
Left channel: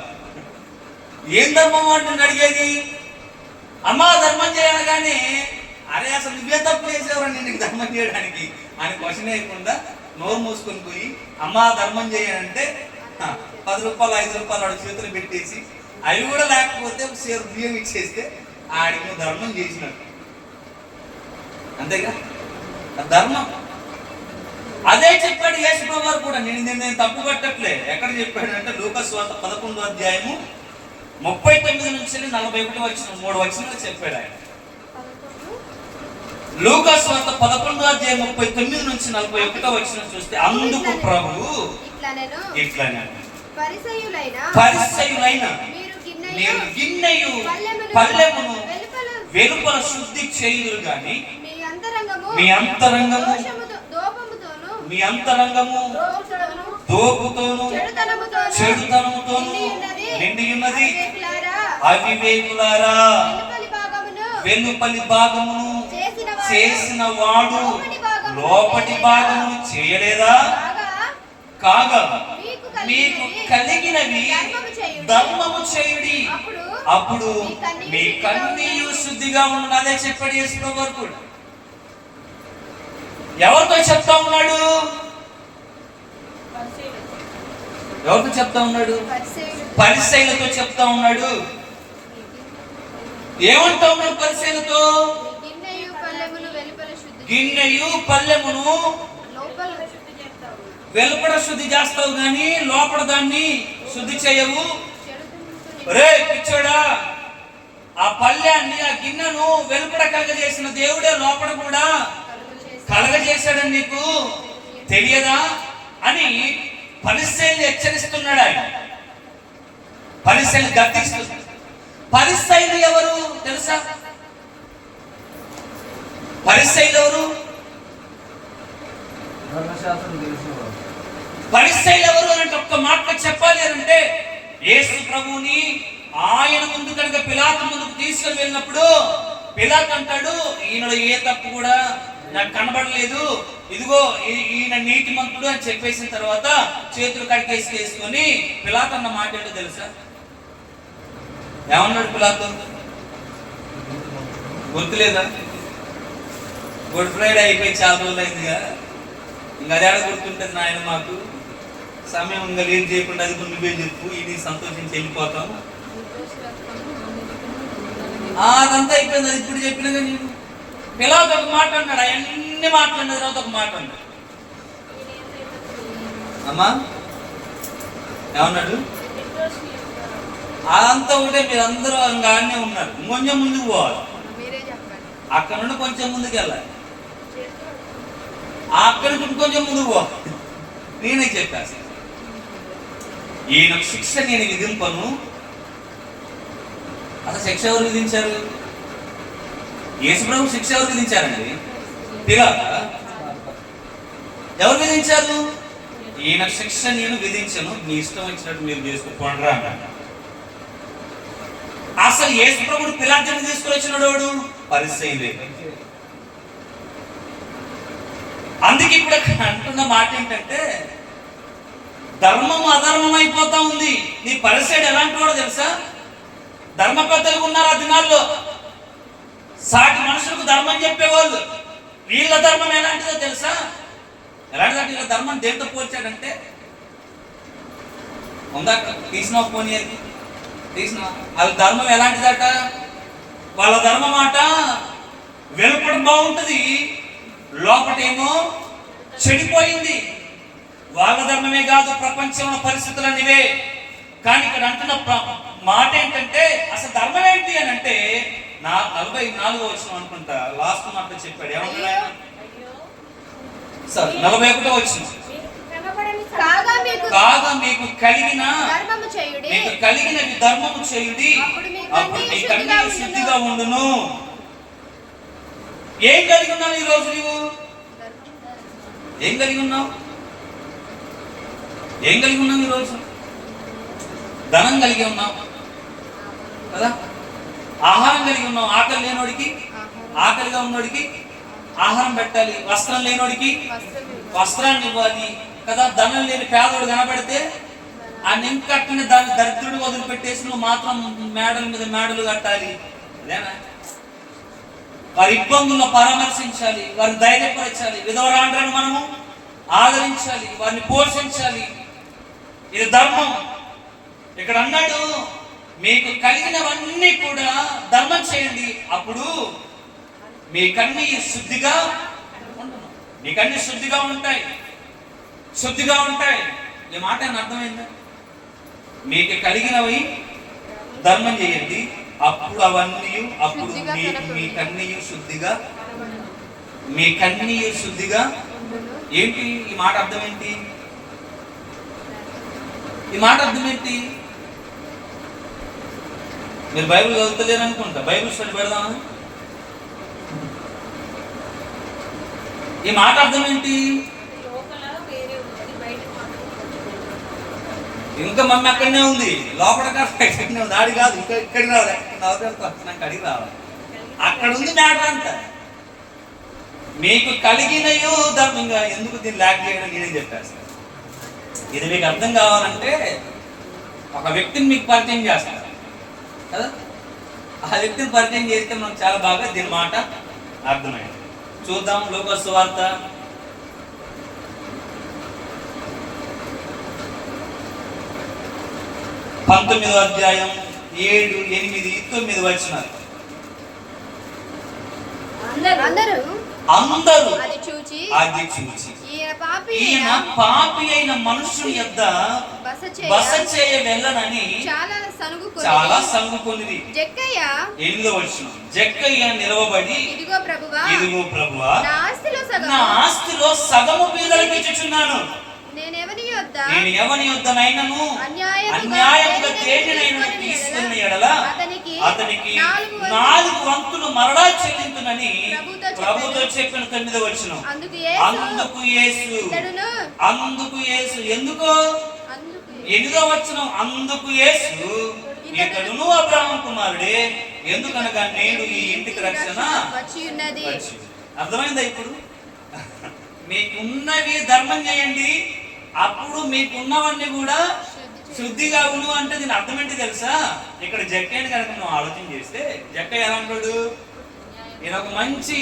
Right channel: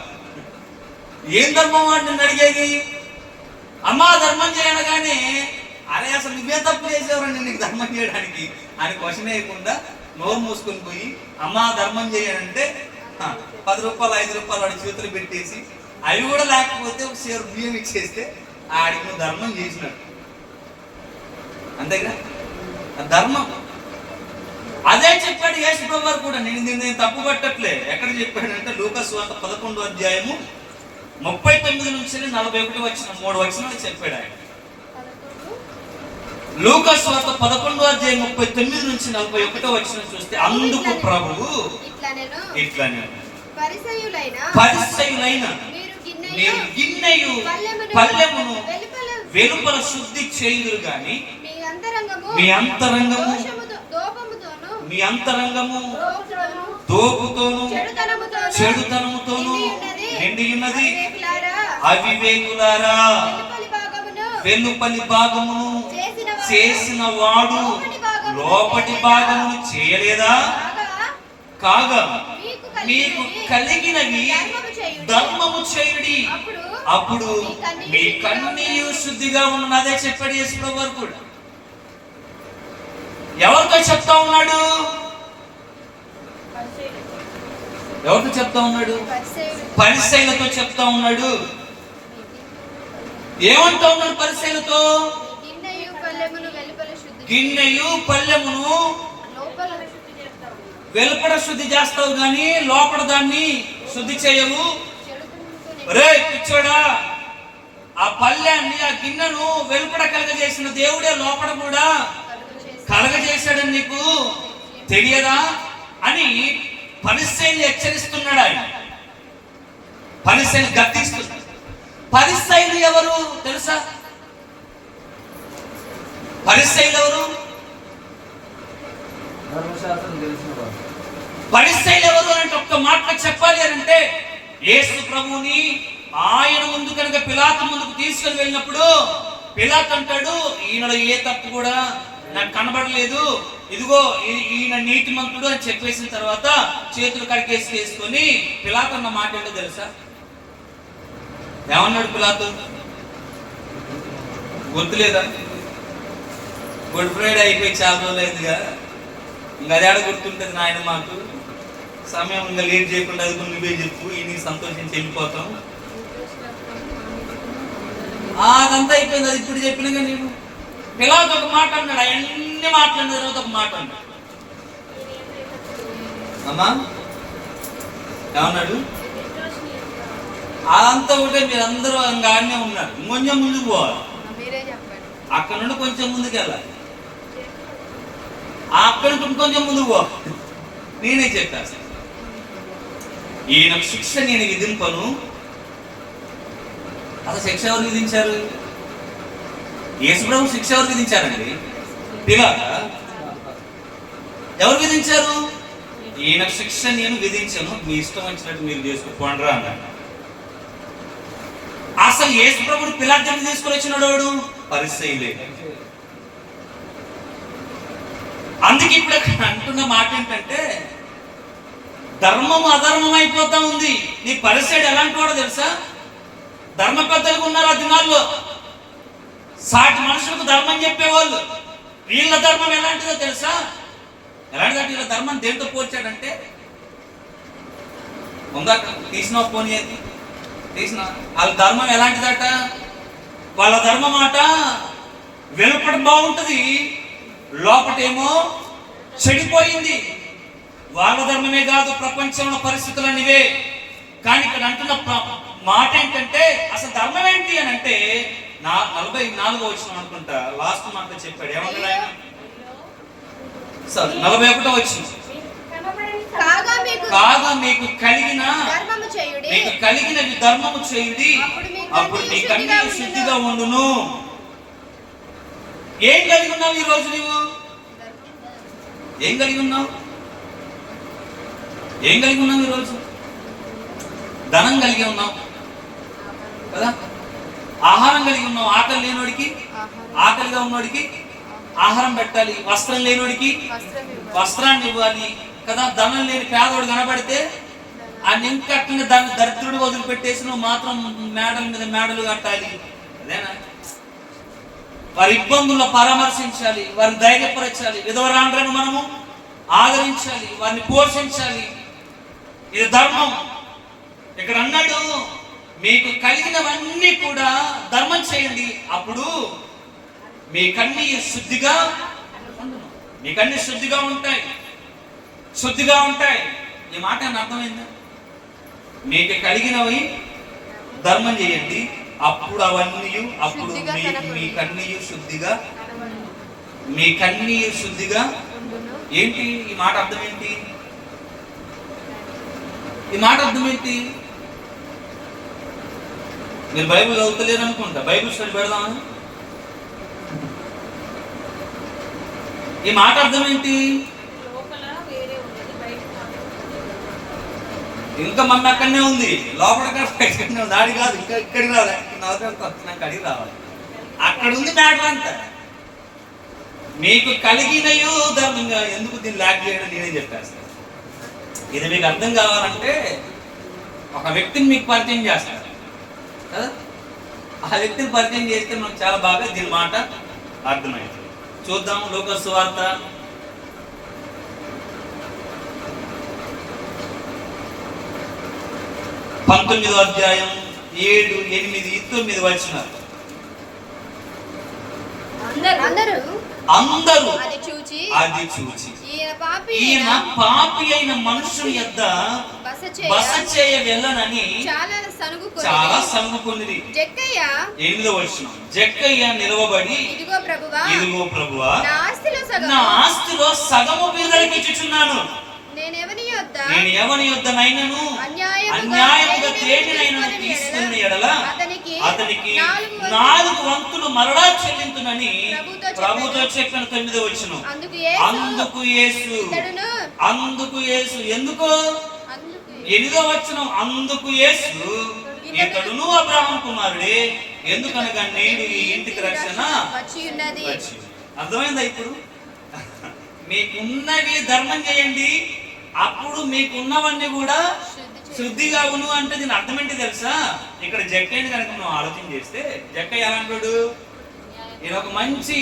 ఏం ధర్మం అని నన్ను అడిగేది. అమ్మా ధర్మం చేయనగానే అరే అసలు నువ్వే తప్పు చేసేవారండి నీకు ధర్మం చేయడానికి అని క్వశ్చన్ వేయకుండా నోరు మూసుకొని పోయి అమ్మా ధర్మం చేయనంటే 10 రూపాయలు 5 రూపాయలు వాడు చేతులు పెట్టేసి అవి కూడా లేకపోతే ఒక సేరు బియ్యం ఇచ్చేస్తే ఆడికి నువ్వు ధర్మం చేసినట్టు. అంతేగా ధర్మం. అదే చెప్పాడు యేసు ప్రభువు కూడా. నేను తప్పు పట్టట్లే. ఎక్కడ చెప్పాడంటే లూకాసు సువార్త 11వ అధ్యాయము 39 నుంచి 41 వచ్చిన 3 వచనాలు చెప్పాడు ఆయన. లూకాసు సువార్త 11వ అధ్యాయం 39 నుంచి 41 వచనం చూస్తే అందుకు ప్రభువు ఇట్లనే పరిసయ్యులైన మీరు గిన్నెయు పల్లెమును వెలుపల శుద్ధి చేయుదురు గాని మీ అంతరంగము దోపుతోను చెడుతనముతోను నిండి ఉన్నది. అవివేకులారా, వెలుపలి భాగమును చేసిన వాడు లోపటి భాగమును చేయలేదా? కాగా మీకు కలిగినవి ధర్మము చేయుడి, అప్పుడు మీ కన్నీయు శుద్ధిగా ఉన్నది. అదే చెప్పాడు యేసు ప్రభువు కూడా. ఎవరితో చెప్తా ఉన్నాడు? ఎవరితో చెప్తా ఉన్నాడు? పరిసయ్యులతో చెప్తా ఉన్నాడు. ఏమంటా ఉన్నాడు పరిసయ్యులతో? గిన్నెయు పల్లెమును వెలుపడ శుద్ధి చేస్తావు గాని లోపల దాన్ని శుద్ధి చేయవు. రే పిచ్చోడా, ఆ పల్లెన్ని ఆ గిన్నెను వెలుపడ కలగజేసిన దేవుడే లోపల కూడా కలగజేశాడని నీకు తెలియదా అని పరిసయ్యులు హెచ్చరిస్తున్నాడు ఆయన. పరిసయ్యులు గద్దిస్తున్నాడు. పరిసయ్యులు ఎవరు తెలుసా? పరిసయ్యులు ఎవరు? పరిసయ్యులు ఎవరు అంటే ఒక్క మాటలో చెప్పాలి అంటే యేసు ప్రభువుని ఆయన ముందు కనుక పిలాతు ముందుకు తీసుకొని వెళ్ళినప్పుడు పిలాతు అంటాడు, ఈయనలో ఏ తప్పు కూడా నాకు కనబడలేదు, ఇదిగో ఈయన నీతిమంతుడు అని చెప్పేసిన తర్వాత చేతులు కడికేసి వేసుకొని పిలాతు అన్న మాట ఏంటో తెలుసా? ఏమన్నాడు పిలాతు? గుర్తులేదా? గుడ్ ఫ్రైడే అయిపోయి చాలా రోజులు అయిందిగా, ఇంకా అది ఆడ గుర్తుంటుంది నాయన మాకు. సమయం ఇంకా లేట్ చేయకుండా అది నువ్వే చెప్పు, ఈ సంతోషించి వెళ్ళిపోతాం. అదంతా అయిపోయింది. అది ఇప్పుడు చెప్పినగా నేను. పిలాతు ఒక మాట అన్నాడు, అవన్నీ మాట్లాడిన తర్వాత ఒక మాట అన్నాడు. అమ్మా ఏమన్నాడు? అదంతా ఒకటే, మీరందరూ అంగానే ఉన్నారు, ఇంకొంచెం ముందుకు పోవాలి. అక్కడ నుండి కొంచెం ముందుకు వెళ్ళాలి, అక్కడ నుంచి ఇంకొంచెం ముందుకు పోవాలి. నేనే చెప్పాను, ఈయన శిక్ష నేను విధింపను. అసలు శిక్ష ఎవరు విధించారు? యేసు ప్రభు శిక్ష ఎవరు విధించారండి? పిలాతు. ఎవరు విధించారు? ఈయన శిక్ష నేను విధించను, మీ ఇష్టం వచ్చినట్టు మీరు చేసుకోండి అన్నాడు. అసలు యేసు ప్రభువుని పిలాతు తీసుకొని వచ్చినాడు వాడు పరిసయ్యులే. అందుకే ఇప్పుడు అంటున్న మాట ఏంటంటే ధర్మం అధర్మం అయిపోతా ఉంది. నీ పరిసయ్యుడు ఎలాంటి వాడో తెలుసా? ధర్మ పెద్దలు ఉన్నారు ఆ దినాల్లో, సాటి మనుషులకు ధర్మం చెప్పేవాళ్ళు. వీళ్ళ ధర్మం ఎలాంటిదో తెలుసా? ఎలాంటిదంటే వీళ్ళ ధర్మం దేంతో పోల్చాడంటే, ఉందా తీసిన పోనీ అది తీసిన, వాళ్ళ ధర్మం ఎలాంటిదట? వాళ్ళ ధర్మం మాట వెలుపట బాగుంటుంది, లోపటేమో చెడిపోయింది. వాళ్ళ ధర్మమే కాదు, ప్రపంచంలో పరిస్థితులు అనివే. కానీ ఇక్కడ అంటున్న మాట ఏంటంటే అసలు ధర్మం ఏంటి అని అంటే 44వ వచనం అనుకుంటా లాస్ట్ మాట చెప్పాడు. ఏమన్నాడు ఆయన? సరే 41వ వచనం. కాగా మీకు కలిగినవి ధర్మము చేయుడి, అప్పుడు నీ కన్నీయు శుద్ధిగా ఉండును. ఏం కలిగి ఉన్నావు ఈ రోజు? నువ్వు ఏం కలిగి ఉన్నావు? ఏం కలిగి ఉన్నావు ఈరోజు? ధనం కలిగి ఉన్నావు కదా, ఆహారం కలిగి ఉన్నావు. ఆకలి లేనోడికి, ఆకలిగా ఉన్నోడికి ఆహారం పెట్టాలి, వస్త్రం లేనోడికి వస్త్రాన్ని ఇవ్వాలి, కదా, ధనం లేని పేదోడు కనబడితే ఆ నింకట్టిన దాన్ని దరిద్రుడు వదిలిపెట్టేసి నువ్వు మాత్రం మేడల మీద మేడలు కట్టాలి. అదేనా? వారి ఇబ్బందుల్లో పరామర్శించాలి, వారిని ధైర్యపరచాలి, విధవరాండ్రను మనము ఆదరించాలి, వారిని పోషించాలి. ఇది ధర్మం. ఇక్కడ అన్నాడు, మీకు కలిగినవన్నీ కూడా ధర్మం చేయండి, అప్పుడు మీకన్నీ శుద్ధిగా ఉండును. మీకన్నీ శుద్ధిగా ఉంటాయి, శుద్ధిగా ఉంటాయి. ఈ మాట అని అర్థమైందా? మీకు కలిగినవి ధర్మం చేయండి, అప్పుడు అవన్నీ, అప్పుడు మీకన్నీ శుద్ధిగా, మీకన్నీ శుద్ధిగా. ఏంటి ఈ మాట అర్థం? ఏంటి ఈ మాట అర్థం? ఏంటి? మీరు బైబిల్ చదువుతలేరు అనుకుంటా, బైబిల్ స్టడీ పెడదామా? ఈ మాట అర్థం ఏంటి? ఇంకా మమ్మీ అక్కడనే ఉంది, లోపల ఎక్కడనే ఉంది, ఆడి కాదు, ఇంకా ఇక్కడికి రావాలి, నాకు అడిగి రావాలి. అక్కడ ఉంది మ్యాటర్ అంతా. మీకు కలిగినయో ధర్మంగా. ఎందుకు దీన్ని ల్యాక్ చేయడం నేనే చెప్పేస్తాను. ఇది మీకు అర్థం కావాలంటే ఒక వ్యక్తిని మీకు పరిచయం చేస్తారు కదా, ఆ వ్యక్తిని పరిచయం చేస్తే మనకు చాలా బాగా దీని మాట అర్థమైంది. చూద్దాం లూకా సువార్త 19వ అధ్యాయం 7, 8, 9 వచనాలు. అందరూ అది చూచి ఈయన పాపి అయిన మనుషుని యొద్ద బస చేయ వెళ్ళనని చాలా సనుగుకొనిరి. 8వ వచనం, జక్కయ్య నిలవబడి, ఇదిగో ప్రభువా, నా ఆస్తిలో సగము బీదలకి ఇచ్చుచున్నాను. నేను ఎవని యొద్దనైనను అన్యాయముగా తేజనైనను తీసుకున్న యెడల అతనికి 4 వంతులు మరలా చెల్లించునని ప్రభుతో చెప్పిన 9వ వచనం. అందుకు యేసు ఎందుకు? 8వ వచనం, అందుకు యేసు, ఇతడును అబ్రహాము కుమారుడే, ఎందుకనగా నేడు ఈ ఇంటికి రక్షణ వచ్చి ఉన్నది. అర్థమైందా? ఇప్పుడు మీకున్నవి ధర్మం చేయండి, అప్పుడు మీకున్నవన్నీ కూడా శుద్ధిగా ఉను అంటే దీని అర్థం ఏంటి తెలుసా? ఇక్కడ జక్కయ్యని కనుక మనం ఆలోచన చేస్తే, జక్కయ్య ఎలా అంటాడు? ఈయన ఒక మంచి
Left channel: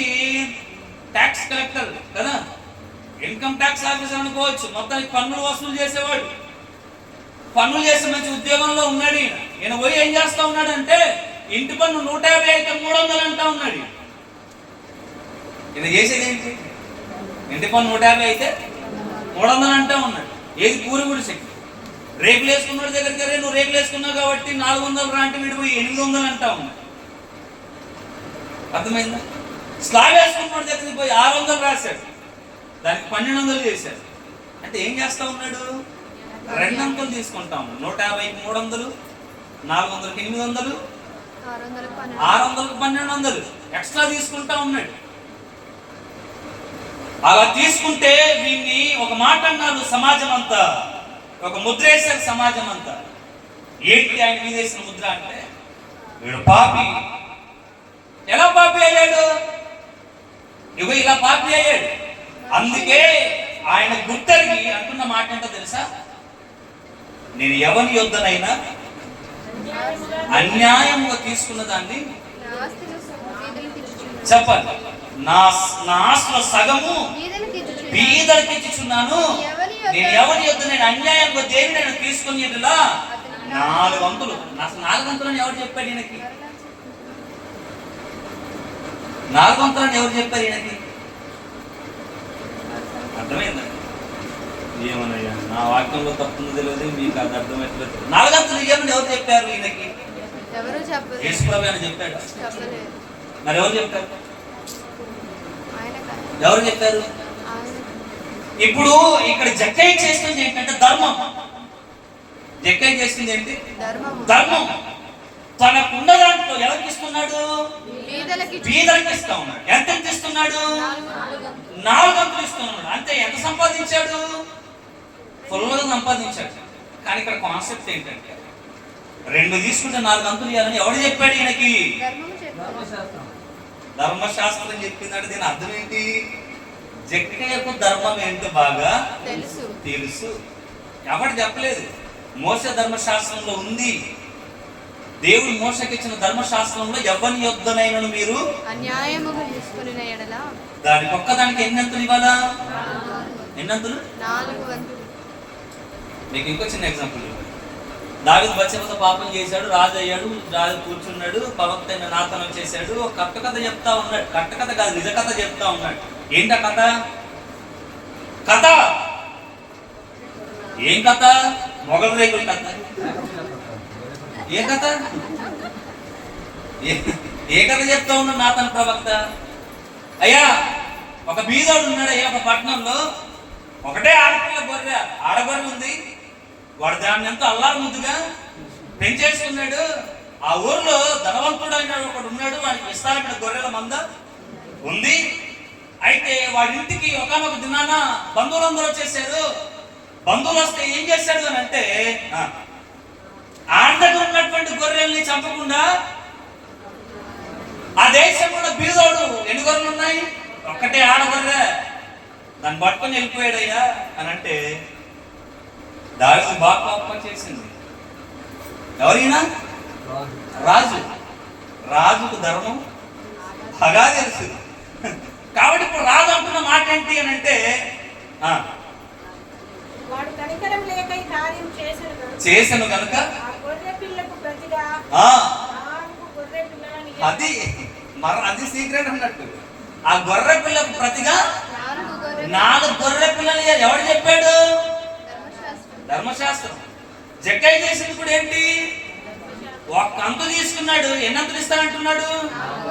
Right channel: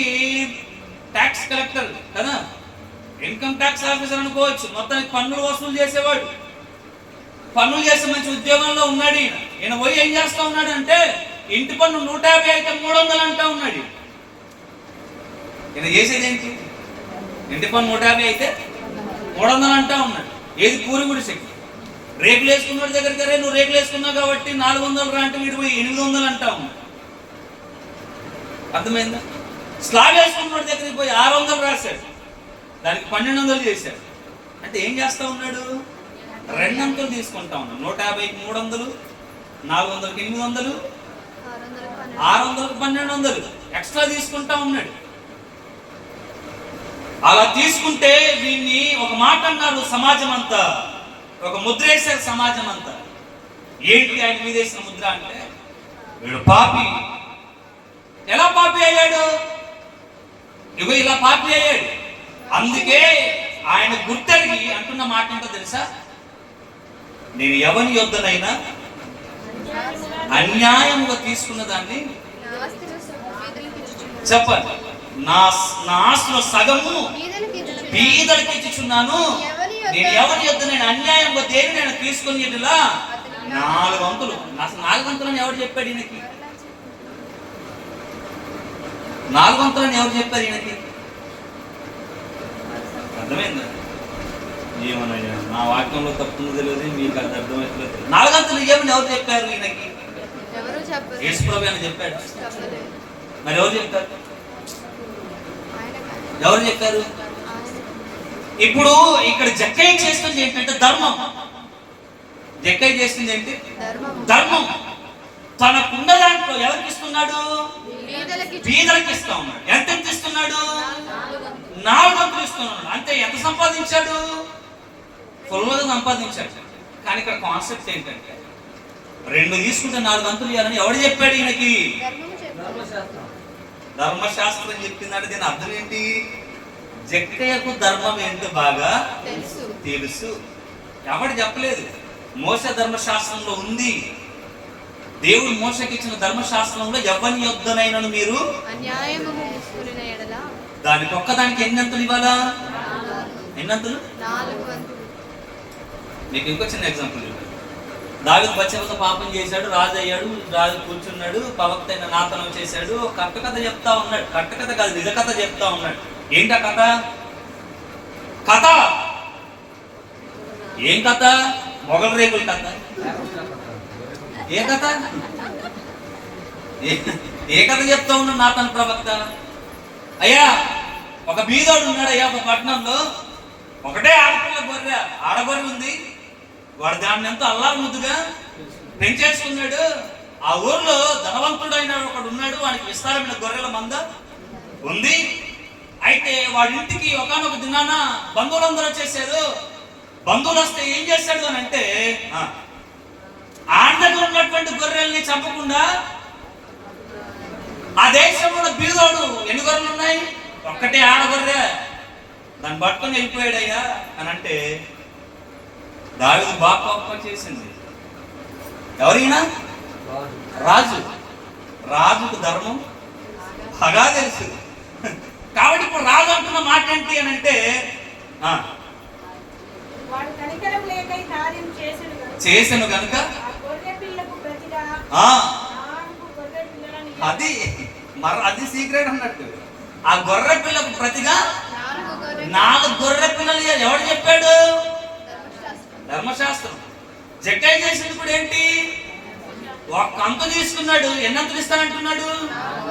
ట్యాక్స్ కలెక్టర్ కదా, ఇన్కమ్ ట్యాక్స్ ఆఫీసర్ అనుకోవచ్చు, మొత్తానికి పన్నులు వసూలు చేసేవాడు, పన్నులు చేసే మంచి ఉద్యోగంలో ఉన్నాడు. ఈయన పోయి ఏం చేస్తా ఉన్నాడు అంటే, ఇంటి పన్ను 150 అయితే 300 అంటా ఉన్నాడు. ఈయన చేసేది ఏంటి? ఇంటి పన్ను 150 అయితే 300 అంటా ఉన్నాడు. ఏది? పూరి గుడిసెకి రేకులు వేసుకున్నాడు దగ్గరికి, రే నువ్వు రేకులు వేసుకున్నావు కాబట్టి 400 అంటే వీడు పోయి 800 అంటా ఉన్నాడు. అర్థమైందా? స్లాబ్ వేసుకున్నాడు దగ్గరికి పోయి 600 రాశాడు, దానికి 1200 చేశాడు. అంటే ఏం చేస్తా ఉన్నాడు? 2 అంకెలు తీసుకుంటా ఉన్నాడు. 150కి 300, 400కి 800, 600కి 1200 ఎక్స్ట్రా తీసుకుంటా ఉన్నాడు. అలా తీసుకుంటే దీన్ని ఒక మాట అన్నారు సమాజం అంతా, ఒక ముద్ర వేశారు సమాజం అంతా. ఏంటి ఆయన మీద వేసిన ముద్ర అంటే, వీడు పాపి. ఎలా పాపి అయ్యాడు? ఇగో ఇలా పాపి అయ్యాడు. అందుకే ఆయన గుర్తెరిగి అంటున్న మాట ఏంటో తెలుసా? నేను ఎవని యొద్దనైనా అన్యాయంగా తీసుకున్న దాన్ని చెప్పాలి, నా ఆస్తిలో సగము బీదలకి ఇచ్చుచున్నాను. నేను ఎవరి యొద్ద నేను అన్యాయంగా దేని నేను తీసుకుని 4 వంతులు. అసలు 4 వంతులని ఎవరు చెప్పాడు ఈయనకి? 4 వంతులని ఎవరు చెప్పారు ఈయనకి? అర్థమైందా? ఏమనయ్యా, నా వాక్యంలో తప్పుందో తెలియదు, మీకు అది అర్థమవుతలేదు. 4 వంతులు ఇవ్వమని ఎవరు చెప్పారు ఈయనకి? యేసుప్రభు అని చెప్పాడు. మరి ఎవరు చెప్తారు? ఎవరు చెప్పారు? ఇప్పుడు ఇక్కడ జక్కయ్య చేస్తుంది ఏంటంటే ధర్మం. జక్కయ్య చేస్తుంది ఏంటి? ధర్మం. తనకున్న దాంట్లో ఎవరికి ఇస్తున్నాడు? బీదలకి ఇస్తా ఉన్నాడు. ఎంత ఇస్తున్నాడు? 4 వంతులు ఇస్తున్నాడు. అంతే. ఎంత సంపాదించాడు? ఫుల్గా సంపాదించాడు. కానీ ఇక్కడ కాన్సెప్ట్ ఏంటంటే, 2 తీసుకుంటే 4 వంతులు ఇవ్వాలని ఎవడు చెప్పాడు ఈయనకి? 3 ధర్మశాస్త్రం చెప్పిందంటే దీని అర్థం ఏంటి? జక్కయ్యకు ధర్మం ఏంటో బాగా తెలుసు. తెలుసు. ఎవడు చెప్పలేదు. మోసే ధర్మశాస్త్రంలో ఉంది. దేవుడు మోసకి ఇచ్చిన ధర్మశాస్త్రంలో ఎవరి యొద్దనైనను మీరు అన్యాయముగా తీసుకున్న ఎడల దానికి ఒక్కదానికి ఎన్నంతులు ఇవ్వాలా? ఎన్నంతులు? 4 వంతులు. మీకు ఇంకో చిన్న ఎగ్జాంపుల్. దావీదు బత్షెబతో పాపం చేశాడు, రాజు అయ్యాడు, రాజు కూర్చున్నాడు, ప్రవక్త అయిన నాతనం చేశాడు, కట్ట చెప్తా ఉన్నాడు. కట్ట కాదు, నిజ కథ చెప్తా ఉన్నాడు. ఏంటా కథ? కథ ఏం కథ? మొగల రేకుల కథ. ఏ కథ? ఏ కథ చెప్తా ఉన్నాడు నాతన ప్రవక్త? అయ్యా, ఒక బీదోడు ఉన్నాడు అయ్యా ఒక పట్టణంలో. ఒకటే ఆడపిల్ల గొర్రె, ఆడగొర్రె ఉంది. వాడు దాన్ని ఎంతో అల్లారు ముద్దుగా పెంచేసుకున్నాడు. ఆ ఊర్లో ధనవంతుడు అయిన ఒకడు ఉన్నాడు. వాడికి విస్తారమైన గొర్రెల మంద ఉంది. అయితే వాడి ఇంటికి ఒకనొక దినాన బంధువులందరూ వచ్చేసారు. బంధువులు వస్తే ఏం చేశాడు అని అంటే, ఆయన దగ్గర ఉన్నటువంటి గొర్రెల్ని చంపకుండా ఆ దేశంలో బీదోడు ఎన్ని గొర్రెలు ఉన్నాయి? ఒక్కటే ఆడగొర్రె, దాన్ని పట్టుకొని వెళ్ళిపోయాడయ్యా అని అంటే దావీదు బాగా కోపం చేసింది. ఎవరైనా రాజు. రాజుకు ధర్మం బాగా తెలుసు. కాబట్టి ఇప్పుడు రాజు అంటున్న మాట ఏంటి అని అంటే, చేసను కనుక అది సీక్రెట్ అన్నట్టు. ఆ గొర్రె పిల్లకు ప్రతిగా 4 గొర్రె పిల్లలు. ఎవడు చెప్పాడు? ధర్మశాస్త్రం. జక్కయ్య చేసింది కూడా ఏంటి? ఒక్క అంతు తీసుకున్నాడు. ఎన్ని అంతులు ఇస్తానంటున్నాడు?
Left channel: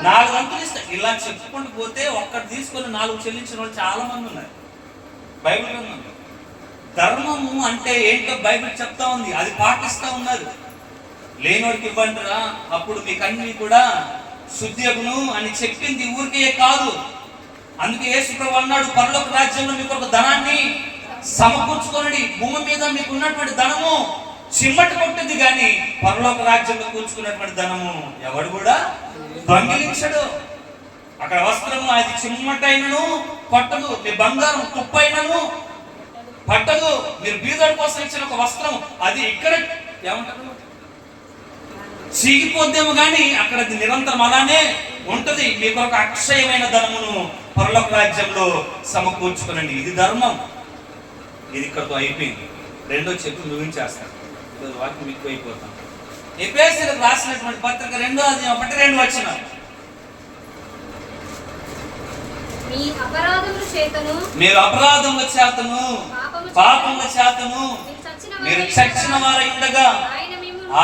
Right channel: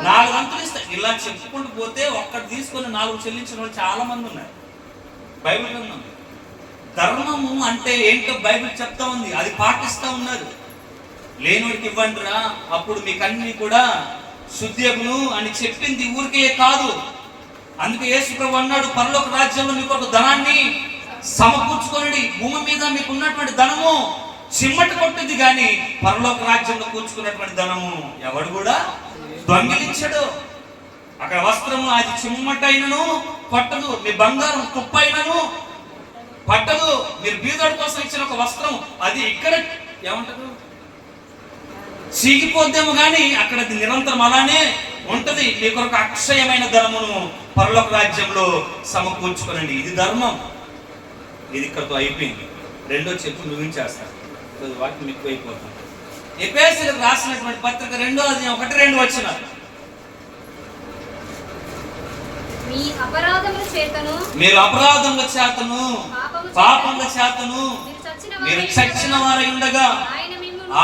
4 అంతులు ఇస్తా. ఇలా చెప్పుకుంటూ పోతే ఒక్కటి తీసుకొని 4 చెల్లించిన వాళ్ళు చాలా మంది ఉన్నారు. బైబిల్ ఉంది. ధర్మము అంటే ఏంటో బైబిల్ చెప్తా ఉంది. అది పాటిస్తూ ఉన్నారు. లేనోడికి ఇవ్వండిరా, అప్పుడు మీకు అన్ని కూడా శుద్ధియగును అని చెప్పింది ఊరికే కాదు. అందుకే యేసు ప్రభు అన్నాడు, పరలోక రాజ్యంలో మీకు ఒక ధనాన్ని సమకూర్చుకొనుడి. భూమి మీద మీకు ఉన్నటువంటి ధనము చిమ్మట కొట్టింది, కానీ పరలోక రాజ్యంలో కూర్చుకున్నటువంటి ధనము ఎవడు కూడా దొంగిలించడు. అక్కడ వస్త్రము అది చిమ్మటైనను పట్టదు, మీ బంగారం తుప్పైనను పట్టదు. మీరు బీదోడి కోసం ఇచ్చిన ఒక వస్త్రం అది ఇక్కడ ఏమంటారు, చీగిపోద్దేమో కానీ అక్కడ అది నిరంతరం అలానే ఉంటది. మీకు ఒక అక్షయమైన ధనమును పరలోక రాజ్యంలో సమకూర్చుకోనండి. ఇది ధర్మం. ఇది ఇక్కడతో అయిపోయింది. రెండో చెప్పు ముగించేస్తాను, వాక్యం మీకు అయిపోతాను. ఎఫెసీయులకు రాసినటువంటి పత్రిక 2:1-2 వచ్చిన మీరు అపరాధముల చేతను పాపముల చేతను మీరు చచ్చిన వారై ఉండగా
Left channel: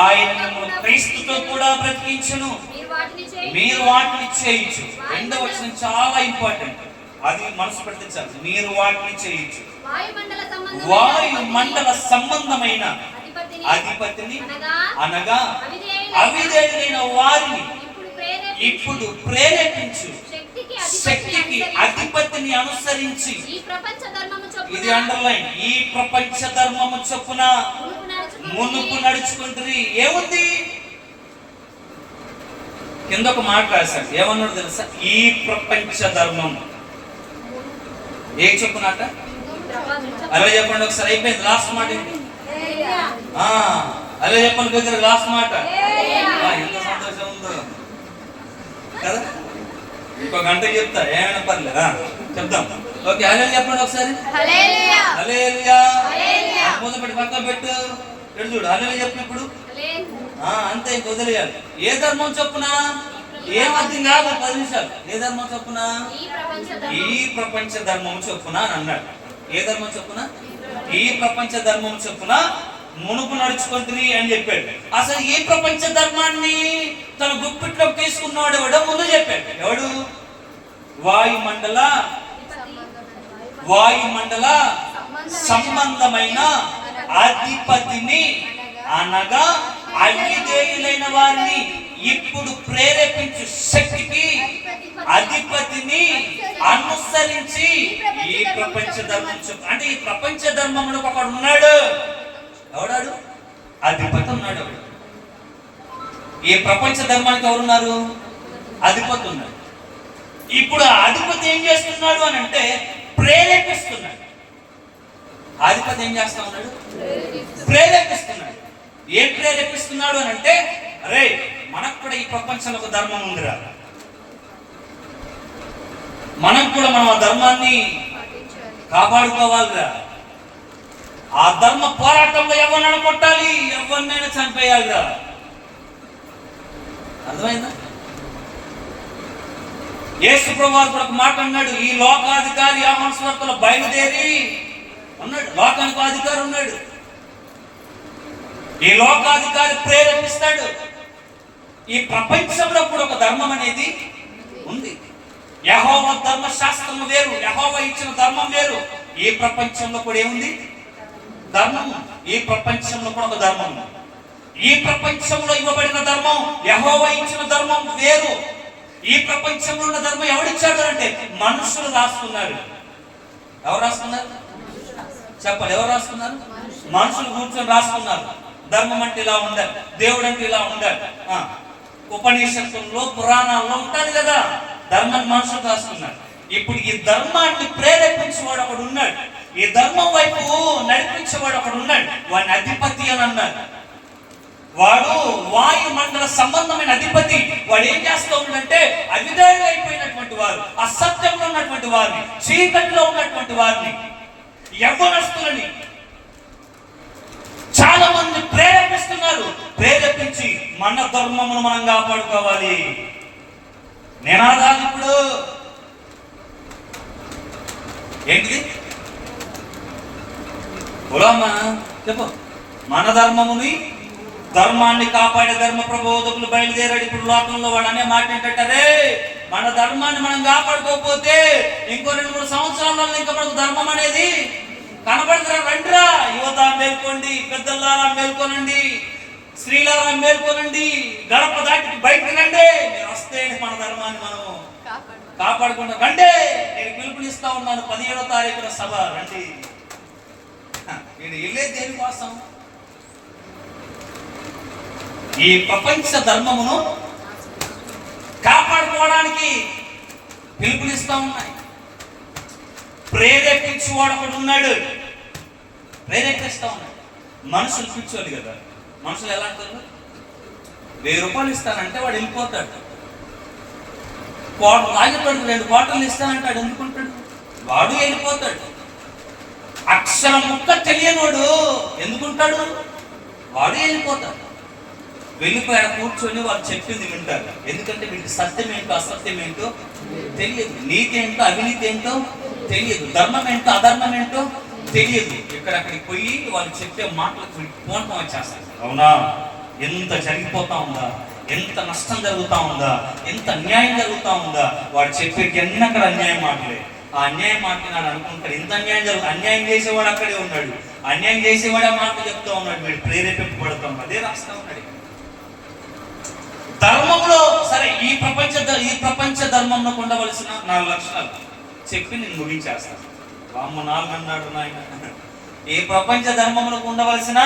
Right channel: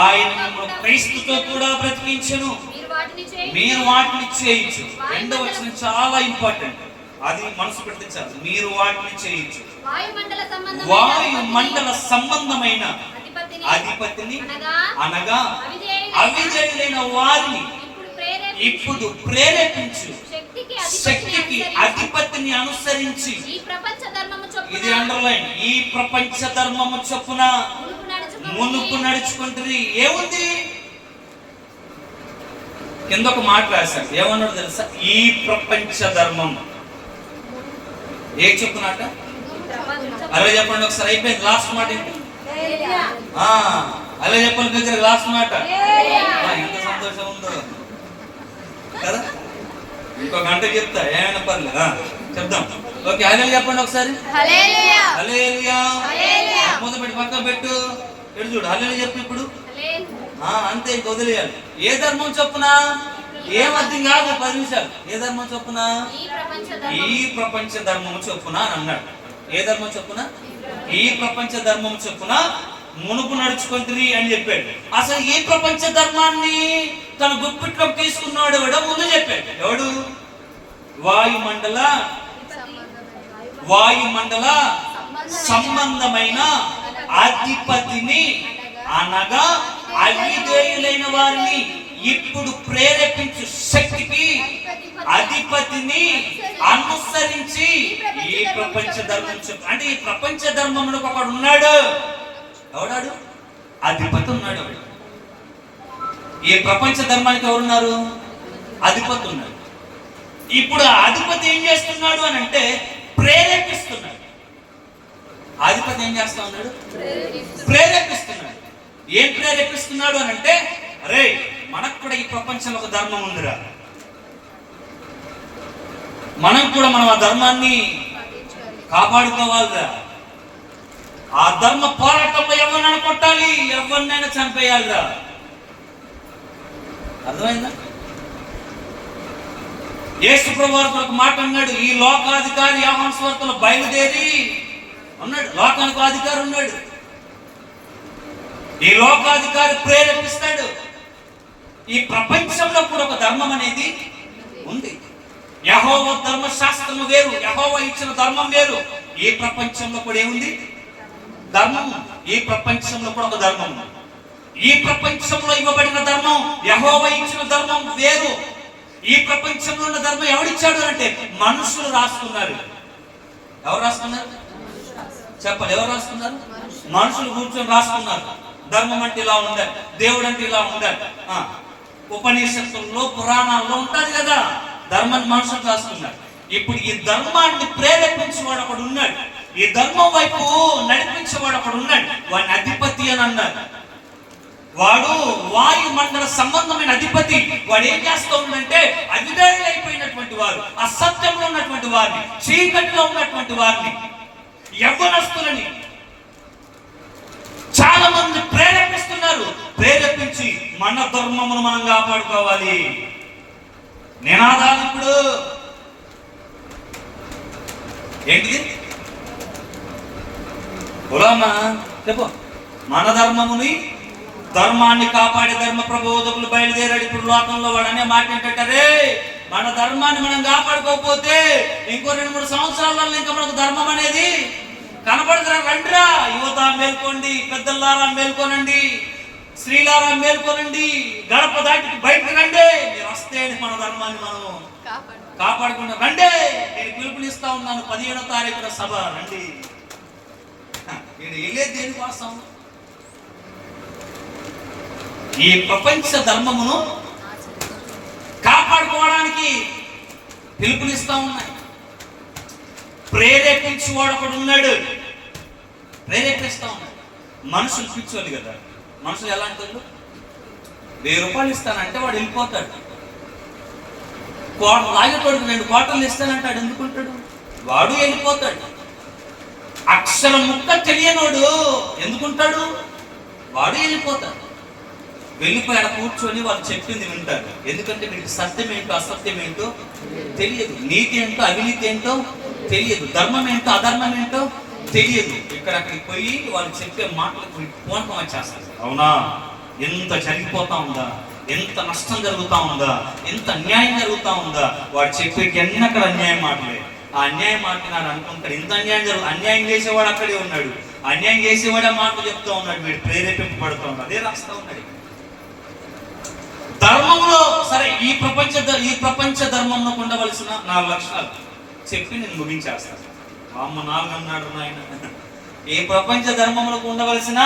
ఆయన మిమ్మల్ని క్రీస్తుతో కూడా బ్రతికించును. మీరు వాటిని చేయించు. 2వ వచనం చాలా ఇంపార్టెంట్. అది మనసు పెడితే చాలు. మీరు వాటిని చేయించు. వాయుమండల సంబంధమైన అధిపతిని అనగా అవిధేయులైన వారిని ఇప్పుడు ప్రేరేపించు శక్తికి అధిపతిని అనుసరించి. ఇది అండర్లైన్. ఈ ప్రపంచ ధర్మము చొప్పున మునుపు నడుచుకుంటుంది. ఏముంది కింద ఒక మాట రాశాడు. ఏమన్నాడు తెలుసా? ఈ ప్రపంచ ధర్మం. ఏ చెప్పునట? అలా చెప్పండి ఒకసారి. అయిపోయింది. లాస్ట్ మాట ఏంటి? అలా చెప్పండి దగ్గర లాస్ట్ మాట. ఎంత సంతోషం ఉందో కదా. ఇంకో గంట చెప్తా, ఏమైనా పర్లేదా? చెప్దాం. ఓకే, హల్లెలూయా చెప్పండి ఒకసారి. హల్లెలూయా. మూత పెట్టి పక్కన పెట్టు. ఎడు చూడు, హల్లెలూయా చెప్పు ఇప్పుడు. అంతే, ఇంక వదిలేయాలి. ఏ ధర్మం చొప్పున? ఏం అర్థం కాదు. 10 నిమిషాలు. ఏ ధర్మం చొప్పున? ఈ ప్రపంచ ధర్మము చొప్పున అని అన్నాడు. ఏ ధర్మం చొప్పున? ఈ ప్రపంచ ధర్మం చొప్పున మునుపు నడుచుకుంటుంది అని చెప్పాడు. అసలు ఈ ప్రపంచ ధర్మాన్ని తన గుప్పిట్లోకి తీసుకున్నాడు ఎవడో ముందు చెప్పాడు. ఎవడు? వాయుమండల సంబంధమైన అధిపతిని అనగా అవిధేయులైన వారిని ఇప్పుడు ప్రేరేపించు శక్తికి అధిపతిని అనుసరించి ఈ ప్రపంచ ధర్మం అంటే ఈ ప్రపంచ ధర్మంలో ఒకడు ఉన్నాడు. ఎవడాడు? అధిపతి ఉన్నాడు. ఎవడు? ఈ ప్రపంచ ధర్మానికి ఎవరున్నారు? అధిపతి ఉన్నాడు. ఇప్పుడు అధిపతి ఏం చేస్తున్నాడు అని అంటే ప్రేరేపిస్తున్నాడు. ఆధిపత్యం ఏం చేస్తా ఉన్నాడు? ప్రేరేపిస్తున్నాడు. ఏం ప్రేరేపిస్తున్నాడు అని అంటే, అరే మనకు కూడా ఈ ప్రపంచంలో ఒక ధర్మం ఉందిరా, మనం కూడా మనం ఆ ధర్మాన్ని కాపాడుకోవాలిరా. ఆ ధర్మ పోరాటంలో ఎవరినైనా కొట్టాలి, ఎవరినైనా చంపేయాలిరా. అర్థమైందా? యేసు ప్రభువు ఒక మాట అన్నాడు, ఈ లోకాధికారి యోహాను సువార్తలో బయలుదేరి అన్నాడు, లోకానికి అధికారి ఉన్నాడు, ఈ లోకాధికారి ప్రేరేపిస్తాడు. ఈ ప్రపంచంలో కూడా ఒక ధర్మం అనేది ఉంది. యెహోవా ధర్మశాస్త్రము వేరు, యెహోవా ఇచ్చిన ధర్మం వేరు. ఈ ప్రపంచంలో కూడా ఏముంది? ధర్మము. ఈ ప్రపంచంలో కూడా ఒక ధర్మం. ఈ ప్రపంచంలో ఇవ్వబడిన ధర్మం, యెహోవా ఇచ్చిన ధర్మం వేరు. ఈ ప్రపంచంలో ఉన్న ధర్మం ఎవడిచ్చాడు అంటే మనుషులు రాసుకున్నారు. ఎవరు రాసుకున్నారు? చెప్పాలి, ఎవరు రాసుకున్నారు? మనుషులు కూర్చొని రాసుకున్నారు. ధర్మం అంటే ఇలా ఉండాలి, దేవుడు అంటే ఇలా ఉండాలి. ఉపనిషత్తుల్లో పురాణాల్లో ఉంటుంది కదా, ధర్మం మనుషులు రాసుకున్నారు. ఇప్పుడు ఈ ధర్మాన్ని ప్రేరేపించేవాడు ఒకడు ఉన్నాడు, ఈ ధర్మం వైపు నడిపించేవాడు ఒకడు ఉన్నాడు. వాడిని అధిపతి అని అన్నారు. వాడు వాయుమండల సంబంధమైన అధిపతి. వాడు ఏం చేస్తూ ఉందంటే, అవిధేయులు అయిపోయినటువంటి వారు, అసత్యంలో ఉన్నటువంటి వారిని, చీకటిలో ఉన్నటువంటి వారిని, యవ్వనస్తులని చాలా మంది ప్రేరేపిస్తున్నారు. ప్రేరేపించి మన ధర్మమును మనం కాపాడుకోవాలి. నినాదాలు ఇప్పుడు ఏంటిది? కులమా చెప్పు. మన ధర్మాన్ని కాపాడే ధర్మ ప్రబోధకులు బయలుదేరాడు. ఇప్పుడు లోకంలో వాడు అనే మాట ఏంటంటే, మన ధర్మాన్ని మనం కాపాడుకోకపోతే ఇంకో 2-3 సంవత్సరాలలో ఇంకా మనకు ధర్మం అనేది కనబడదురా. రండిరా యువత మేల్కోండి, పెద్దలారా మేల్కోనండి, స్త్రీలారా మేల్కోనండి, గడప దాటి బయటకు రండి. మీరు వస్తే మన ధర్మాన్ని మనం కాపాడుకుంటా రండి. నేను పిలుపునిస్తా ఉన్నాను, 15వ తారీఖున సభ రండి. నేను వెళ్ళేది దేనికోసం? ఈ ప్రపంచ ధర్మమును కాపాడుకోవడానికి పిలుపునిస్తా ఉన్నాయి. ప్రేరేపించేవాడు ఒకడు ఉన్నాడు, ప్రేరేపిస్తా ఉన్నాడు. మనుషులు పిచ్చోళ్ళు కదా. మనుషులు ఎలా అంటారు? 1000 రూపాయలు ఇస్తానంటే వాడు వెళ్ళిపోతాడు. రాజపడికి 2 కోటలు ఇస్తానంటాడు, ఎందుకుంటాడు? వాడు వెళ్ళిపోతాడు. అక్షర ముక్క తెలియనోడు ఎందుకుంటాడు? వాడు వెళ్ళిపోతాడు. వెళ్ళిపోయాడ కూర్చొని వాళ్ళు చెప్పింది వింటారు. ఎందుకంటే వీరికి సత్యం ఏంటో అసత్యం ఏంటో తెలియదు, నీతి ఏంటో అవినీతి ఏంటో తెలియదు, ధర్మం ఏంటో అధర్మం ఏంటో తెలియదు. ఇక్కడక్కడికి పోయి వాళ్ళు చెప్పే మాటలకు పోవటం వచ్చేస్తారు. అవునా, ఎంత జరిగిపోతా ఉందా, ఎంత నష్టం జరుగుతా ఉందా, ఎంత అన్యాయం జరుగుతా ఉందా. వాడు చెప్పే ఎన్నక్కడ అన్యాయం మాటలే. ఆ అన్యాయం మాట్లాడాను అనుకుంటాడు, ఇంత అన్యాయం జరుగుతుంది. అన్యాయం చేసేవాడు అక్కడే ఉన్నాడు, అన్యాయం చేసేవాడు ఆ మాటలు చెప్తా ఉన్నాడు, వీడు ప్రేరేపింపబడుతూ ఉన్నాడు. అదే రాస్తా ఉన్నాడు. ధర్మంలో సరే, ఈ ప్రపంచ ధర్మంలో ఉండవలసిన 4 లక్షణాలు చెప్పి నేను ముగించేస్తాను. అమ్మ 4 అన్నాడు నాయన. ఈ ప్రపంచ ధర్మంలో ఉండవలసిన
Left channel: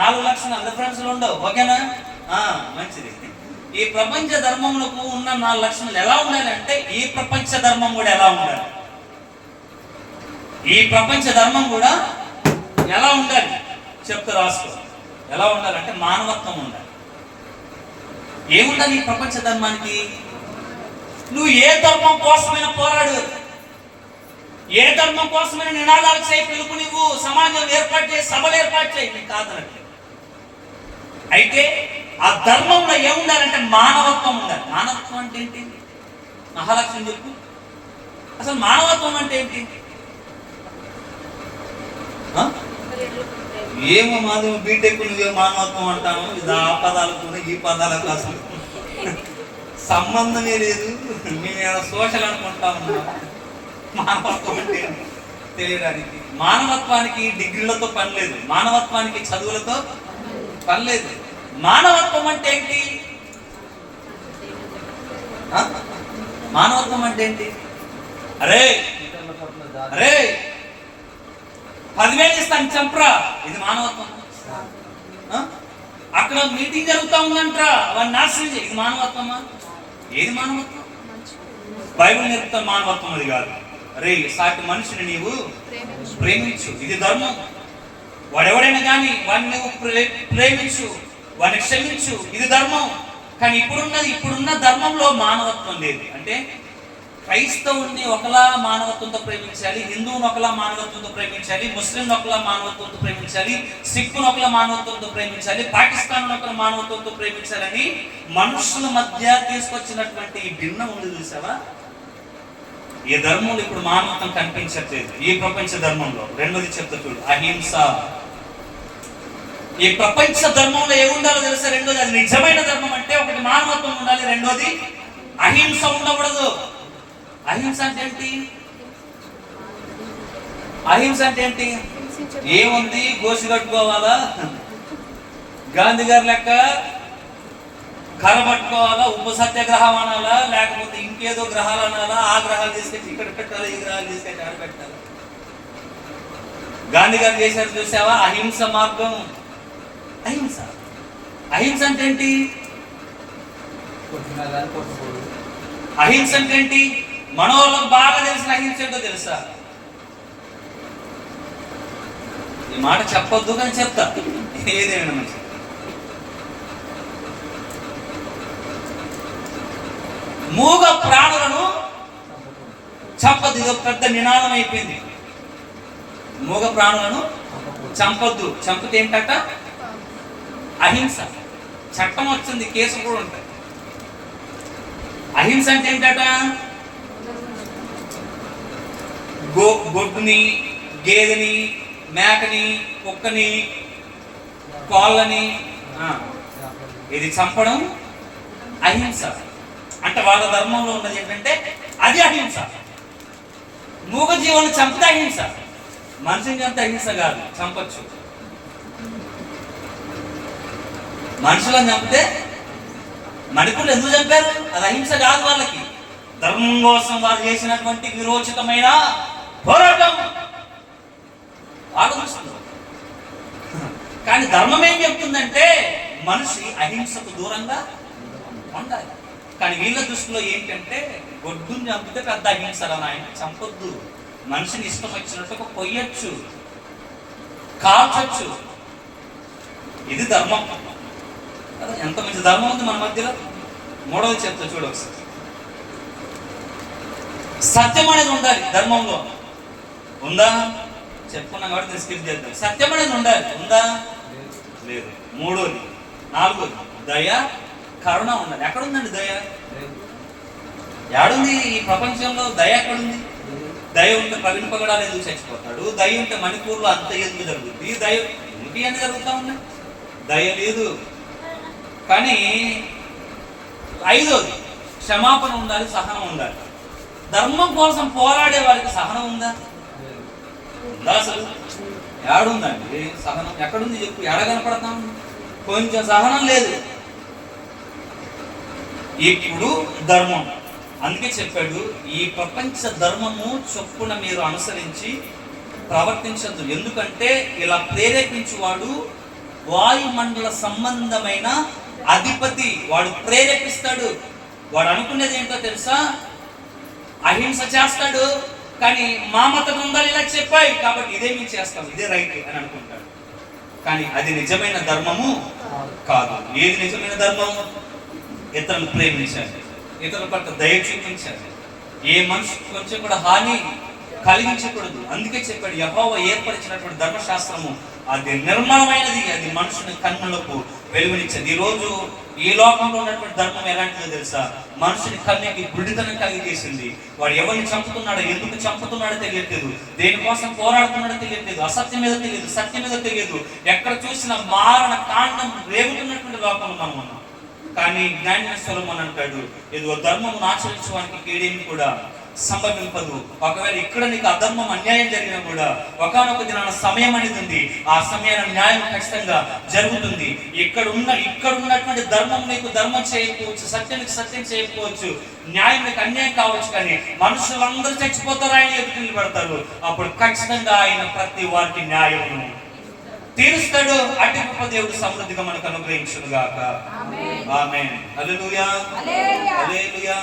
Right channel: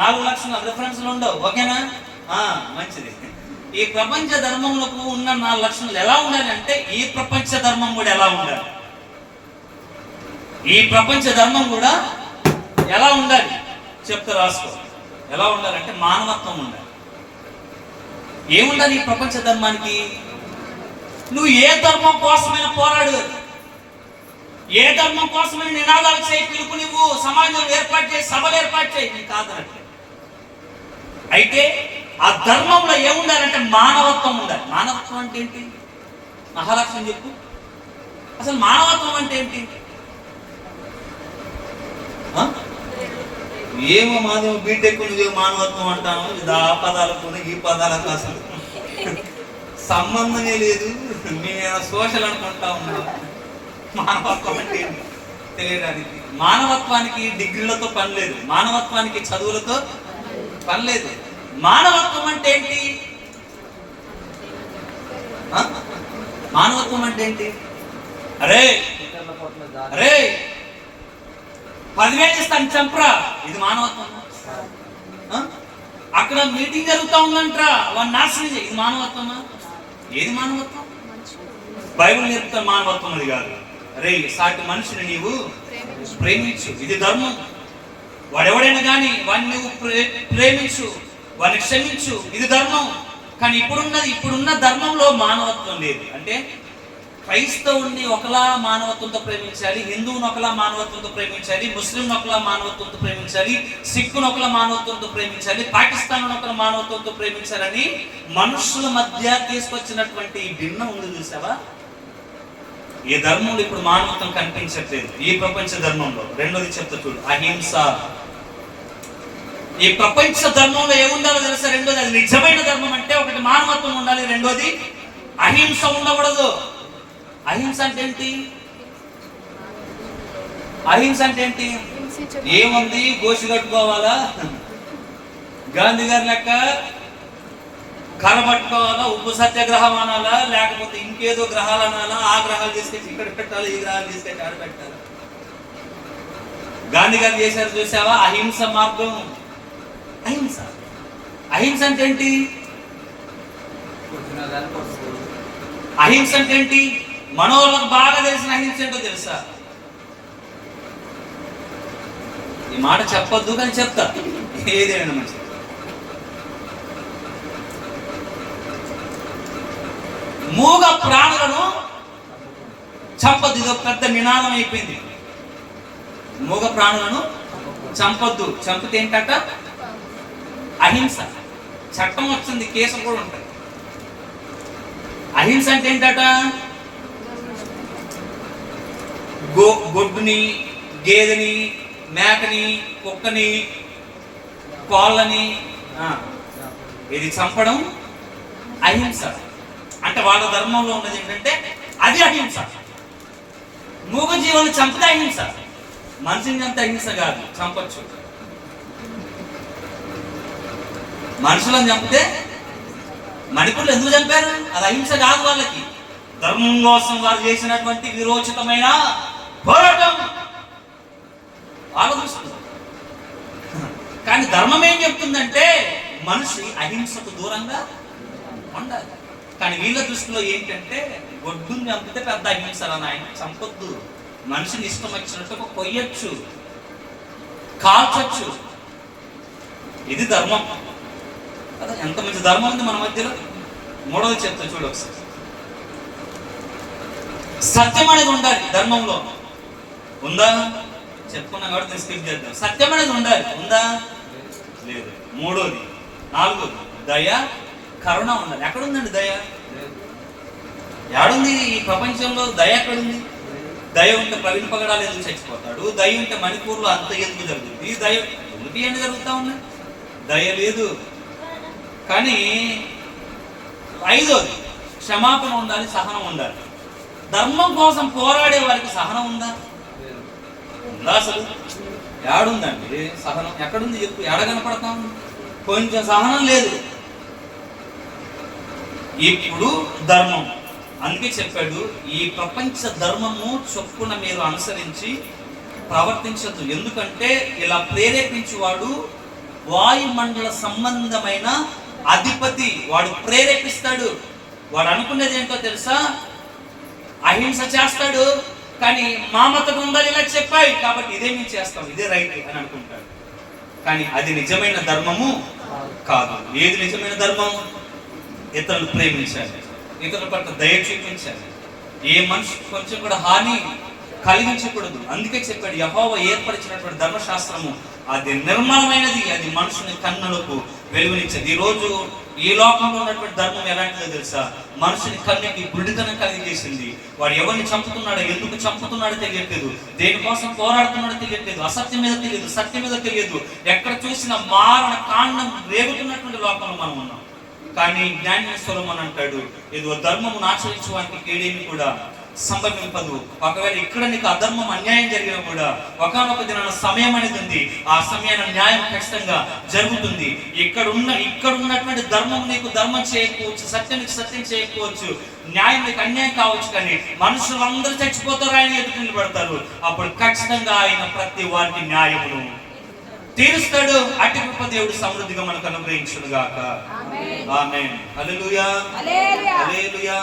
4 లక్షణాలు రిఫరెన్స్లు ఉండవు, ఓకేనా? మంచిది. ఈ ప్రపంచ ధర్మములకు ఉన్న 4 లక్షణాలు ఎలా ఉండాలి అంటే, ఈ ప్రపంచ ధర్మం కూడా ఎలా ఉండాలి, ఈ ప్రపంచ ధర్మం కూడా ఎలా ఉండాలి చెప్తా, రాసుకో. ఎలా ఉండాలంటే మానవత్వం ఉండాలి. ఏముండాలి ఈ ప్రపంచ ధర్మానికి? నువ్వు ఏ ధర్మం కోసమైనా పోరాడు, ఏ ధర్మం కోసమైనా నినాదాలు చేయి, పిలుపు నువ్వు సమాజం ఏర్పాటు చేయి, సభలు ఏర్పాటు చేయి, నీకు కాదనట్లే. అయితే ఆ ధర్మంలో ఏముండాలంటే మానవత్వం ఉండాలి. మానవత్వం అంటే ఏంటి? మహాలక్ష్మి చెప్పు, అసలు మానవత్వం అంటే ఏంటి? ఏమో మాదేమో బీటెక్ నువ్వేమో మానవత్వం అంటాను. ఇది ఆ పదాలకు ఈ పదాలకు అసలు సంబంధమే లేదు. నేను సోషల్ అనుకుంటా ఉన్నా. మానవత్వం అంటే తెలియడానికి, మానవత్వానికి డిగ్రీలతో పని లేదు, మానవత్వానికి చదువులతో పని లేదు. మానవత్వం అంటే ఏంటి? మానవత్వం అంటే ఏంటి? అరే 10,000 ఇస్తాను చంపరా, ఇది మానవత్వం? అక్కడ మీటింగ్ జరుగుతూ ఉందంటరా, వాడిని నాశనం చేయి, ఇది మానవత్వమా? ఏది మానవత్వం? బైబిల్ నేర్పుతాను మానవత్వం అది కాదు. రే సాటి మనిషిని నీవు ప్రేమించు. ప్రేమించు, ఇది ధర్మం. వాడెవడైనా కానీ వాడిని నువ్వు ప్రేమించు, వాడిని క్షమించు, ఇది ధర్మం. కానీ ఇప్పుడున్న ధర్మంలో మానవత్వం లేదు. అంటే క్రైస్తవుని ఒకలా మానవత్వంతో ప్రేమించాలి, హిందువుని ఒకలా మానవత్వంతో ప్రేమించాలి, ముస్లింని ఒకలా మానవత్వంతో ప్రేమించాలి, సిక్కును ఒకలా మానవత్వంతో ప్రేమించాలి, పాకిస్తాన్ ఒకలా మానవత్వంతో ప్రేమించాలని మనుషుల మధ్య తీసుకొచ్చినటువంటి ఈ భిన్నం ఉంది చూసావా? ఈ ధర్మంలో ఇప్పుడు మానవత్వం కనిపించట్లేదు ఈ ప్రపంచ ధర్మంలో. రెండోది చెప్తా చూడు, అహింస. ఈ ప్రపంచ ధర్మంలో ఏముండాలో తెలుసా? రెండోది, అది నిజమైన ధర్మం అంటే ఒకటి మానవత్వం ఉండాలి, రెండోది అహింస ఉండకూడదు. అహింస అంటే ఏంటి? అహింస అంటే ఏంటి? ఏముంది, గోసి కట్టుకోవాలా, గాంధీ గారి లెక్క కర్ర పట్టుకోవాలా, ఉప సత్యాగ్రహం అనాలా, లేకపోతే ఇంకేదో గ్రహాలు అనాలా, ఆ గ్రహాలు తీసుకొచ్చి ఇక్కడ పెట్టాలి, ఈ గ్రహాలు తీసుకొచ్చి ఆడ పెట్టాలి. గాంధీ గారు చేశారు చూసావా? అహింస మార్గం. అహింస. అహింస అంటే ఏంటి? అహింస అంటే ఏంటి? మన వాళ్ళకు బాగా తెలిసిన అహింస ఏంటో తెలుసా? ఈ మాట చెప్పొద్దు కానీ చెప్తా, ఏదేమైనా మంచి. మూగ ప్రాణులను చంపొద్దు. ఇది పెద్ద నినాదం అయిపోయింది. మూగ ప్రాణులను చంపొద్దు. చంపితే ఏంటట? అహింస. చట్టం వచ్చింది, కేసులు కూడా ఉంటాయి. అహింస అంటే ఏంటట? గొడ్డుని, గేదెని, మేకని, కుక్కని, కోళ్ళని ఇది చంపడం అహింస. అంటే వాళ్ళ ధర్మంలో ఉన్నది ఏంటంటే అది అహింస. మూగ జీవాన్ని చంపితే అహింస. మనిషిని చంపితే అహింస కాదు, చంపచ్చు. మనుషులను చంపితే, మణిపురులు ఎందుకు చంపారు? అది అహింస కాదు వాళ్ళకి. ధర్మం కోసం వారు చేసినటువంటి విరోచితమైన పోరాటం వాళ్ళ దృష్టిలో. కానీ ధర్మం ఏం చెప్తుందంటే మనిషి అహింసకు దూరంగా ఉండాలి. కానీ వీళ్ళ దృష్టిలో ఏంటంటే గొడ్డుని చంపితే పెద్ద అహింసరా నాయన, చంపొద్దు. మనిషిని ఇష్టం వచ్చినట్టు కొయ్యొచ్చు, కాల్చొచ్చు. ఇది ధర్మం. అదే ఎంత మంచి ధర్మం ఉంది మన మధ్యలో. మూడవది చెప్తా చూడు ఒకసారి. సత్యం అనేది ఉండాలి ధర్మంలో. ఉందా? చెప్పుకున్నాం కాబట్టి నేను స్కిప్ చేద్దాం. సత్యం అనేది ఉండాలి. ఉందా? లేదు. మూడోది. నాలుగోది, దయ, కరుణ ఉండాలి. ఎక్కడుందండి దయ? ఏడుంది ఈ ప్రపంచంలో? దయ ఎక్కడుంది? దయ ఉంటే ప్రవీణ్ పగడాలు ఎందుకు చచ్చిపోతాడు? దయ ఉంటే మణిపూర్లో అంత ఎందుకు జరుగుతుంది? దయ ఎందుకు ఇవన్నీ జరుగుతూ ఉన్నాయి? దయ లేదు. కానీ ఐదోది, క్షమాపణ ఉండాలి, సహనం ఉండాలి. ధర్మం కోసం పోరాడే వారికి సహనం ఉందా? ఉందా? అసలు ఏడుందండి సహనం? ఎక్కడుంది చెప్పు? ఎడ కనపడతా ఉంది? కొంచెం సహనం లేదు. ఇప్పుడు ధర్మం, అందుకే చెప్పాడు ఈ ప్రపంచ ధర్మము చొప్పున మీరు అనుసరించి ప్రవర్తించద్దు. ఎందుకంటే ఇలా ప్రేరేపించువాడు వాయుమండల సంబంధమైన అధిపతి. వాడు ప్రేరేపిస్తాడు. వాడు అనుకునేది ఏంటో తెలుసా? అహింస చేస్తాడు. కానీ మా మత గ్రంథాలు ఇలా చెప్పాయి కాబట్టి ఇదే మేము చేస్తాం, ఇదే రైట్ అని అనుకుంటాడు. కానీ అది నిజమైన ధర్మము కాదు. ఏది నిజమైన ధర్మం? ఇతరులు ప్రేమించాలి, ఇతరుల పట్ల దయ చూపించాలి, ఏ మనిషి కొంచెం కూడా హాని కలిగించకూడదు. అందుకే చెప్పాడు యెహోవా ఏర్పరిచినటువంటి ధర్మశాస్త్రము అది నిర్మలమైనది, అది మనుషుని కన్నులకు వెలుగునిచ్చేది. ఈరోజు ఈ లోకంలో ఉన్నటువంటి ధర్మం ఎలాంటిదో తెలుసా? మనుషుని కన్నుకి గుడితనం కలిగజేసింది. వాడు ఎవరిని చంపుతున్నాడో, ఎందుకు చంపుతున్నాడో తెలియట్లేదు, దేనికోసం పోరాడుతున్నాడో తెలియట్లేదు, అసత్యం మీద తెలియదు, సత్యం మీద తెలియదు. ఎక్కడ చూసిన మారణ కాండం రేగుతున్నటువంటి లోకంలో మనం ఉన్నాం. కానీ జ్ఞాని సొలొమోను అంటాడు, ఏదో ధర్మమును ఆచరించడానికి కీడేమి కూడా సంభవింపదు. ఒకవేళ ఇక్కడ నీకు అధర్మం, అన్యాయం జరిగినా కూడా ఒకానొక దినాన సమయం అనేది ఉంది. ఆ సమయాన న్యాయం ఖచ్చితంగా జరుగుతుంది. ఇక్కడ ఉన్నటువంటి ధర్మం నీకు ధర్మం చేయకపోవచ్చు, సత్యం నీకు సత్యం చేయకపోవచ్చు, న్యాయం నీకు అన్యాయం కావచ్చు. కానీ మనుషులందరూ చచ్చిపోతారు, ఆయన ఎదుటి నిలబడతారు. అప్పుడు ఖచ్చితంగా ఆయన ప్రతి వారికి న్యాయమును తీరుస్తాడు. అట్టి గొప్ప దేవుడు సమృద్ధిగా మనకు అనుగ్రహించును గాక. ఆమేన్. హల్లెలూయా. హల్లెలూయా. హల్లెలూయా.